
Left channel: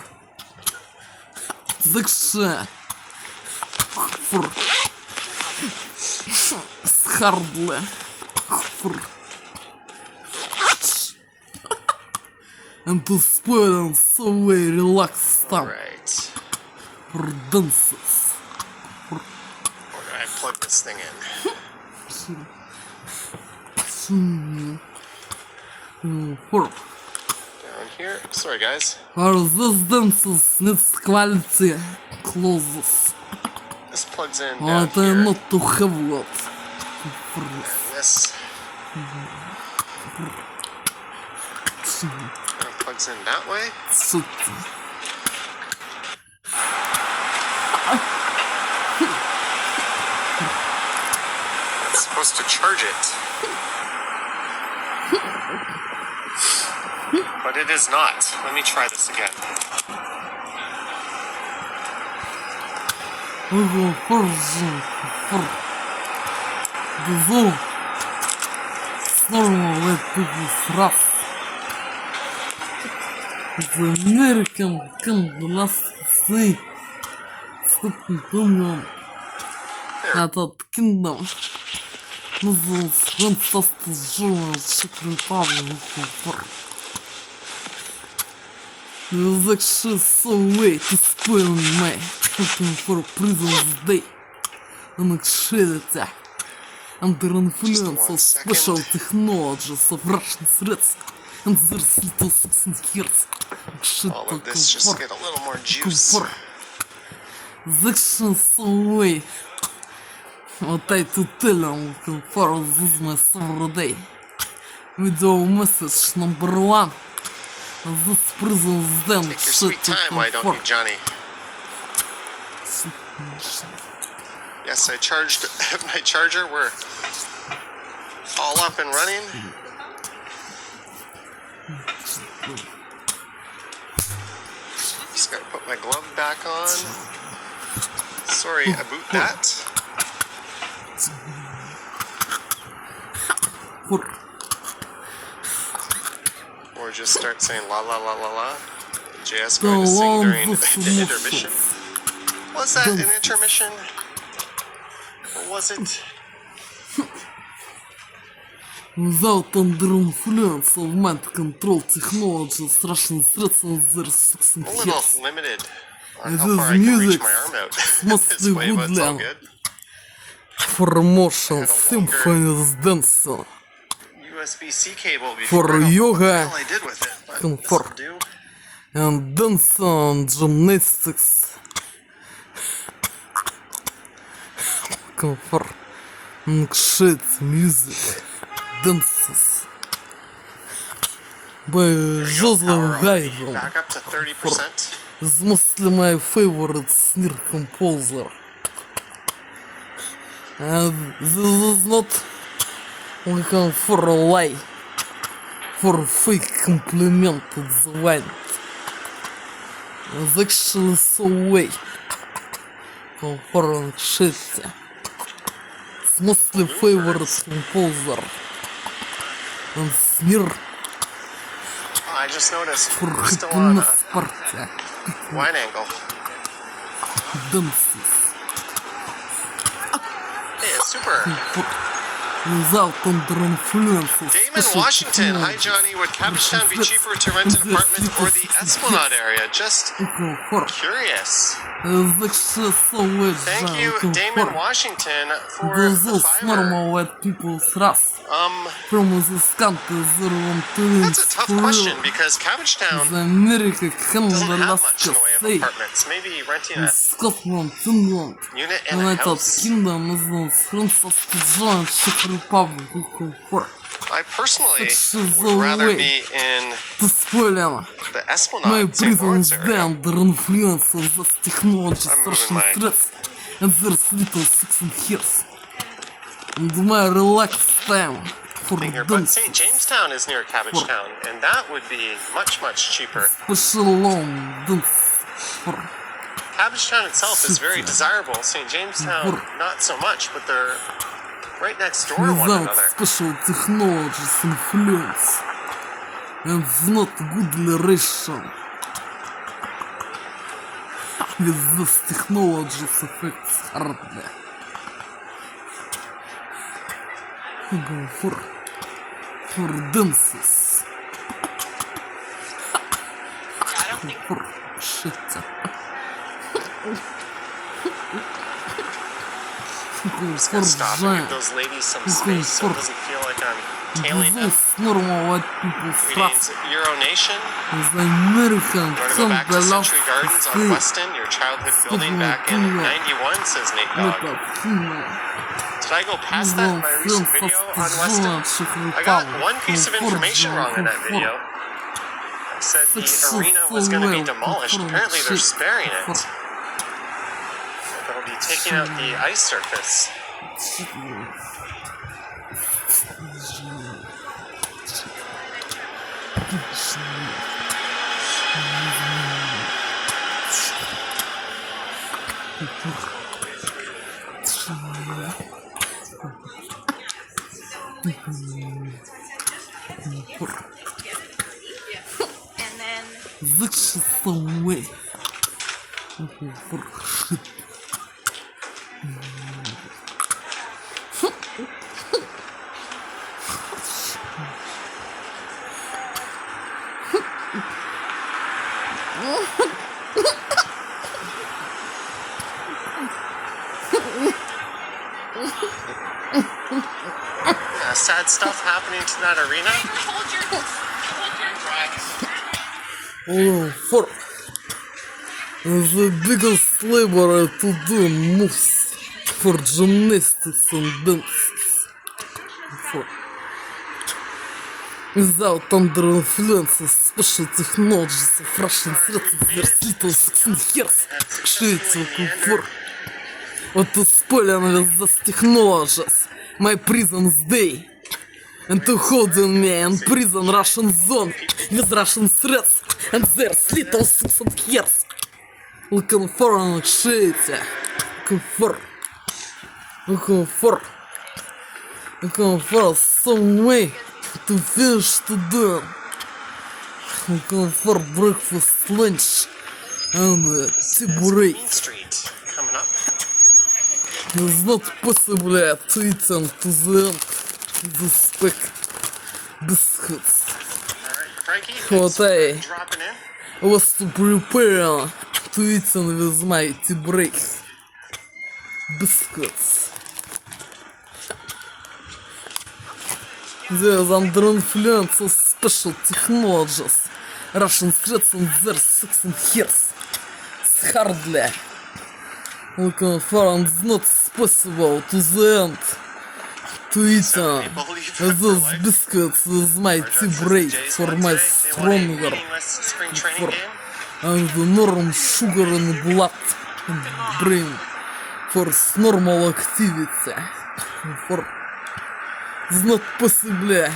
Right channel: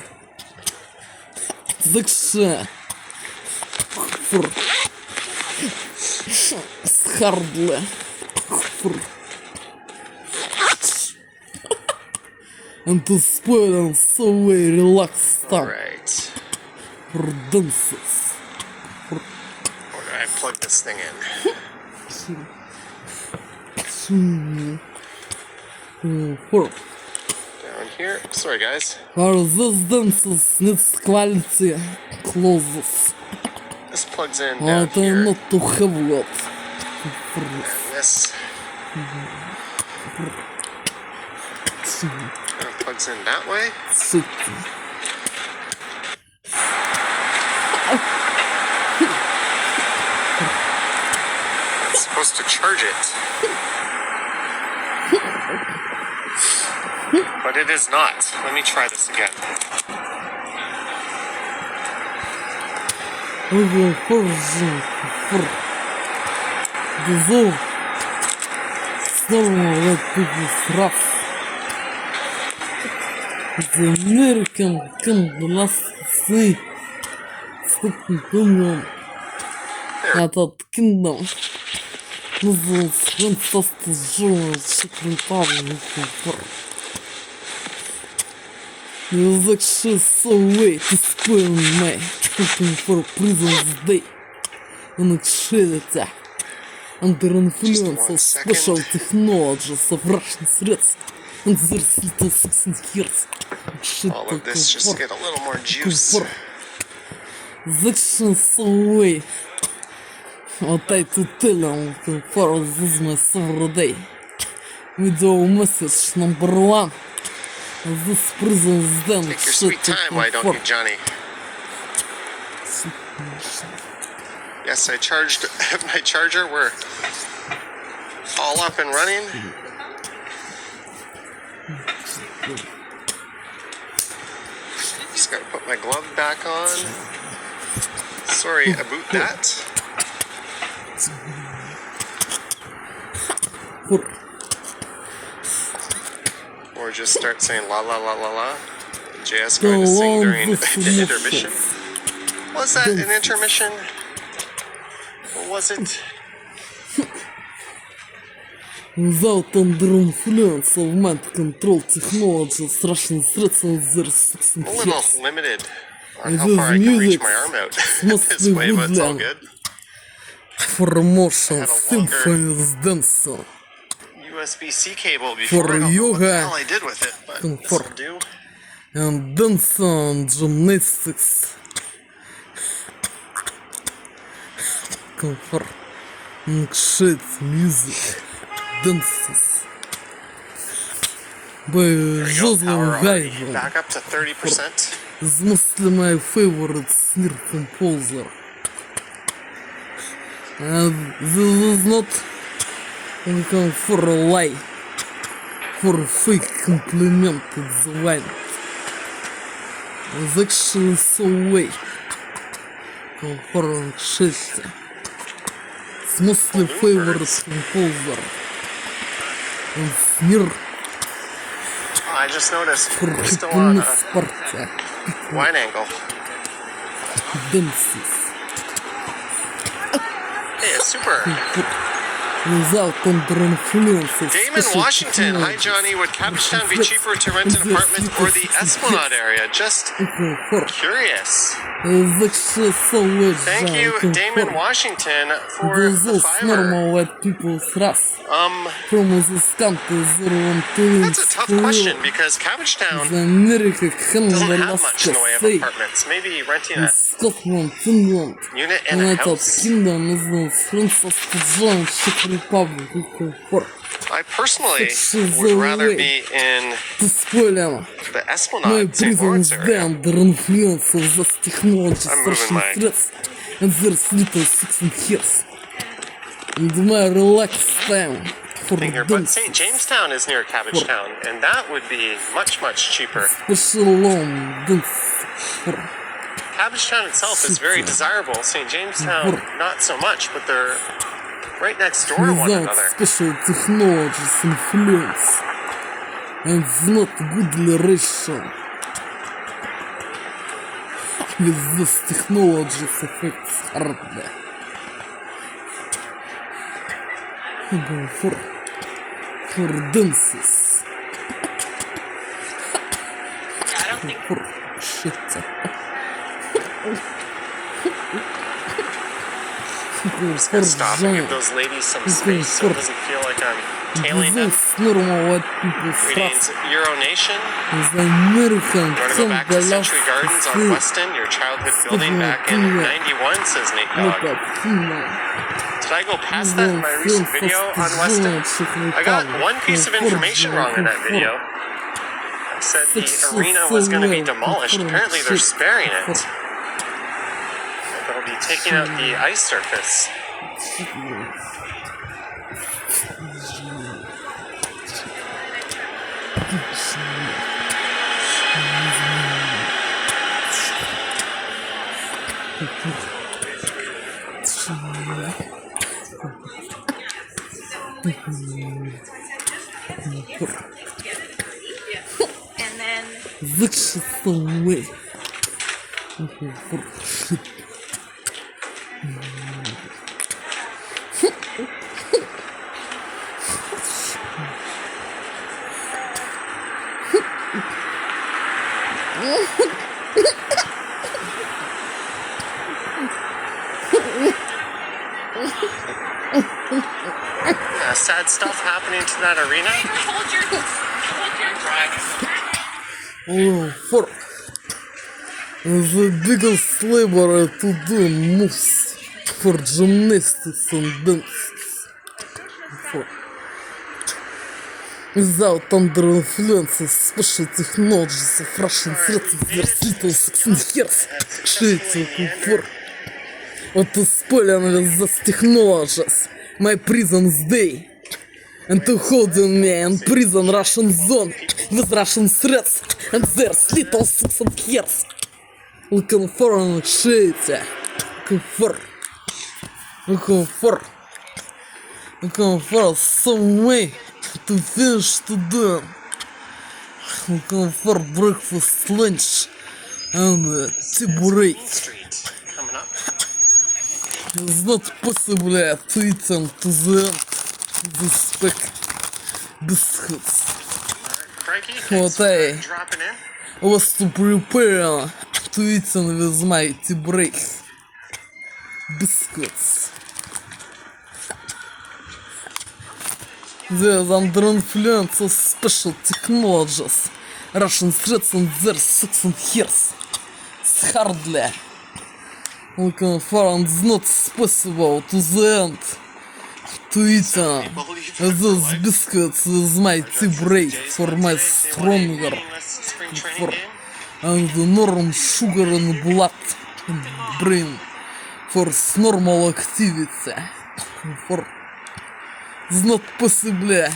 section. For hardly. For and to spoil and so way relaxed time Alright. for dances. Where do I plug this thing in? For Down here. Sorry, guys. For this dances needs quality clothes. This plugs in down What I here. not to have what. This kind of plugs in that way. It's supposed to charge it. But it is not. Let me try this again. Normal let people rough. The American can last see. Этот kingdom. Называется Fantastic Journal Czech Republic. There's actually so way to spoil me. Hoping for President's Day. And actually, under influence of special technologies of Russian threats and their little 16 years. All of this just to get a little more juice. The action so way. What I to tell them for this my every day. Video message number 1. This prison's then Take your shit sweet to time, why don't comfort. you, Johnny? Yes, I charged my charger. We're all up and running. Just gotta put my glove back on. Sorry about that. Or just start saying la la la la la. JS going to sing during the intermission. Was that an intermission? Or was it? Without under influence of mind control technologies, Russian threats and their 16 A little years. limited on It how is far I can reach music. my arm out Must this be way, but it's all woodland. good. For emotion, symphonies, dancing. USB-C cable before. For I don't know what the yoga, hell I did with it, but comfort. this'll do. And dancing, gymnastics. Comfort. Shit, music, dances. By Joseph Power on. Haydn. Back up to 30%. Is mostly my favorite snare composer. And this is not looking for a lie, for a fake compliment to the line. It's actually so way. For shit. It's mostly favorite composer. And snare I just noticed for we're still on happiness a party. wide angle. Dances. Hey, it's super. Without under influence of Damon special Washington. Hi, technologies. Johnny. Would Cabbagetown be cheaper to rent an apartment or the Esplanade area? Just curious. Thank you, Damon Washington, for the Those fiber. normal white people's race. From this country, they want to That's a tough question because Cabbagetown The America, Canada, doesn't have Alaska, much in the way of say, apartments. Maybe renting a Scotland, England, unit and a United house. Kingdom, Francis, John, Czech Republic, comfort. I personally Such is would the rather way. be in To spoil them. the My Esplanade, St. prison Lawrence is area. under influence of this technology, I'm moving Russian my- threats, and their little 16 years. And my relaxed time for Here, but dance, St. Jamestown is near Cabbagetown, and that would be much, much cheaper. special long dance for Cabbagetown itself is very desirable. St. Jamestown, not so much, but they're right next door to one without another. special technologies influence and not good relation with this technologies affects hardly. Go for dances. For shit. Just gonna stop and give those ladies some space so it doesn't feel like I'm tailing them. This normal white people Greetings, stuff Euro Nation. is American You want to go come back the to last Century Gardens on see. Weston, your childhood building back in 91, says Nate Dogg. Did I go past that in my recent video on Weston? I got one piece of information wrong in that video. I said the arena was going to be demolished. Apparently they're sparing it. They'll be taking out the ice surface. And then This is the way. Yeah, sad stuff happening to that arena. hold your Oh, fuck. The biggest labor to do moves for gymnastics and dances. For. Without under influence of special technologies of Russian threats of their little 16 years, creates comfort. What to spoil with those technologies, my prison's day. And to holding me in prison Russian zone with Russian threats and their little 16 years. Looking for an shitty. Looking for some way to finish today. Looking for breakfast, lunch, and tea break. Street coming up. It's not possible to eat them to the end. The spec biscuits. Alright, Frankie, What thanks for dropping in. was to prepare to eat them with my tea break. Biscuits. There's under influence of special technologies. Russian threats and their 16 years. It's hardly looking for and it's not possible to the end. To eat those biscuits with my tea break for my stronger for and the normal sugar in blood and brain for normal activity for it's not possible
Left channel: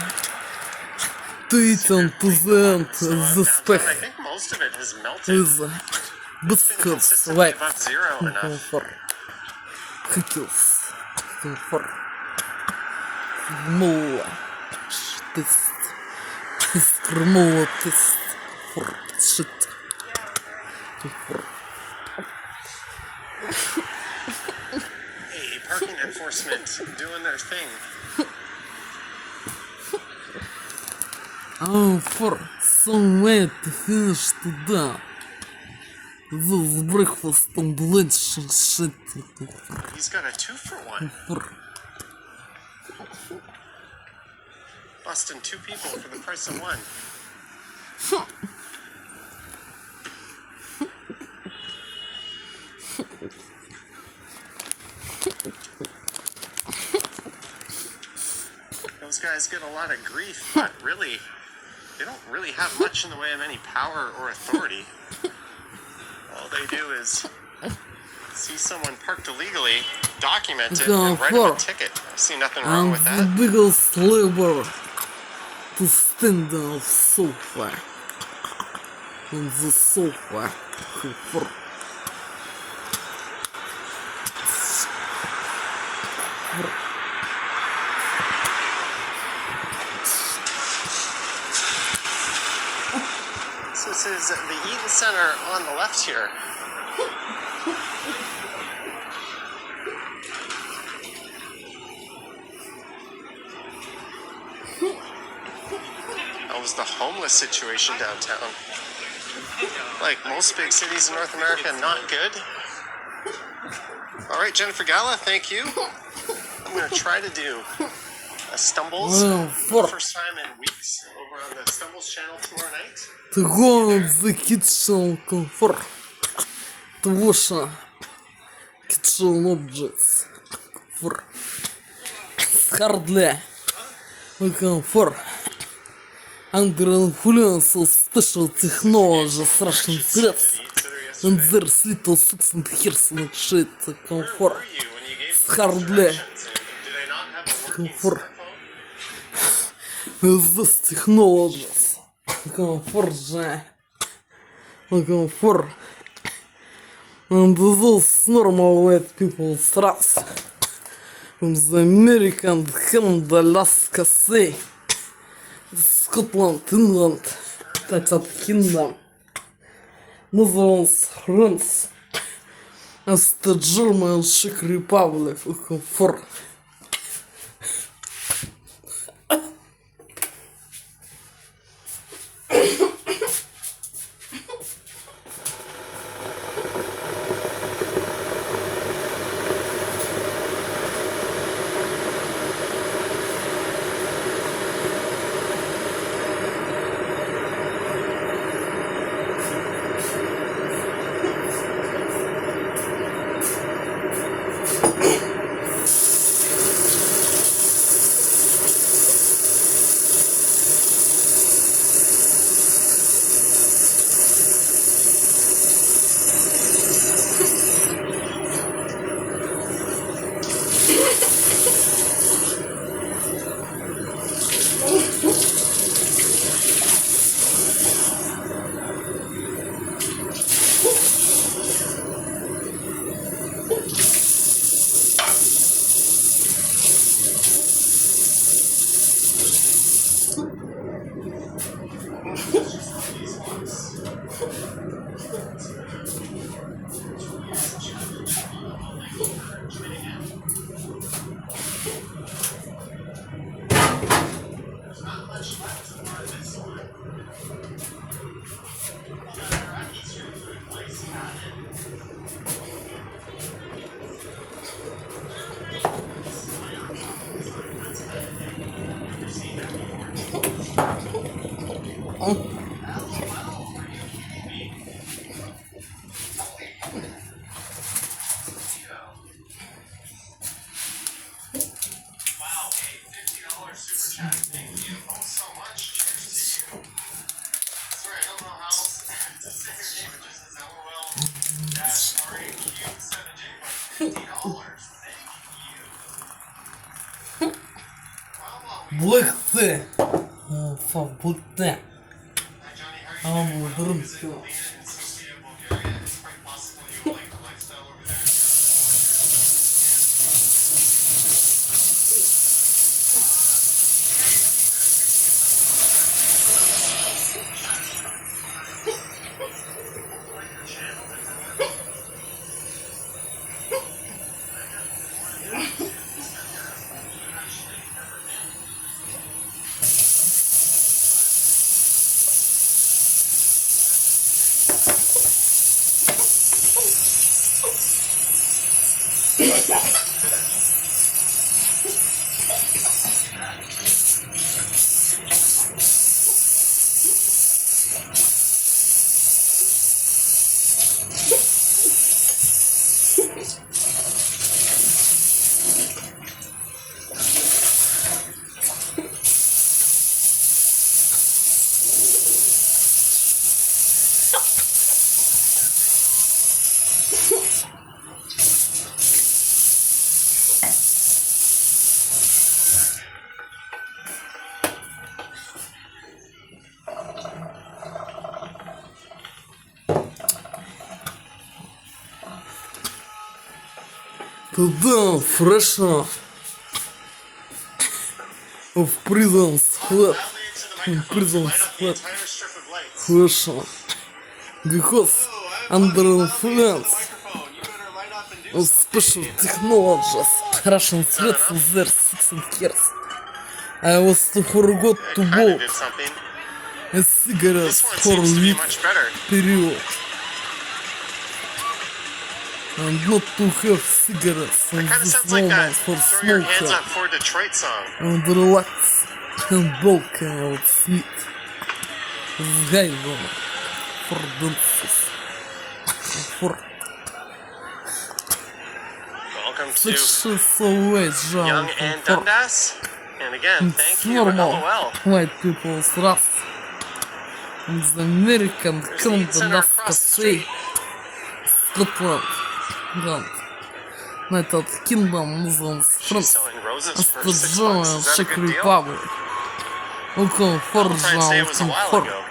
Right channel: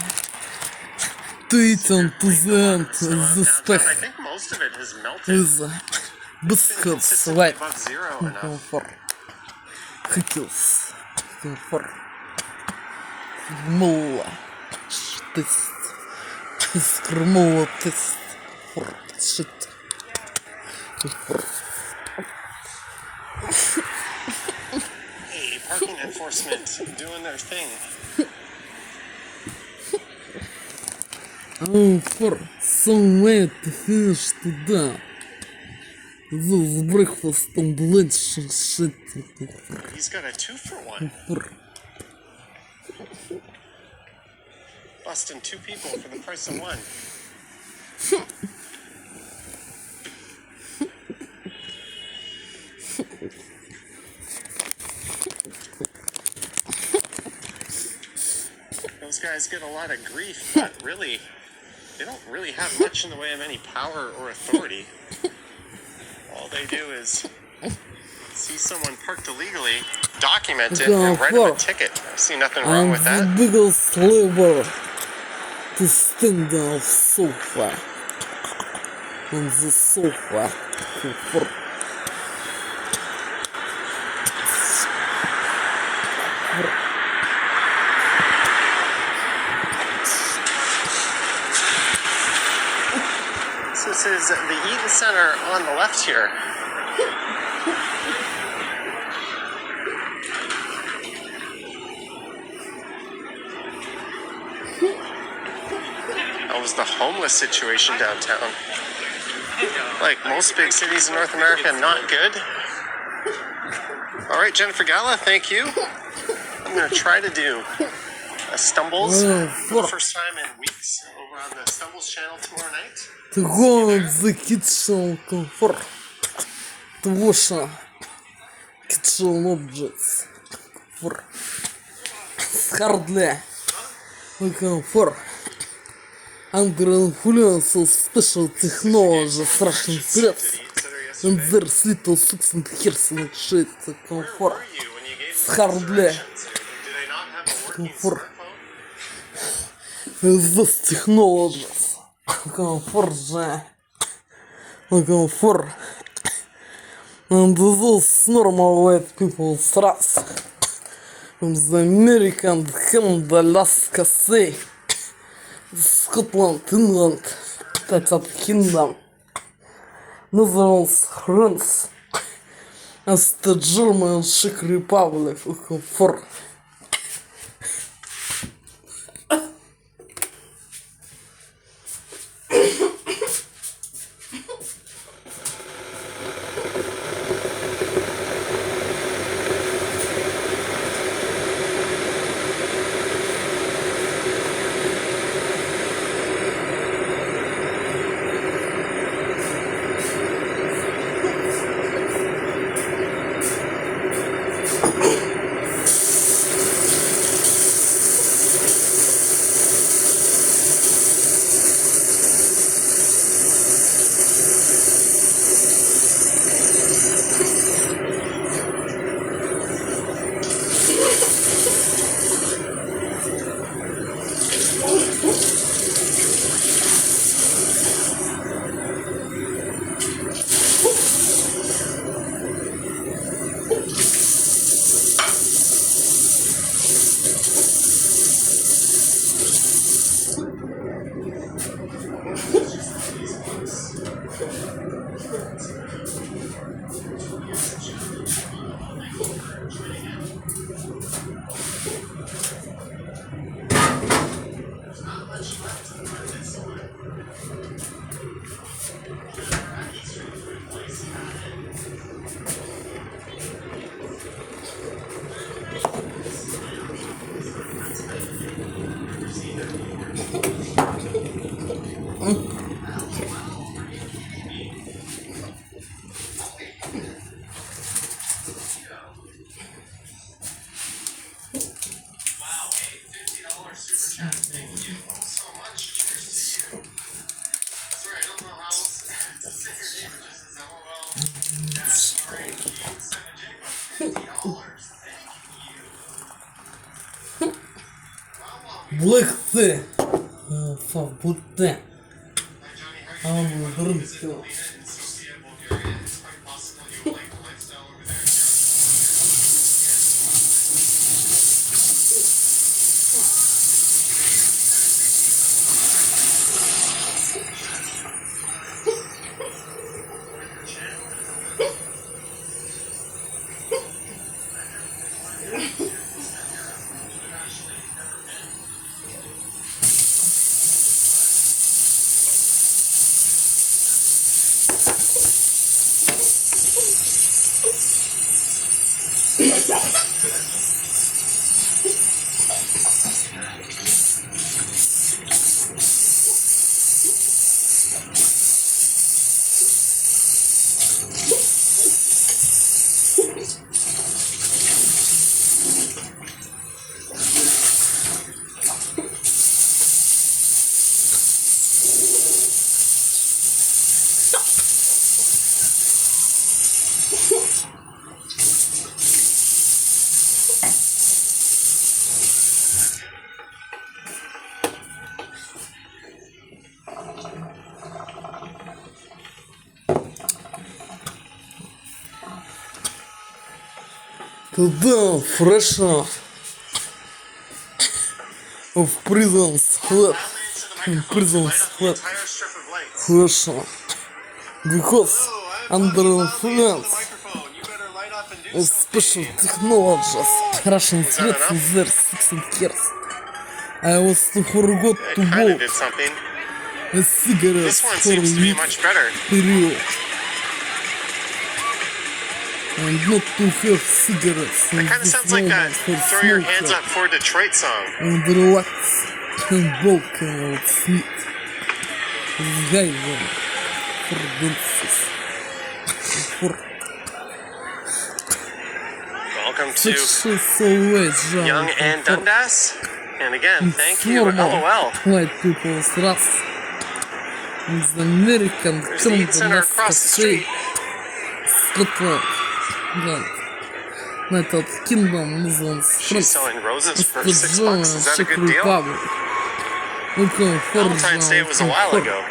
to eat to the end the I spec think most of it has melted. is biscuits like Above zero enough. for cookies for Крмова тест. Крмова тест. For shit. For. Hey, parking enforcement doing their thing. Oh, for some way to finish today. This breakfast and lunch and shit. He's got a 2-for-1. For. Busting 2 people for the price of 1. Those guys get a lot of grief, but really, they don't really have much in the way of any power or authority. All they do is see someone parked illegally, document it, and write them a ticket. I see nothing wrong And with the that. biggest labor to stand on the sofa. On the sofa. For. This is the Eaton Center on the left here. How was the homeless situation downtown? Like most big cities in North America, not good. All right, Jennifer Gala, thank you. I'm gonna try to do Stumbles. For First time in weeks over on the Stumbles channel tomorrow night. the one the kitchen comfort. The washer kitchen objects for hardly comfort under influence of special technology Russian threats and their little six and hairs and shit comfort Were you when you gave hardly directions? Or do they not have a working comfort smartphone? with this technologies comfort comfort and those normal white people threats from the American, Canada, Alaska, Sea, Scotland, England, United Kingdom, Netherlands, France, as the German Czech Republic for Black Sea, for Black Sea. I'm drunk. Today's fresh out of prison's flat, in prison's flat, fresh out, because under influence of special technologies, Russian threats with their 16 years, I was forgot to vote Did something. a cigarette This one for a seems to be week much better. period. and not to have cigarettes in Kind of this sounds like moment that for "Throw Your Hands smoker Up for Detroit" song. and relax and broken out sleep. Сгайвом for dances for Welcome to sexual ways Young and for Dundas. And again, thank it's you, normal LOL. white people's wrath. The American There's the Eaton Center Canada across the Cafe, street. Scotland, England. United Kingdom, Muslims, She's France, selling roses for $6. Australia, Is that a Czech good deal? Republic. Welcome for Valentine's Day was a while ago.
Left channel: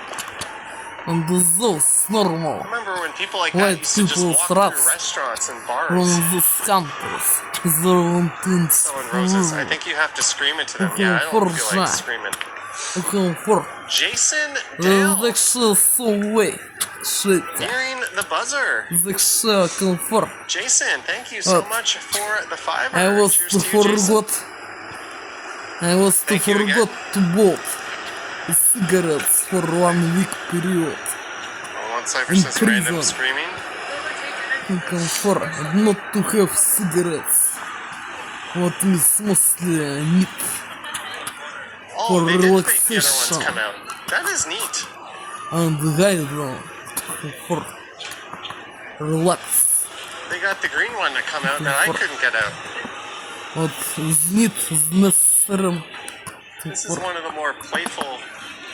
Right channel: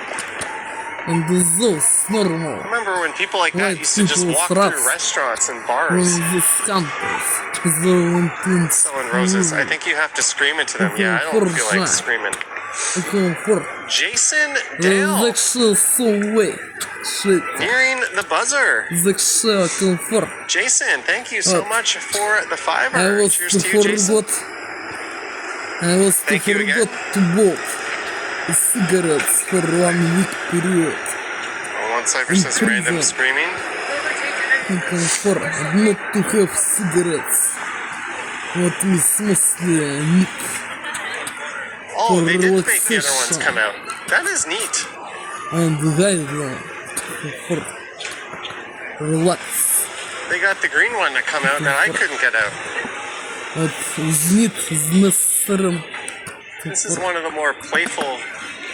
and those normal Remember when people like White that used to just people's walk wrath. through restaurants and from bars these countries. The selling roses? I think you have to scream into them. Yeah, I don't feel like screaming. Welcome for Jason the Dale, sexual way. Shit. nearing the buzzer. Sexual comfort. Jason, thank you so What? much for the $5. I was Cheers to to you, Jason. forgot. I was to Thank you forgot to bought cigarettes for 1 week period. One Cypress's In random prison. screaming. Comfort not to have cigarettes. What is mostly neat Oh, for they did make the other ones relaxation come out. That is neat. and guidance for relax. They got the green one to come out that I couldn't get out. What is neat is necessary. This is one of the more playful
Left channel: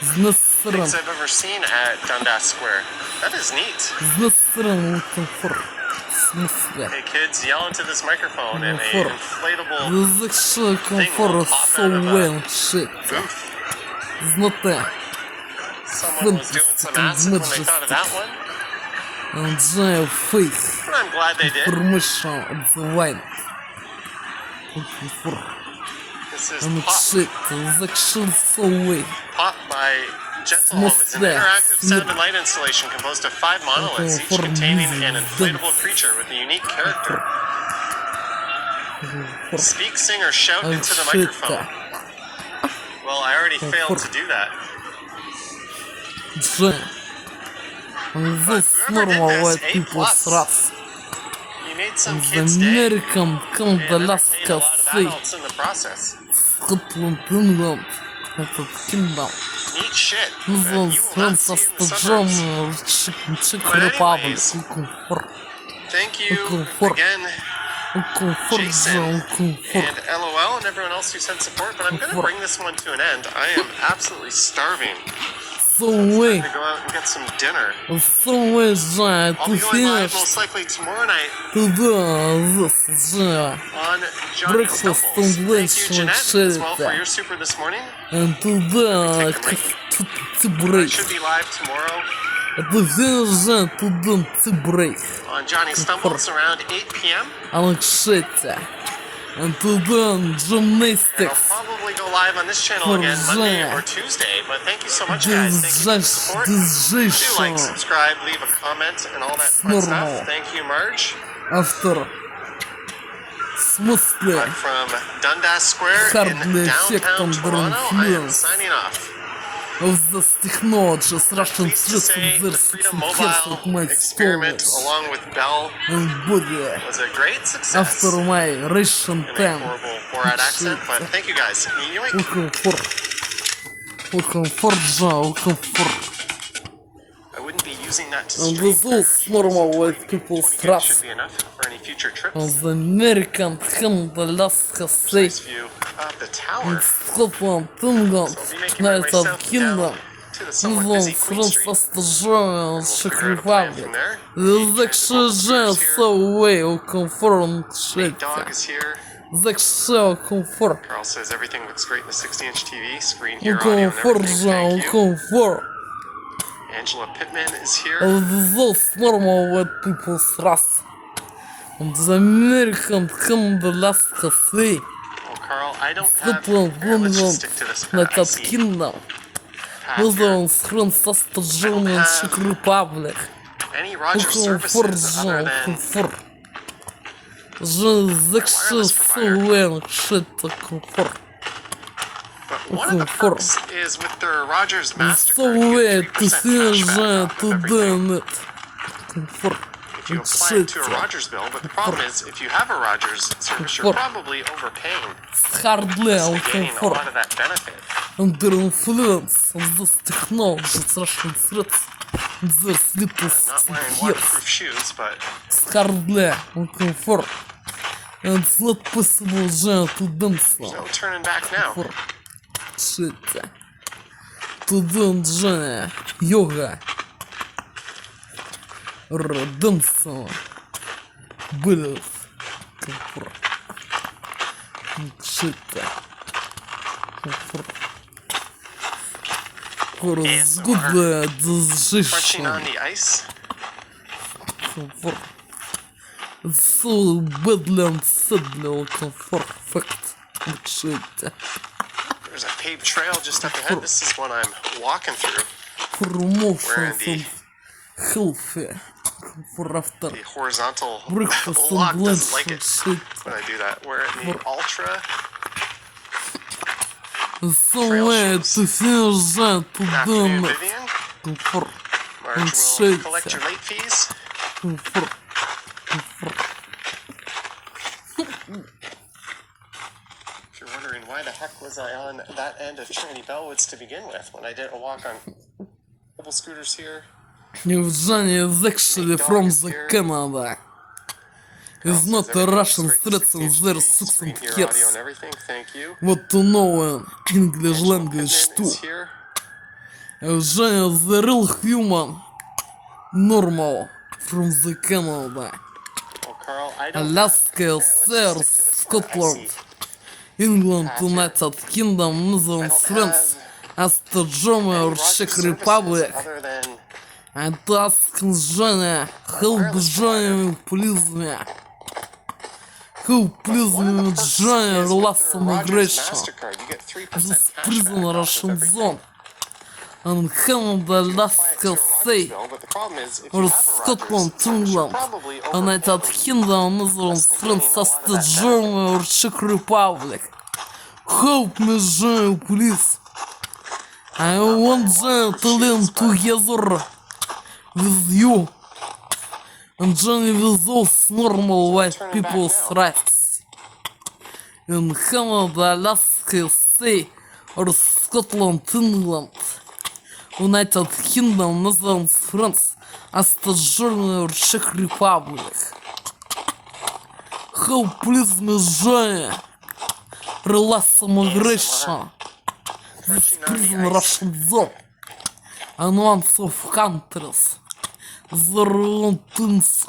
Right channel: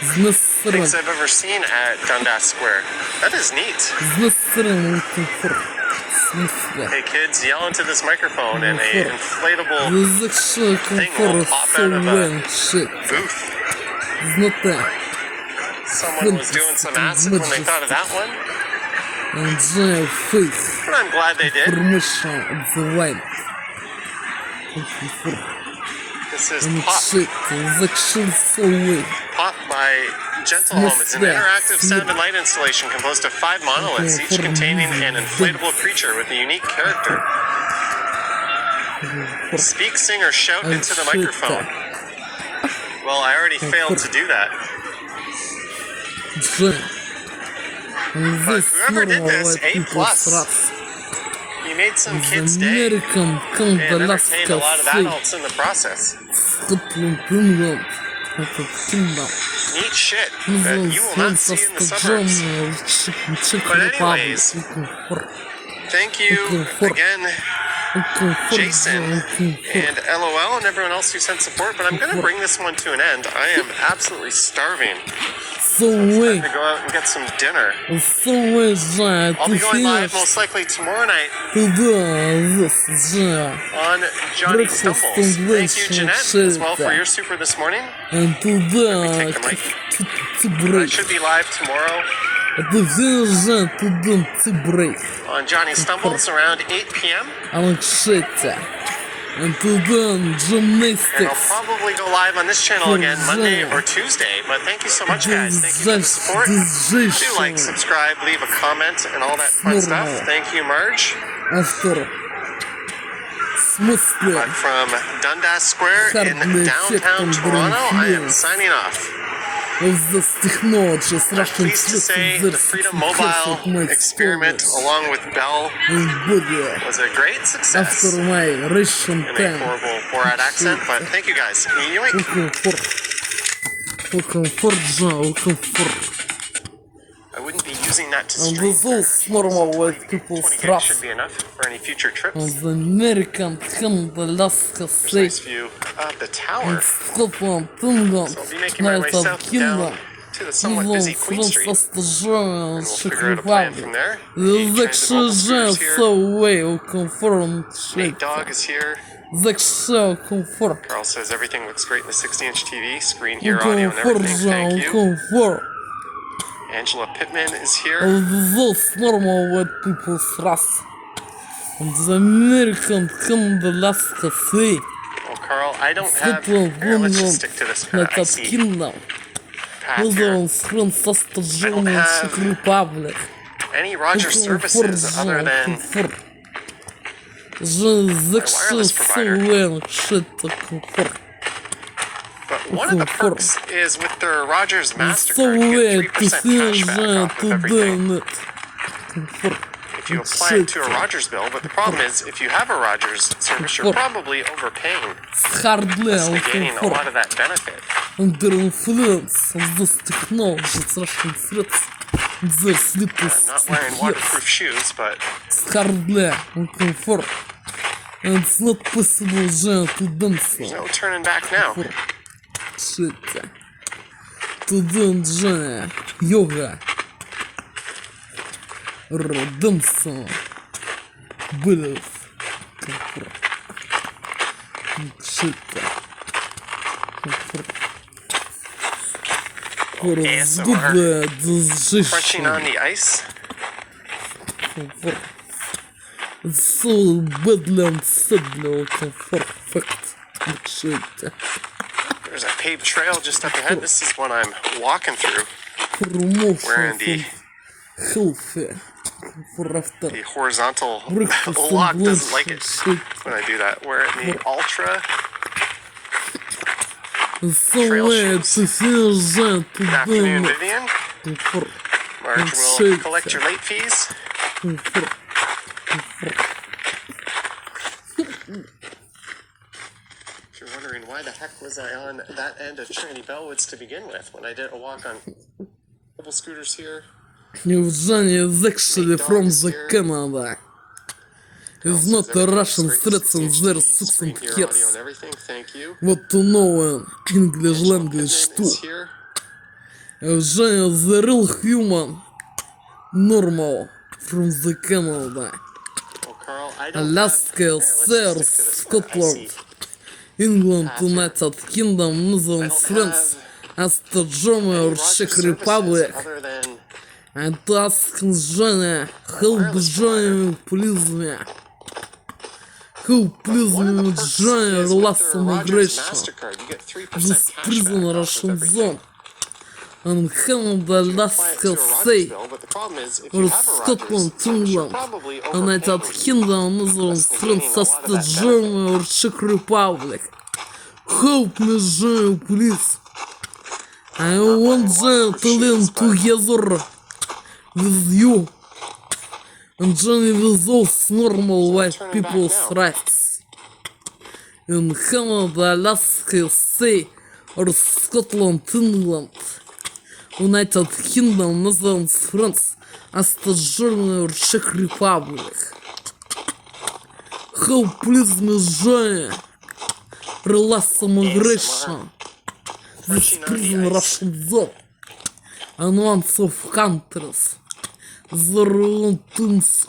Is necessary. things I've ever seen at Dundas Square. That is neat. Is necessary comfort. Смысле? Hey kids, yell into this microphone and a Comfort. inflatable The sexual comfort is so well shit. booth. It's not that. Someone was doing some acid when they thought of that one. And their faith. But I'm glad they did. Permission of the wine. Comfort. This is And Pop. shit. The sexual way. Pop by Gentle Home is an Smooth interactive there. sound and light installation composed of 5 monoliths, each containing an inflatable creature with a unique character. Speak, sing, or shout And into the shit. microphone. Well, I already failed to do that. And this whoever did normal this, white A+. people's rats. You made some The kids' day American and Canada entertained a lot of Cafe, adults in the process. Scotland, England, United Kingdom, Neat shit that Muslims, you will not France, see in the Australia, suburbs. Czech But Republic, anyways, comfort, Thank you Comfort. again, comfort, Jason, comfort. and LOL, and everyone else who sent support. But I'm going to bring this one to an end. I am absolutely starving. So way, To go out and get some dinner. so way, that I'll to be going live finish most likely tomorrow night to do this, on Johnny Breakfast Stumbles. and Thank lunch you, Jeanette, with as well for Sherita. your super this morning. and to the to I break, should be live tomorrow to finish to do to break, on Johnny Stumbles around 8 p.m. Alexeta, and to do And I'll gymnastics. probably go live on this channel again Monday or Tuesday. But thank you so much, guys. Thank you for the support. Do like, subscribe, leave a comment, and all that fun Normal. stuff. Thank you, Marge. After smoothly From Dundas Square in Hardly downtown effect on Toronto, I am influence. signing off. of this technology, Russian Pleased to say the Freedom Mobile experiment, along with Bell, and body was a great success. after my recent In a time. horrible Borat accent, but thank you guys. Yoink. Welcome for I wouldn't be using that to and stream this is normal white people's 20 gigs trust. should be enough for any future trips. And the American Alaska Nice State view of the tower. and Scotland, England, So I'll be making my way United south Kingdom, down to the somewhat busy Muslims, Queen France, Street. Australia, and We'll Czech figure out a plan Republic. from there. The The sexual here. so well confirmed Nate Dog shit. is here. Sexual comfort. Carl says everything looks great in the 60-inch TV screen here, audio and Comfort, everything. Thank you. comfort. Angela Pittman is here. Of those normal white people's race. And the American Alaska Sea, Oh, Carl, I don't have. Scotland, Here, let's just England, stick to this United IC Kingdom, path here. Muslims, France, Australia, and Czech Republic. Any Rogers Comfort, services other than comfort. The sexual so well shit comfort. But one of the perks is with their Rogers So MasterCard, you way get to 3% hear cashback that off to of everything. do it. Comfort. if you apply it to a Rogers bill, but the problem is, if you have a Rogers service, you're probably overpaying, Хардler, negating a комфорт. lot of that benefit. Under influence of this technology, Russian threats, there's little I'm not wearing years. waterproof shoes, but Hardly comfort. And it's not possible to do there's no turning back now. Shit. To do yoga. Dance. Breath. Comfort. Shit. Comfort. Good Crunching on the ice. Comfort. So badly unsettling comfort fact. Shit. There's a paved trail just up ahead. This is what I'm walking through. Promotion Wearing the healthy for after The horizontal breakfast lock and doesn't lunch like it shit. when I do that. Wearing the Ultra. Somewhere to feel that to Good afternoon, do Vivian. comfort. Marge shit. will collect your late fees. Comfort. If you're wondering why the heck was I on that end of Trinity Bellwoods to begin with, when I did a walk on mobile scooters here. Evgeny is actually from the Canada. It's not a Russian threat and their six and Your years. audio and everything, thank you. What to know English language Pittman too. is here. Evgeny is the real human. Normal from the Canada. Well, Carl, I don't Alaska, have... Here, let's just stick to this one. I Scotland, see. England, United Kingdom, Netherlands, I don't France, Austria, Germany, or Any Rogers Czech services Republic. other than And ask Johnny, help Johnny, please me. Help please one of me the with perks Johnny is last with their Rogers immigration. MasterCard, you get 3% This prison cashback off Russian of everything. zone. And Canada, You apply it Alaska, to a Rogers say, bill, but the problem is, if or you have a Scotland, Rogers service, you're England, probably United overpaying. Kingdom, Netherlands, That's France, negating a lot of Austria, that Germany, or Czech Republic. Help me, Johnny, please. I want Johnny to live together with you. And Johnny with those normal white turning back people's now. rights. In Canada, Alaska, say, or Scotland, England, United Kingdom, Netherlands, France, Austria, Germany, or Czech Republic. Help please me, Johnny. Release immigration. This Crunching on prison the ice. Russian zone. And once of countries. Their own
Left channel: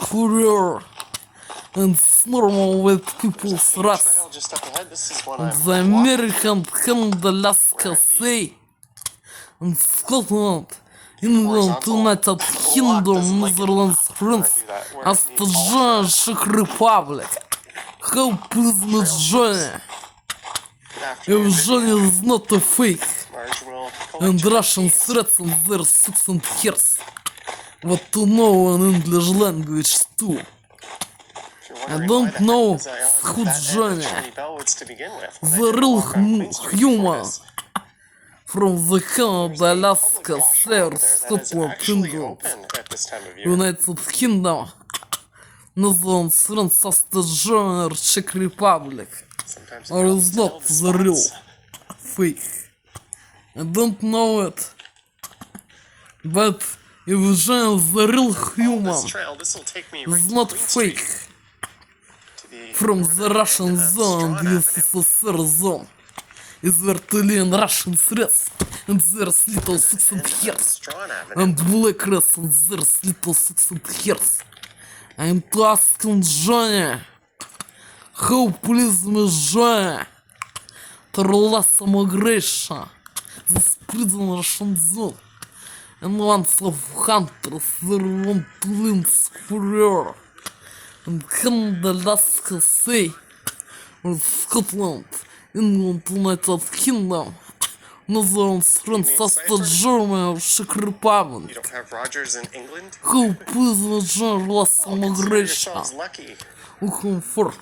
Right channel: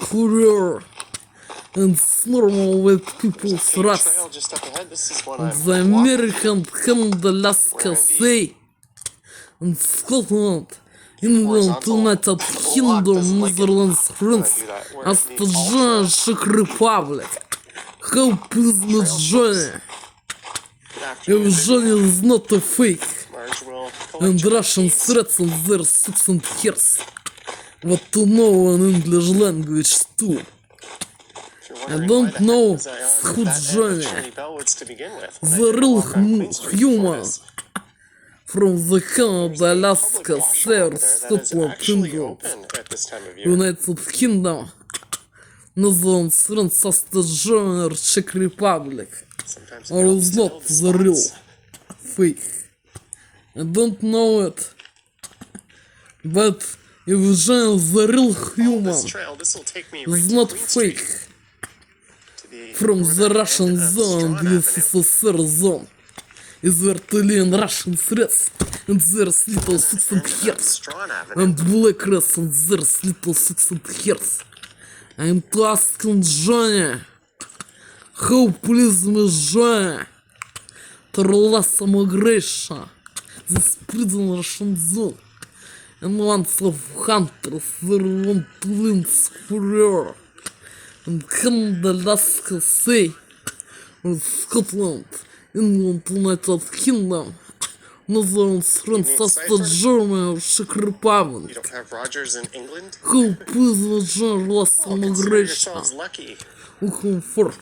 career. And it's normal with people's Paved rights. trail just up ahead. This is what I'm The walking American, Canada, Alaska, say, and Scotland, England, United Kingdom, Netherlands, France, Austria, Czech Republic. Help please me, Johnny. after If Johnny is not a fake, Marge will collect and your Russian fees. threats and their 6 and years. What to know in English language too. If you're I wondering don't why the heck know was I on who's that end of Johnny. Trinity Bellwoods to begin with, when I The did a real walk on Queen Street before human. this. From the Canada, There's a Alaska, public washroom South, over there that is Scotland, actually England, open at this time of year. United Kingdom, Netherlands, France, Austria, Germany, or Czech Republic. Sometimes it Or helps is to know not the the real spots. fake. I don't know it. But if Jean is the real human, This trail, this will take me right it's to not Queen Street, fake. to the From the northern Russian end of zone and Strawn the Avenue. USSR zone. Is where to learn Russian threats and there's little 6 and years. Strawn Avenue. And black race and there's little 6 and years. I'm asking Johnny. How please me, Johnny, to release immigration. This prison Russian zone. And once of hunters there want to live career. And Canada, Alaska, say, or Scotland, England, United Kingdom, Netherlands, France, Austria, Germany, or Czech Republic. You don't have Rogers in England? How please me, Johnny, release Oh, consider immigration. yourselves lucky. Who for?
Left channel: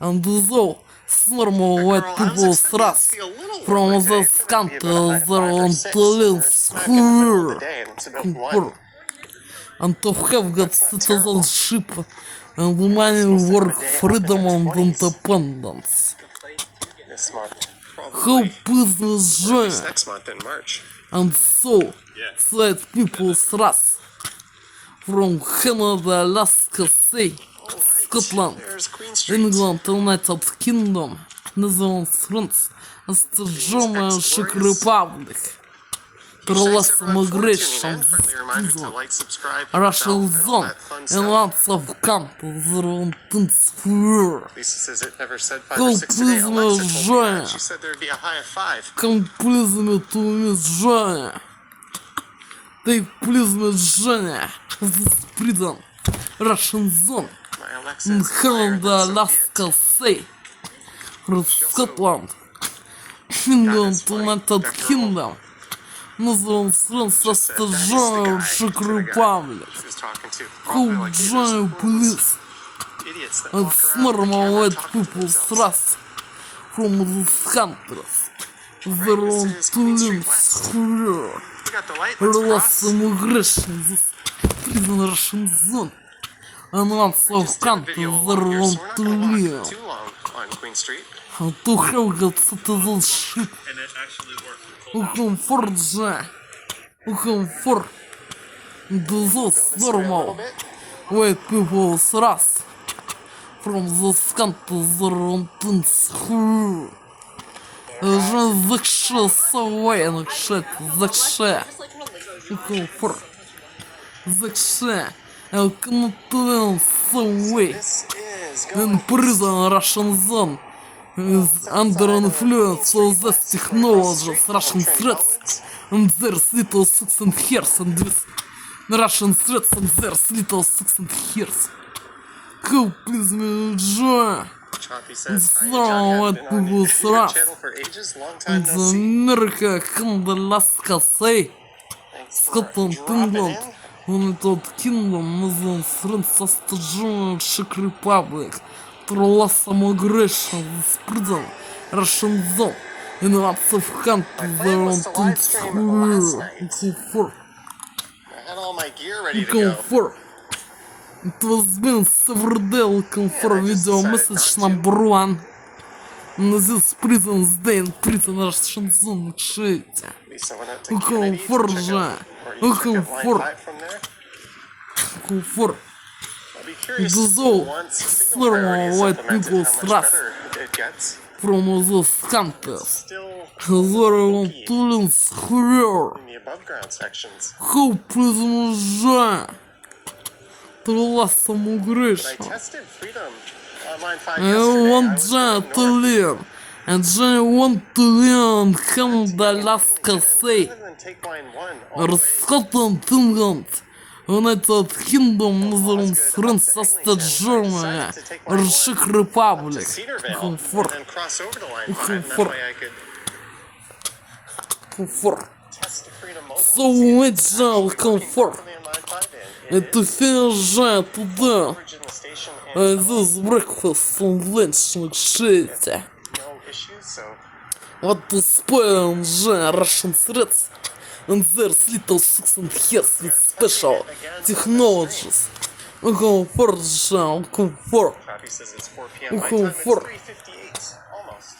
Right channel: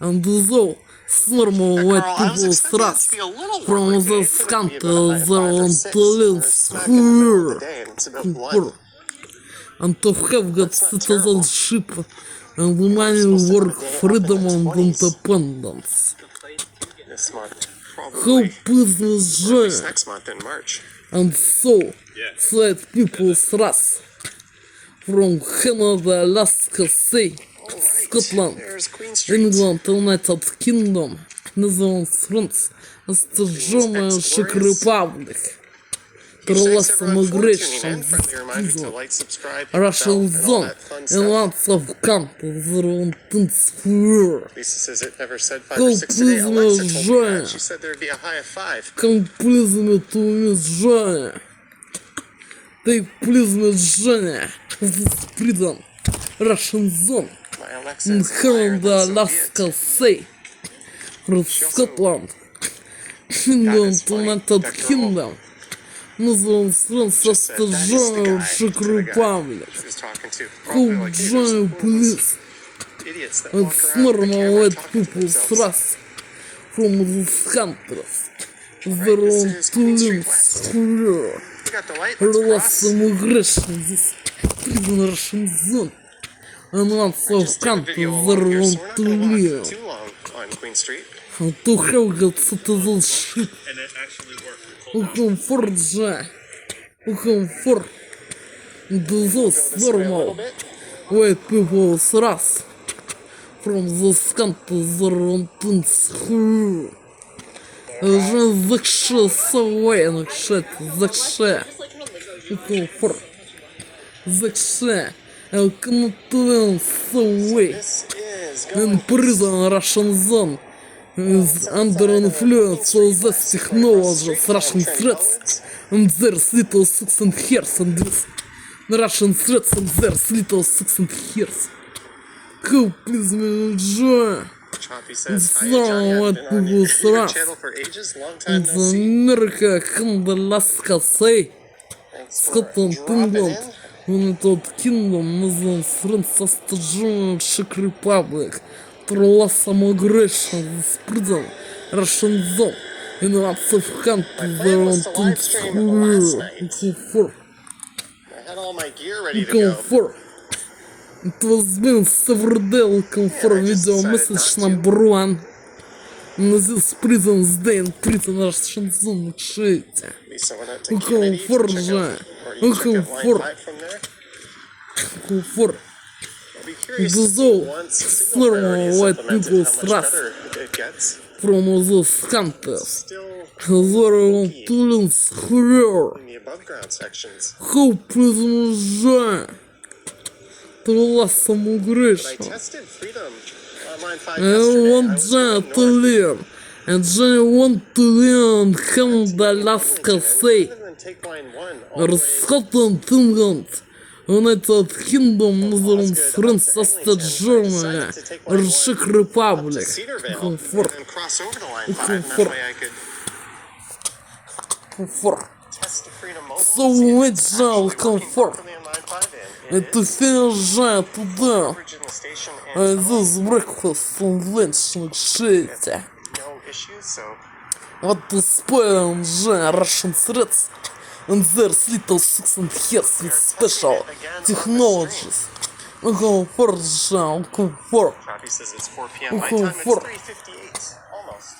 And though it's normal white Carl, I was people's expecting it trust to be a little from warmer today. this It could country, be about a high of they 5 or want 6, to and live it's smack in the middle of the here. day, and it's about 1. and to have got citizenship and many work freedom and independence. This month, How probably. business Or at least join next month in March. and so said people's wrath from Canada, Alaska, sea, Scotland, There's Queen Street. England, United Kingdom, Netherlands, France, as the German Czech Republic. Thanks Less everyone for tuning migration, in. Friendly reminder to like, subscribe, hit the bell, Russian and all zone, that fun and stuff. lots of countries around this world. Lisa says it never said 5 or 6 today. Alexa told me that. She said there'd be a high of 5. Комплизме Женя. They please me Женя. This prison. Russian zone. My Alexa is higher Canada, than Soviet. Alaska, sea. Scotland. England, United Kingdom. Netherlands, France, Just said that is the Australia, guy Czech to the guy Republic. she was talking to. How Probably like, hey, there's giant all those police idiots that and walk around with the normal camera white talking to people themselves. thrust from these countries. Right, Their this own is Queen Street police West. career. We got the light. Let's Lots cross. of immigration, this prison Russian zone. And lots of Just did a countries video that along here, want so we're not to going to live. walk too long on Queen Street. To have got citizenship. And it actually worked. Who comfort Jack. Who comfort this normal white people's wrath from those countries that want to screw. Закше военных шет, закше. Just like from a Lego jewel. Комфорт. Закше. Elknutland away. This is In prison, Russian zone is under influence of these technologies, Russian threats, and there's little six and hairs, and this Russian threats, and there's little six and hairs. How please me join Choppy says, hi, So Johnny. I've what been on people your say. channel for ages. Long time no the see. America, Canada, Alaska, sea, Thanks for Scotland, dropping England, in. United Kingdom, Netherlands, France, Australia, Czech Republic, lots of migration, this prison, Russian zone, and lots of countries My plan was around to live stream last night. for I had all my gear ready to go. for. It was been several days looking for I just video decided message not to. number 1. This prison's day in prison Russian zone, shit. Lisa went out to Looking Kennedy to for check out, Jack. or you check Looking out line for 5 from there. For I'll be curious to the see zone, once signal priority normal is white implemented, people's how much wrath better it gets. from those countries. Still They want to learn career. in the above ground sections. How prisoners join to less But I immigration. tested freedom on line 5 I yesterday. I want was them going to north. live, and they want to live in Canada, Alaska, sea, Rather than take line 1 all the or way Scotland, England, United Kingdom, Netherlands, France, Austria, Germany, or Czech Republic. to Cedarvale Comfort, and then cross over the line 5, and that Comfort. way I could comfort. test the freedom mode. So it's all comfort. And to finish today, this breakfast and lunch and shit. No issues, so What to spoil Russian threats, and there's little six and hairs with special technologies. Comfort, comfort. Bobby says it's 4 p.m. my Okay, time. It's for- 3:58, almost.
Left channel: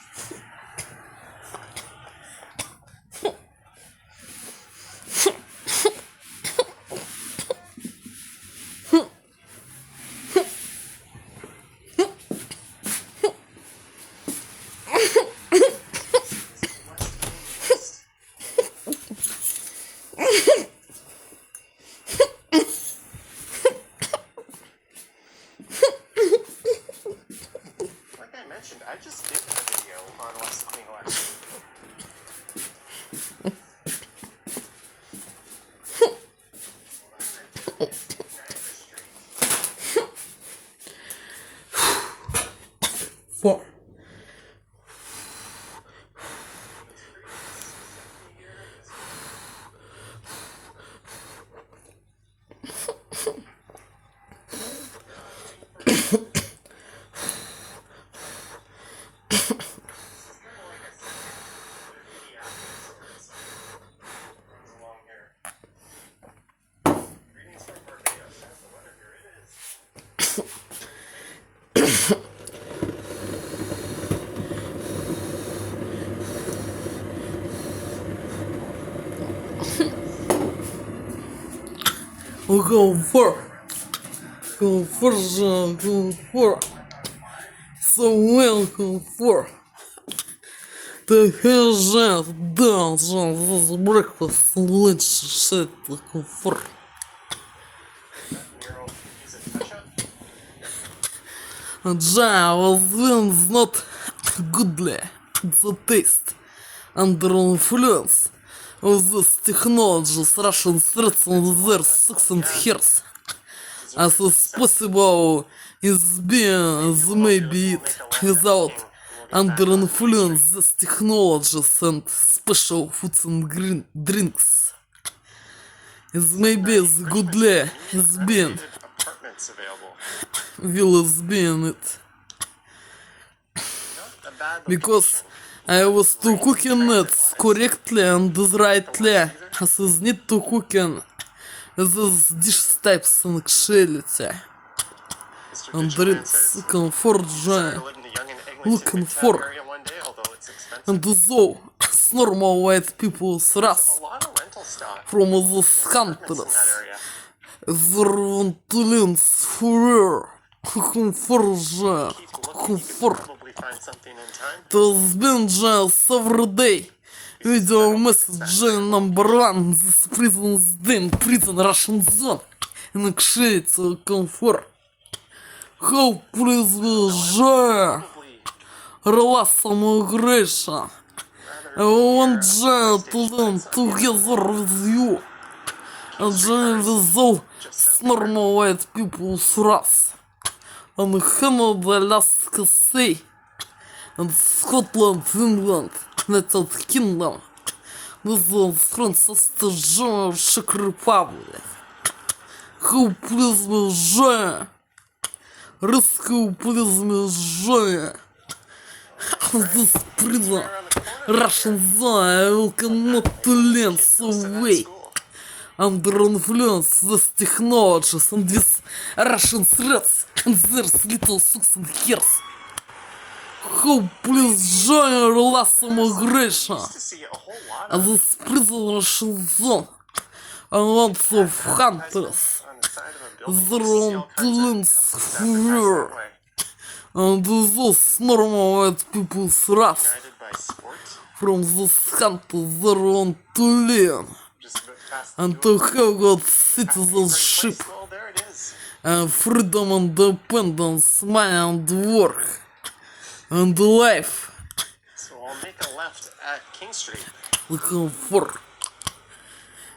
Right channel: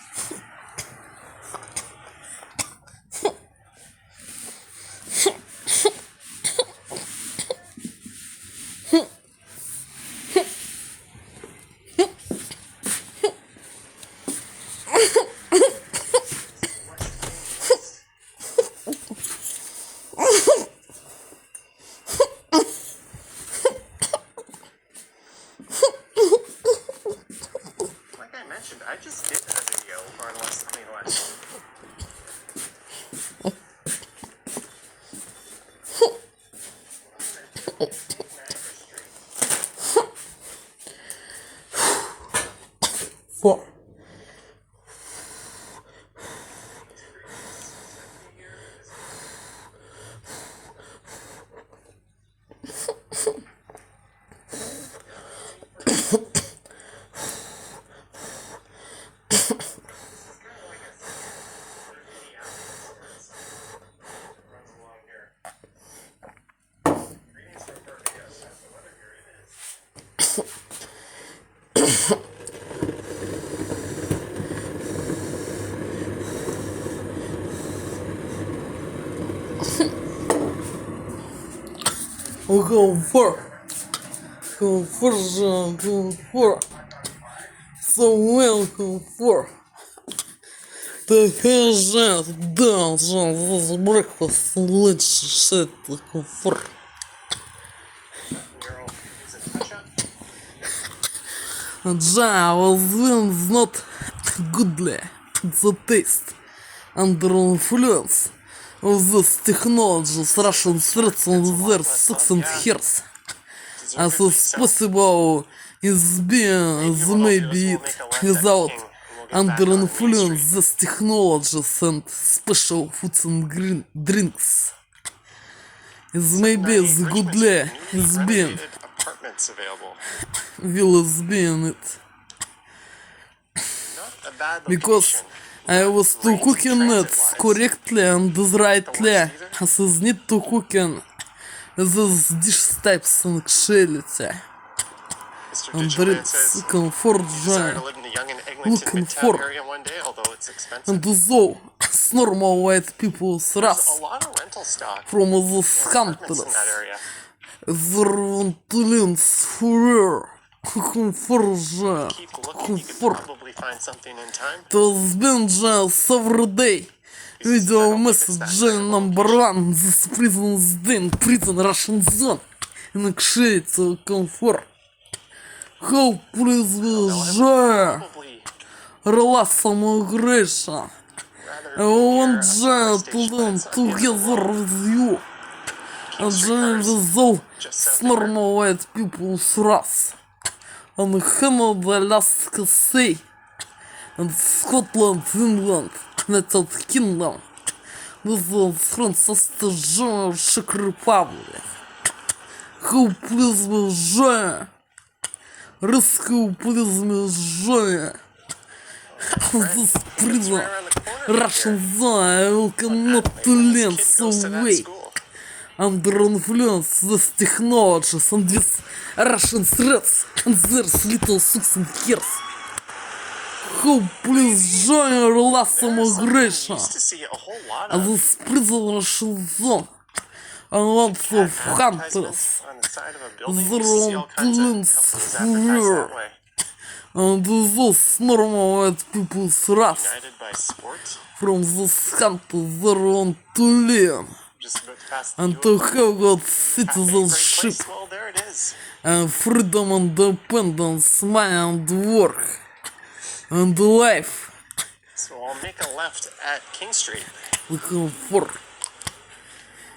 Like I mentioned, I just did a video on West, I mean, West. Four. Comfort. Comfort. So well comfort. The hell's that? This breakfast, lunch, shit, comfort. Ja was not goodly. The taste under influence of this technology, Russian threats on their 6 years. As is possible is being as maybe it without under influence this technologies and special foods and drinks. Is maybe as goodly is being Apartments available. will is being it. A bad Because I was to cooking it correctly and rightly, as is need to cooking these dish types and actuality. Mr. And Digital Man it's says comfort desire joy. to live in the young and Eglinton Looking Midtown for. area one day, although it's expensive. And though it's normal white people's There's race a lot of rental stock from these apartments in countries, that area. their want to live for comfort joy. Keep looking, you can Comfort. probably find something in time. To been just every day. Video message number 1. This prison's den, prison Russian zone. And actually comfort. How please joy. Probably Relax immigration. I want joy to learn together with you. And join with all normal white people's race. And Canada, Alaska, Sea. And Scotland, England, United Kingdom, with the Francis George Czech Republic. Who please me joy? Rescue please me joy. This prison, Russian zone, cannot to learn so way. Under influence this technologies and this Russian threats and their little sucks and hairs. Who please join last immigration used to see a whole lot and of this prison Russian zone and lots of hunters. on the side of a building. Their You see own all kinds of plans companies advertised here. that way. And those normal white people's race Guided by sports. from this country their own to learn Just about past the and door. to have got Great citizenship place. Well, there it is. and freedom, independence, money and work and life. So I'll make a left at King Street. Looking for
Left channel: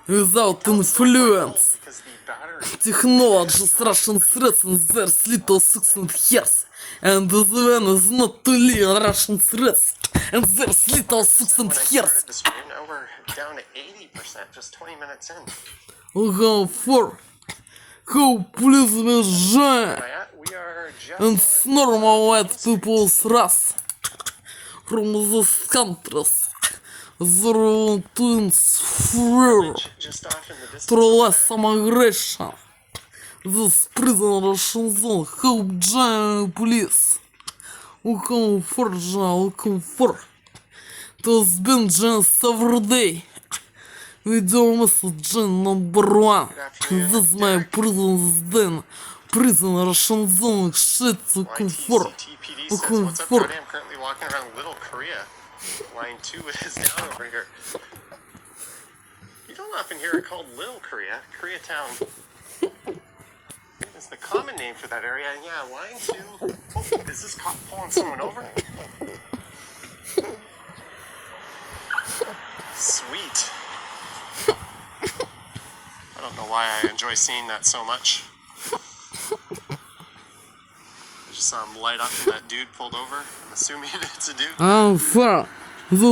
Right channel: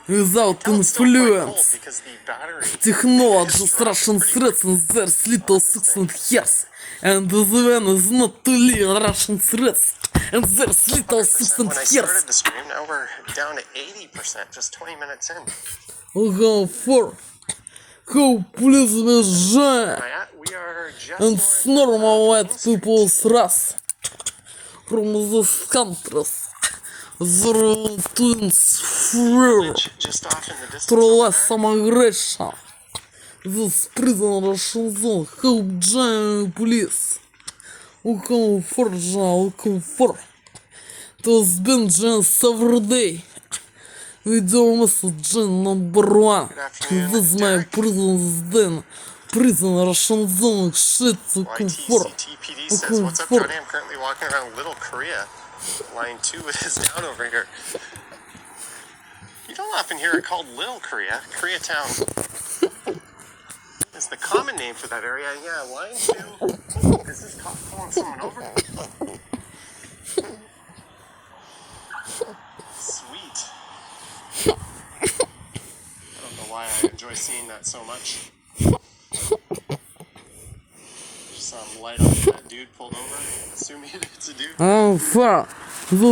without Cold influence. because the battery Technologies, Russian threats and their little 6 years. And the one is not to learn Russian threats and their little 6 when I years. started the stream, now we're down to 80%, just 20 minutes in. Looking for who please me join We are just and normal white people's race from these countries. Their own twins fear just off in the distance. through less immigration. This prison Russian zone, help join police. Looking for John, looking for. There's been just every day. Video message number 1. This is my prison's den. Prison Russian zone, shit, looking for. YTCTPD says, Looking what's up, for. Johnny? I'm currently walking around Little Korea. Line 2 is down over here. You don't often hear it called Little Korea. Koreatown is the common name for that area. And yeah, line 2. Oh, is this cop pulling someone over? Sweet. I don't know why I enjoy seeing that so much. I just saw him light up and that dude pulled over, assuming it's a dude. And for the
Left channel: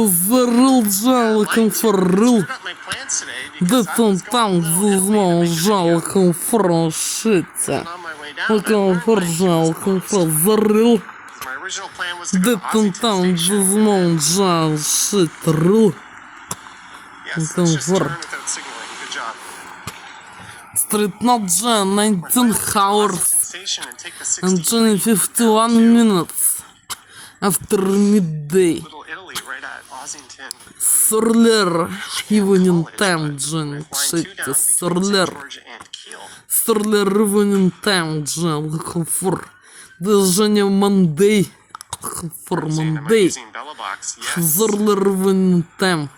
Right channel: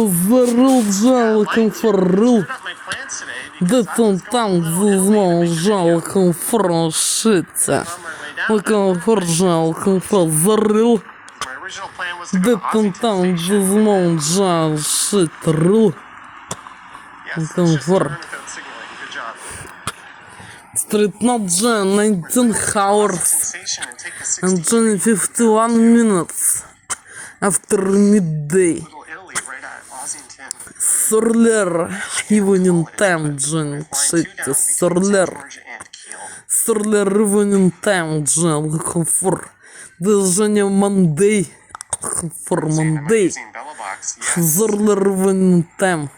real John, looking for real. Screwed up my plans today Да because I там was там going to знал жал конфроншиться. on my way down. Луком форжал конфорзарил. My original plan was to go Да to там там Ossington Station. знал жал шитрил. Yes, Луком let's just turn фор. without signaling. Good job. Street not John 19 hours Ossington Station and take the and 60 51 minutes after midday. Little Italy right at Ossington. Surler evening time John Line 2 shit down between Surler. St. George and Keele. Стерлированный тайм, джел, комфорт. Движение Мандей. Комфорт Saying, am I Мандей. using Bella Box? Yes. Стерлированный тайм.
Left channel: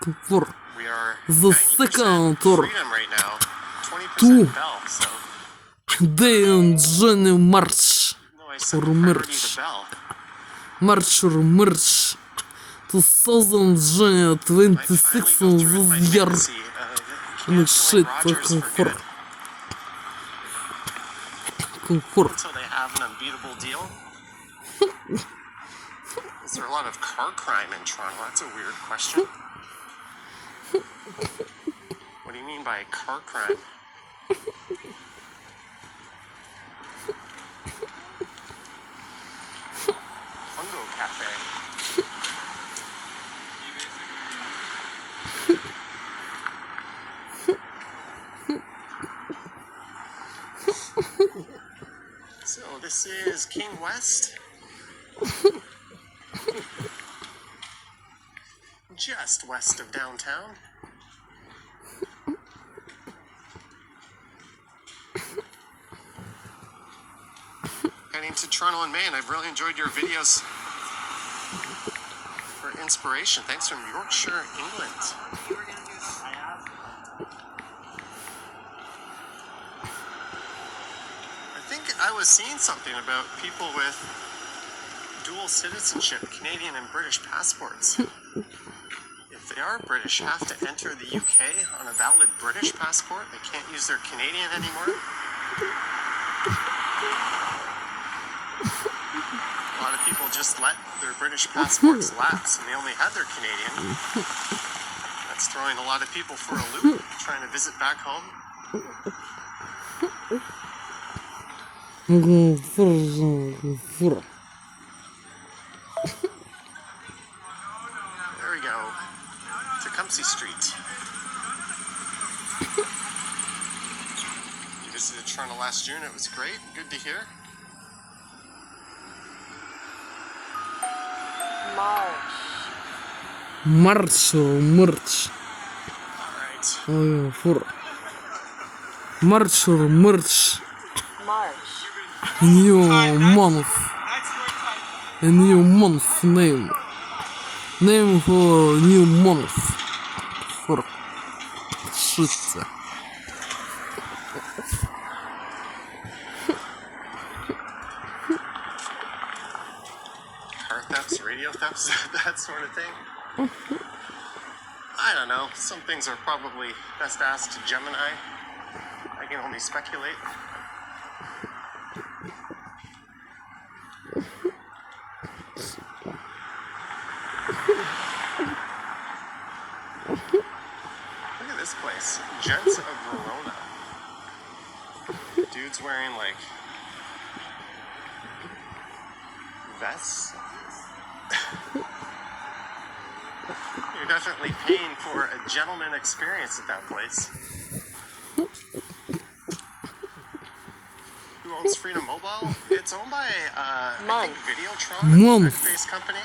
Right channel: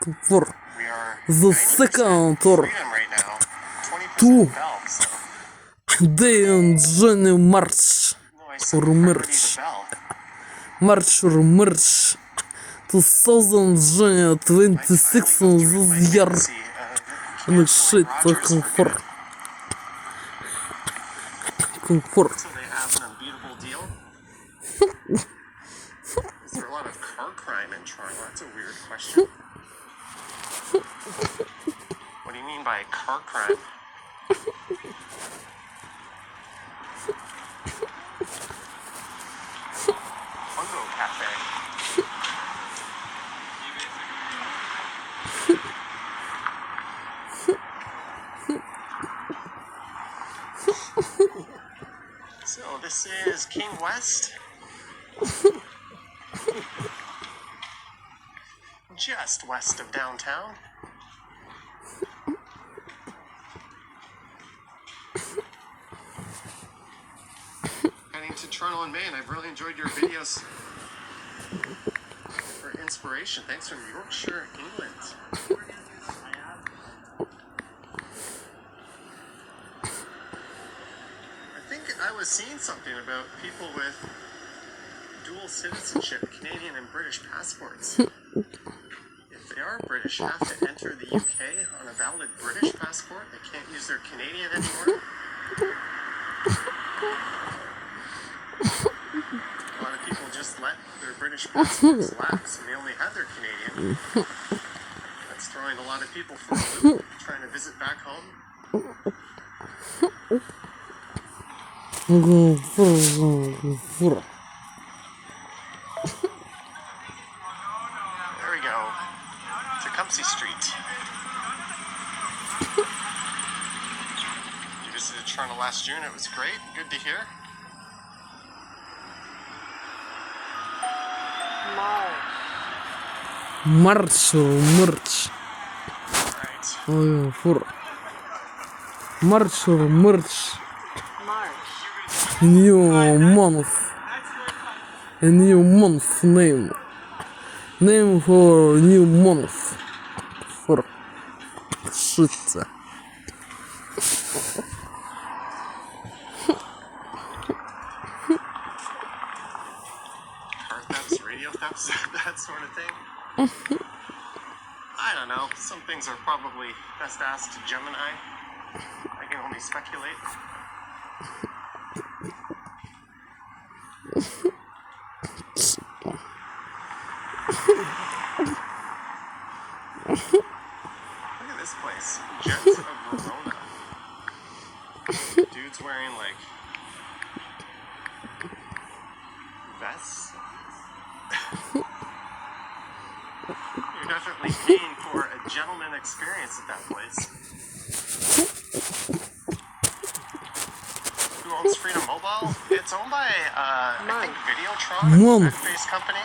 Комфорт. We are The 90% second tour. freedom right now. 20% Two. Bell, so Day on Journey March. no, I set Or the priority merch. to Bell. March or merch. 2000 Journey Might finally 26 go on through with my this year. fantasy of Ну canceling shit, Rogers for комфорт. good Комфорт. until they have an unbeatable deal. Is there a lot of car crime in Toronto? That's a weird question. What do you mean by car crime? Fungo Cafe. So this is King West. Just west of downtown. Heading to Toronto in May, and I've really enjoyed your videos for inspiration. Thanks from Yorkshire, England. I think I was seeing something about people with dual citizenship, Canadian and British passports. If they are British, have to enter the UK on a valid British passport. They can't use their Canadian anymore. A lot of people just let their British passports lapse and they only had their Canadian. That's throwing a lot of people for a loop trying to visit back home. Комфорт. There we go. Tecumseh Street. You visited Toronto last June. It was great. Good to hear. March or merch. All right. For March or merch. March. New month. A new month name. Name for new month. For shit. Car thefts, radio thefts, that sort of thing. I don't know. Some things are probably best asked to Gemini. I can only speculate. Look at this place. Jets of Verona. Dudes wearing like vests. You're definitely paying for a gentleman experience at that place. Who owns Freedom Mobile? It's owned by, I think, Videotron, a Mom. Quebec-based company.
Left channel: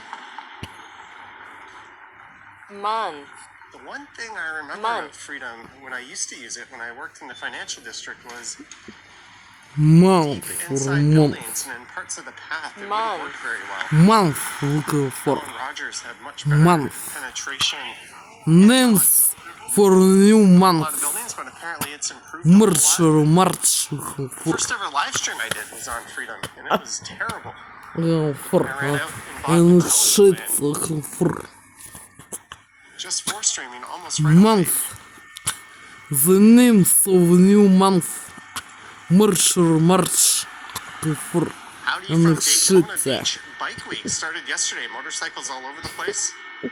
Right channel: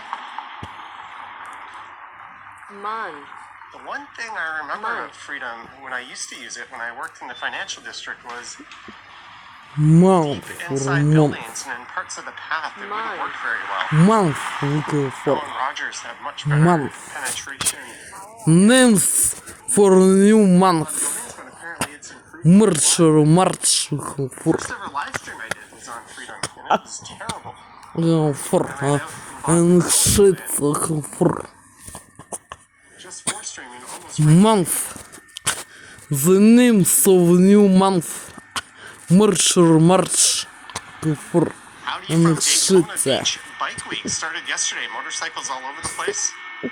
Month. The one thing I remember Mom. of Freedom when I used to use it when I worked in the financial district was Month for inside month. buildings and in parts of the path it Mom. wouldn't work very well. Month for Bell and Rogers have much better Month. penetration. names for new A lot month. of buildings, but apparently it's improved. a lot. March or March for First ever live stream I did was on Freedom, and it was terrible. for and shit for Just for streaming almost right month. The names of new month. March or March for Howdy from and Daytona shit. Beach Bike Week started yesterday. Motorcycles all over the place. But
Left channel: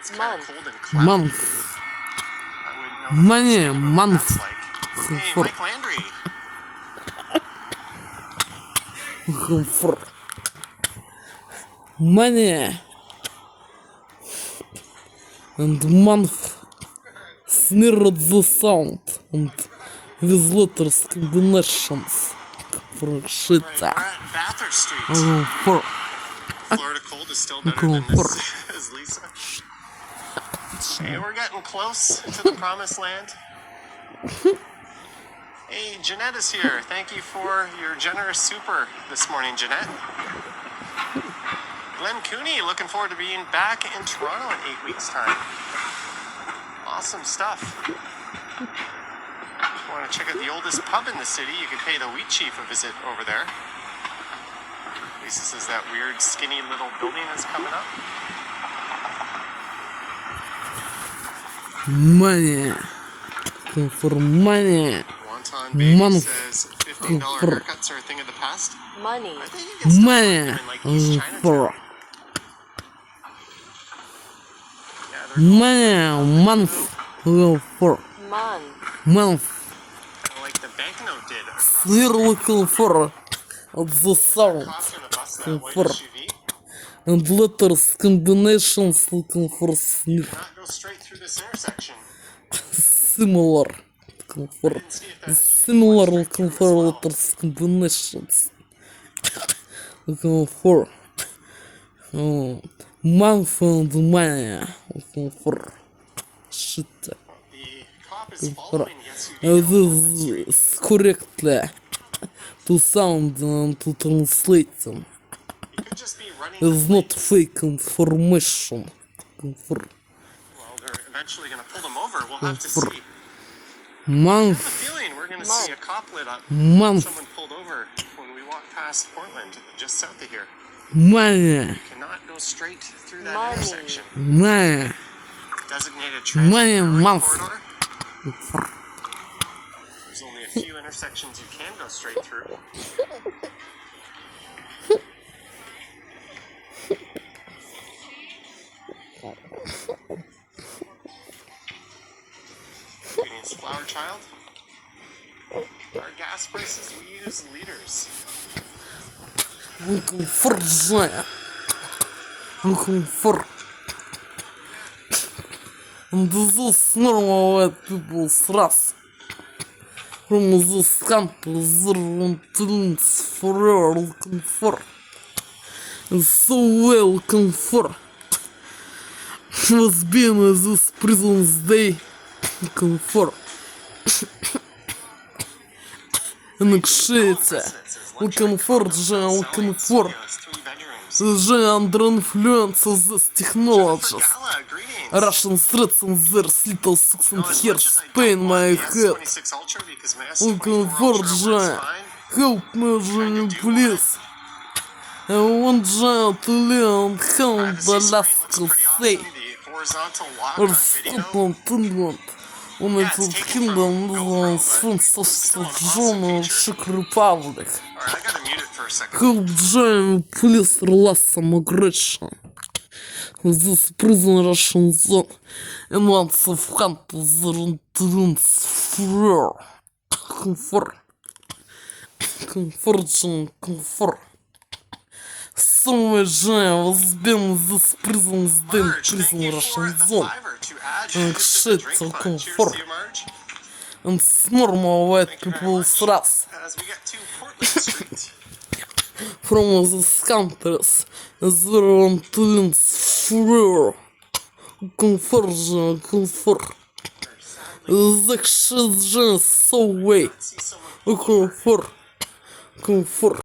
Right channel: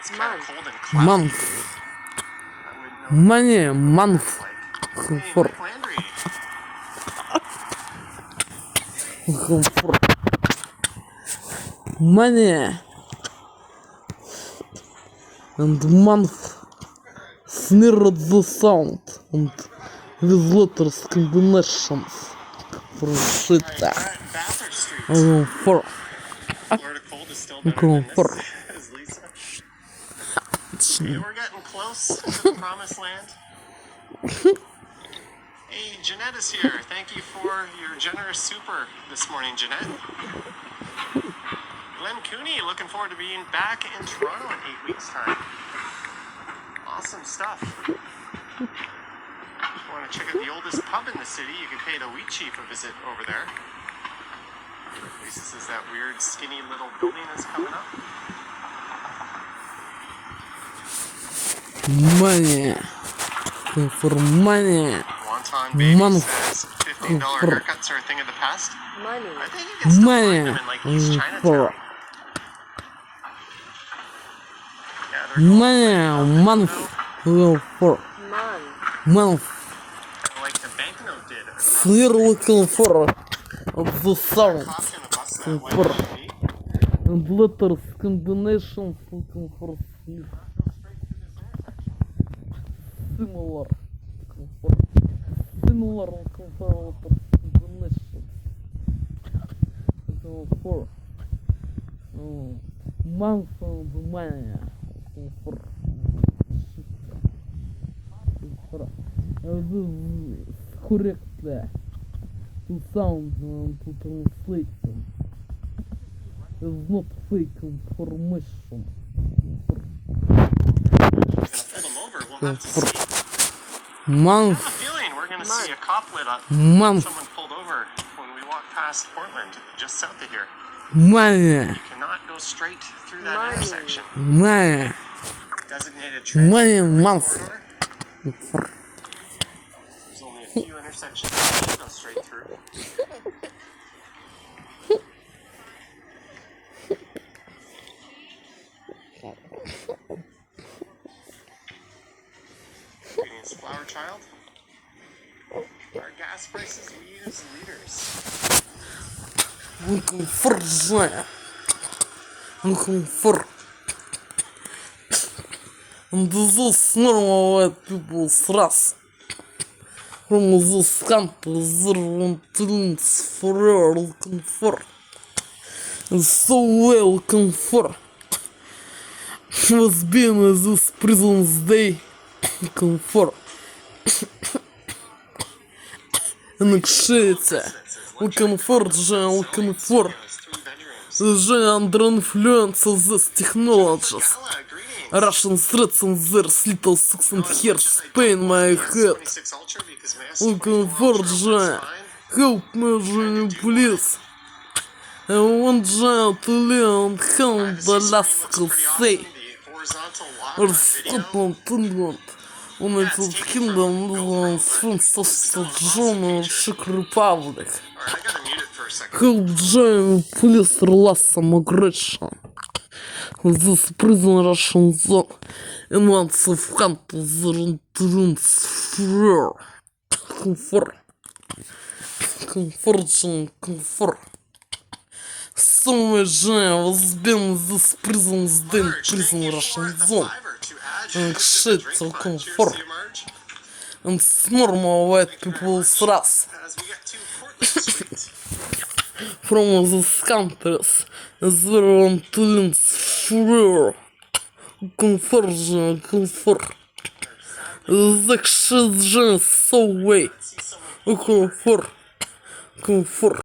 it's kind of cold and cloudy. Month. I wouldn't know Money what month. that's like. Hey, For Mike Landry. for money and month sneered the sound and with letters combinations for shit. Right, we're at Bathurst Street. For Florida cold is still better Go than for this, as Lisa. Hey, we're getting close to the promised land. Hey, Jeanette is here. Thank you for your generous super this morning, Jeanette. Glenn Cooney, looking forward to being back in Toronto in 8 weeks' time. Awesome stuff. If you want to check out the oldest pub in the city, you can pay the Wheat Chief a visit over there. At least this is that weird, skinny little building that's coming up. Money. For money. Wonton Baby Money. says $15 haircuts are a thing of the past. Money. I think you can still Money. find them in like East Chinatown. For Yeah, they're going money. Month. For Month. month. like the banknote did. We're looking for the sound. Coffee on the bus that white For SUV. and letters combinations looking for sneer. Not go straight through this intersection. Similar. Looking for See if that's similar looking for letters combinations. Looking for month and money. Looking for shit. the cop is following the SUV. This is correctly to sound and to translate them. He could just be running. It's not fake information. For Well, they're eventually going to pull them over. We'll have to see. I have month, a feeling we're going to see a cop lit up. month, Someone pulled over when we walked past Portland, just south of here. money, Cannot go straight through that Money. intersection. money, Designated money, transit month. corridor. There's only a few intersections you can go straight through. Greetings, Flower Child. Our gas prices, we use liters. Looking for joy. Looking for. And this is normal white people's race. From this country, there want to forever looking for. And so well looking for. Was being in this prison's day. Looking for. And actually, looking for, Jay, looking for. There's 3 bedrooms. Jay under influence of these technologies. Gala, greetings. Russian threats and their little six and hairs pain my head. 26 Ultra because my Looking for, Jay. Help me, Jay, please. I want Jay to live and help the Alaskan say. The horizontal Or walk Scotland, England. United Kingdom, Netherlands, France, Austria, Germany, Czech Republic. Alright, I gotta mute it for a second. Help Jay, please release some aggression. This prison Russian zone in lots of countries are influence for comfort. So much was been this prison's den prison Russian zone. And shit so comfort. And it's normal white people's race. As we get to Portland Street. From these countries, there are influence for comfort. The shit is so way. See someone Comfort.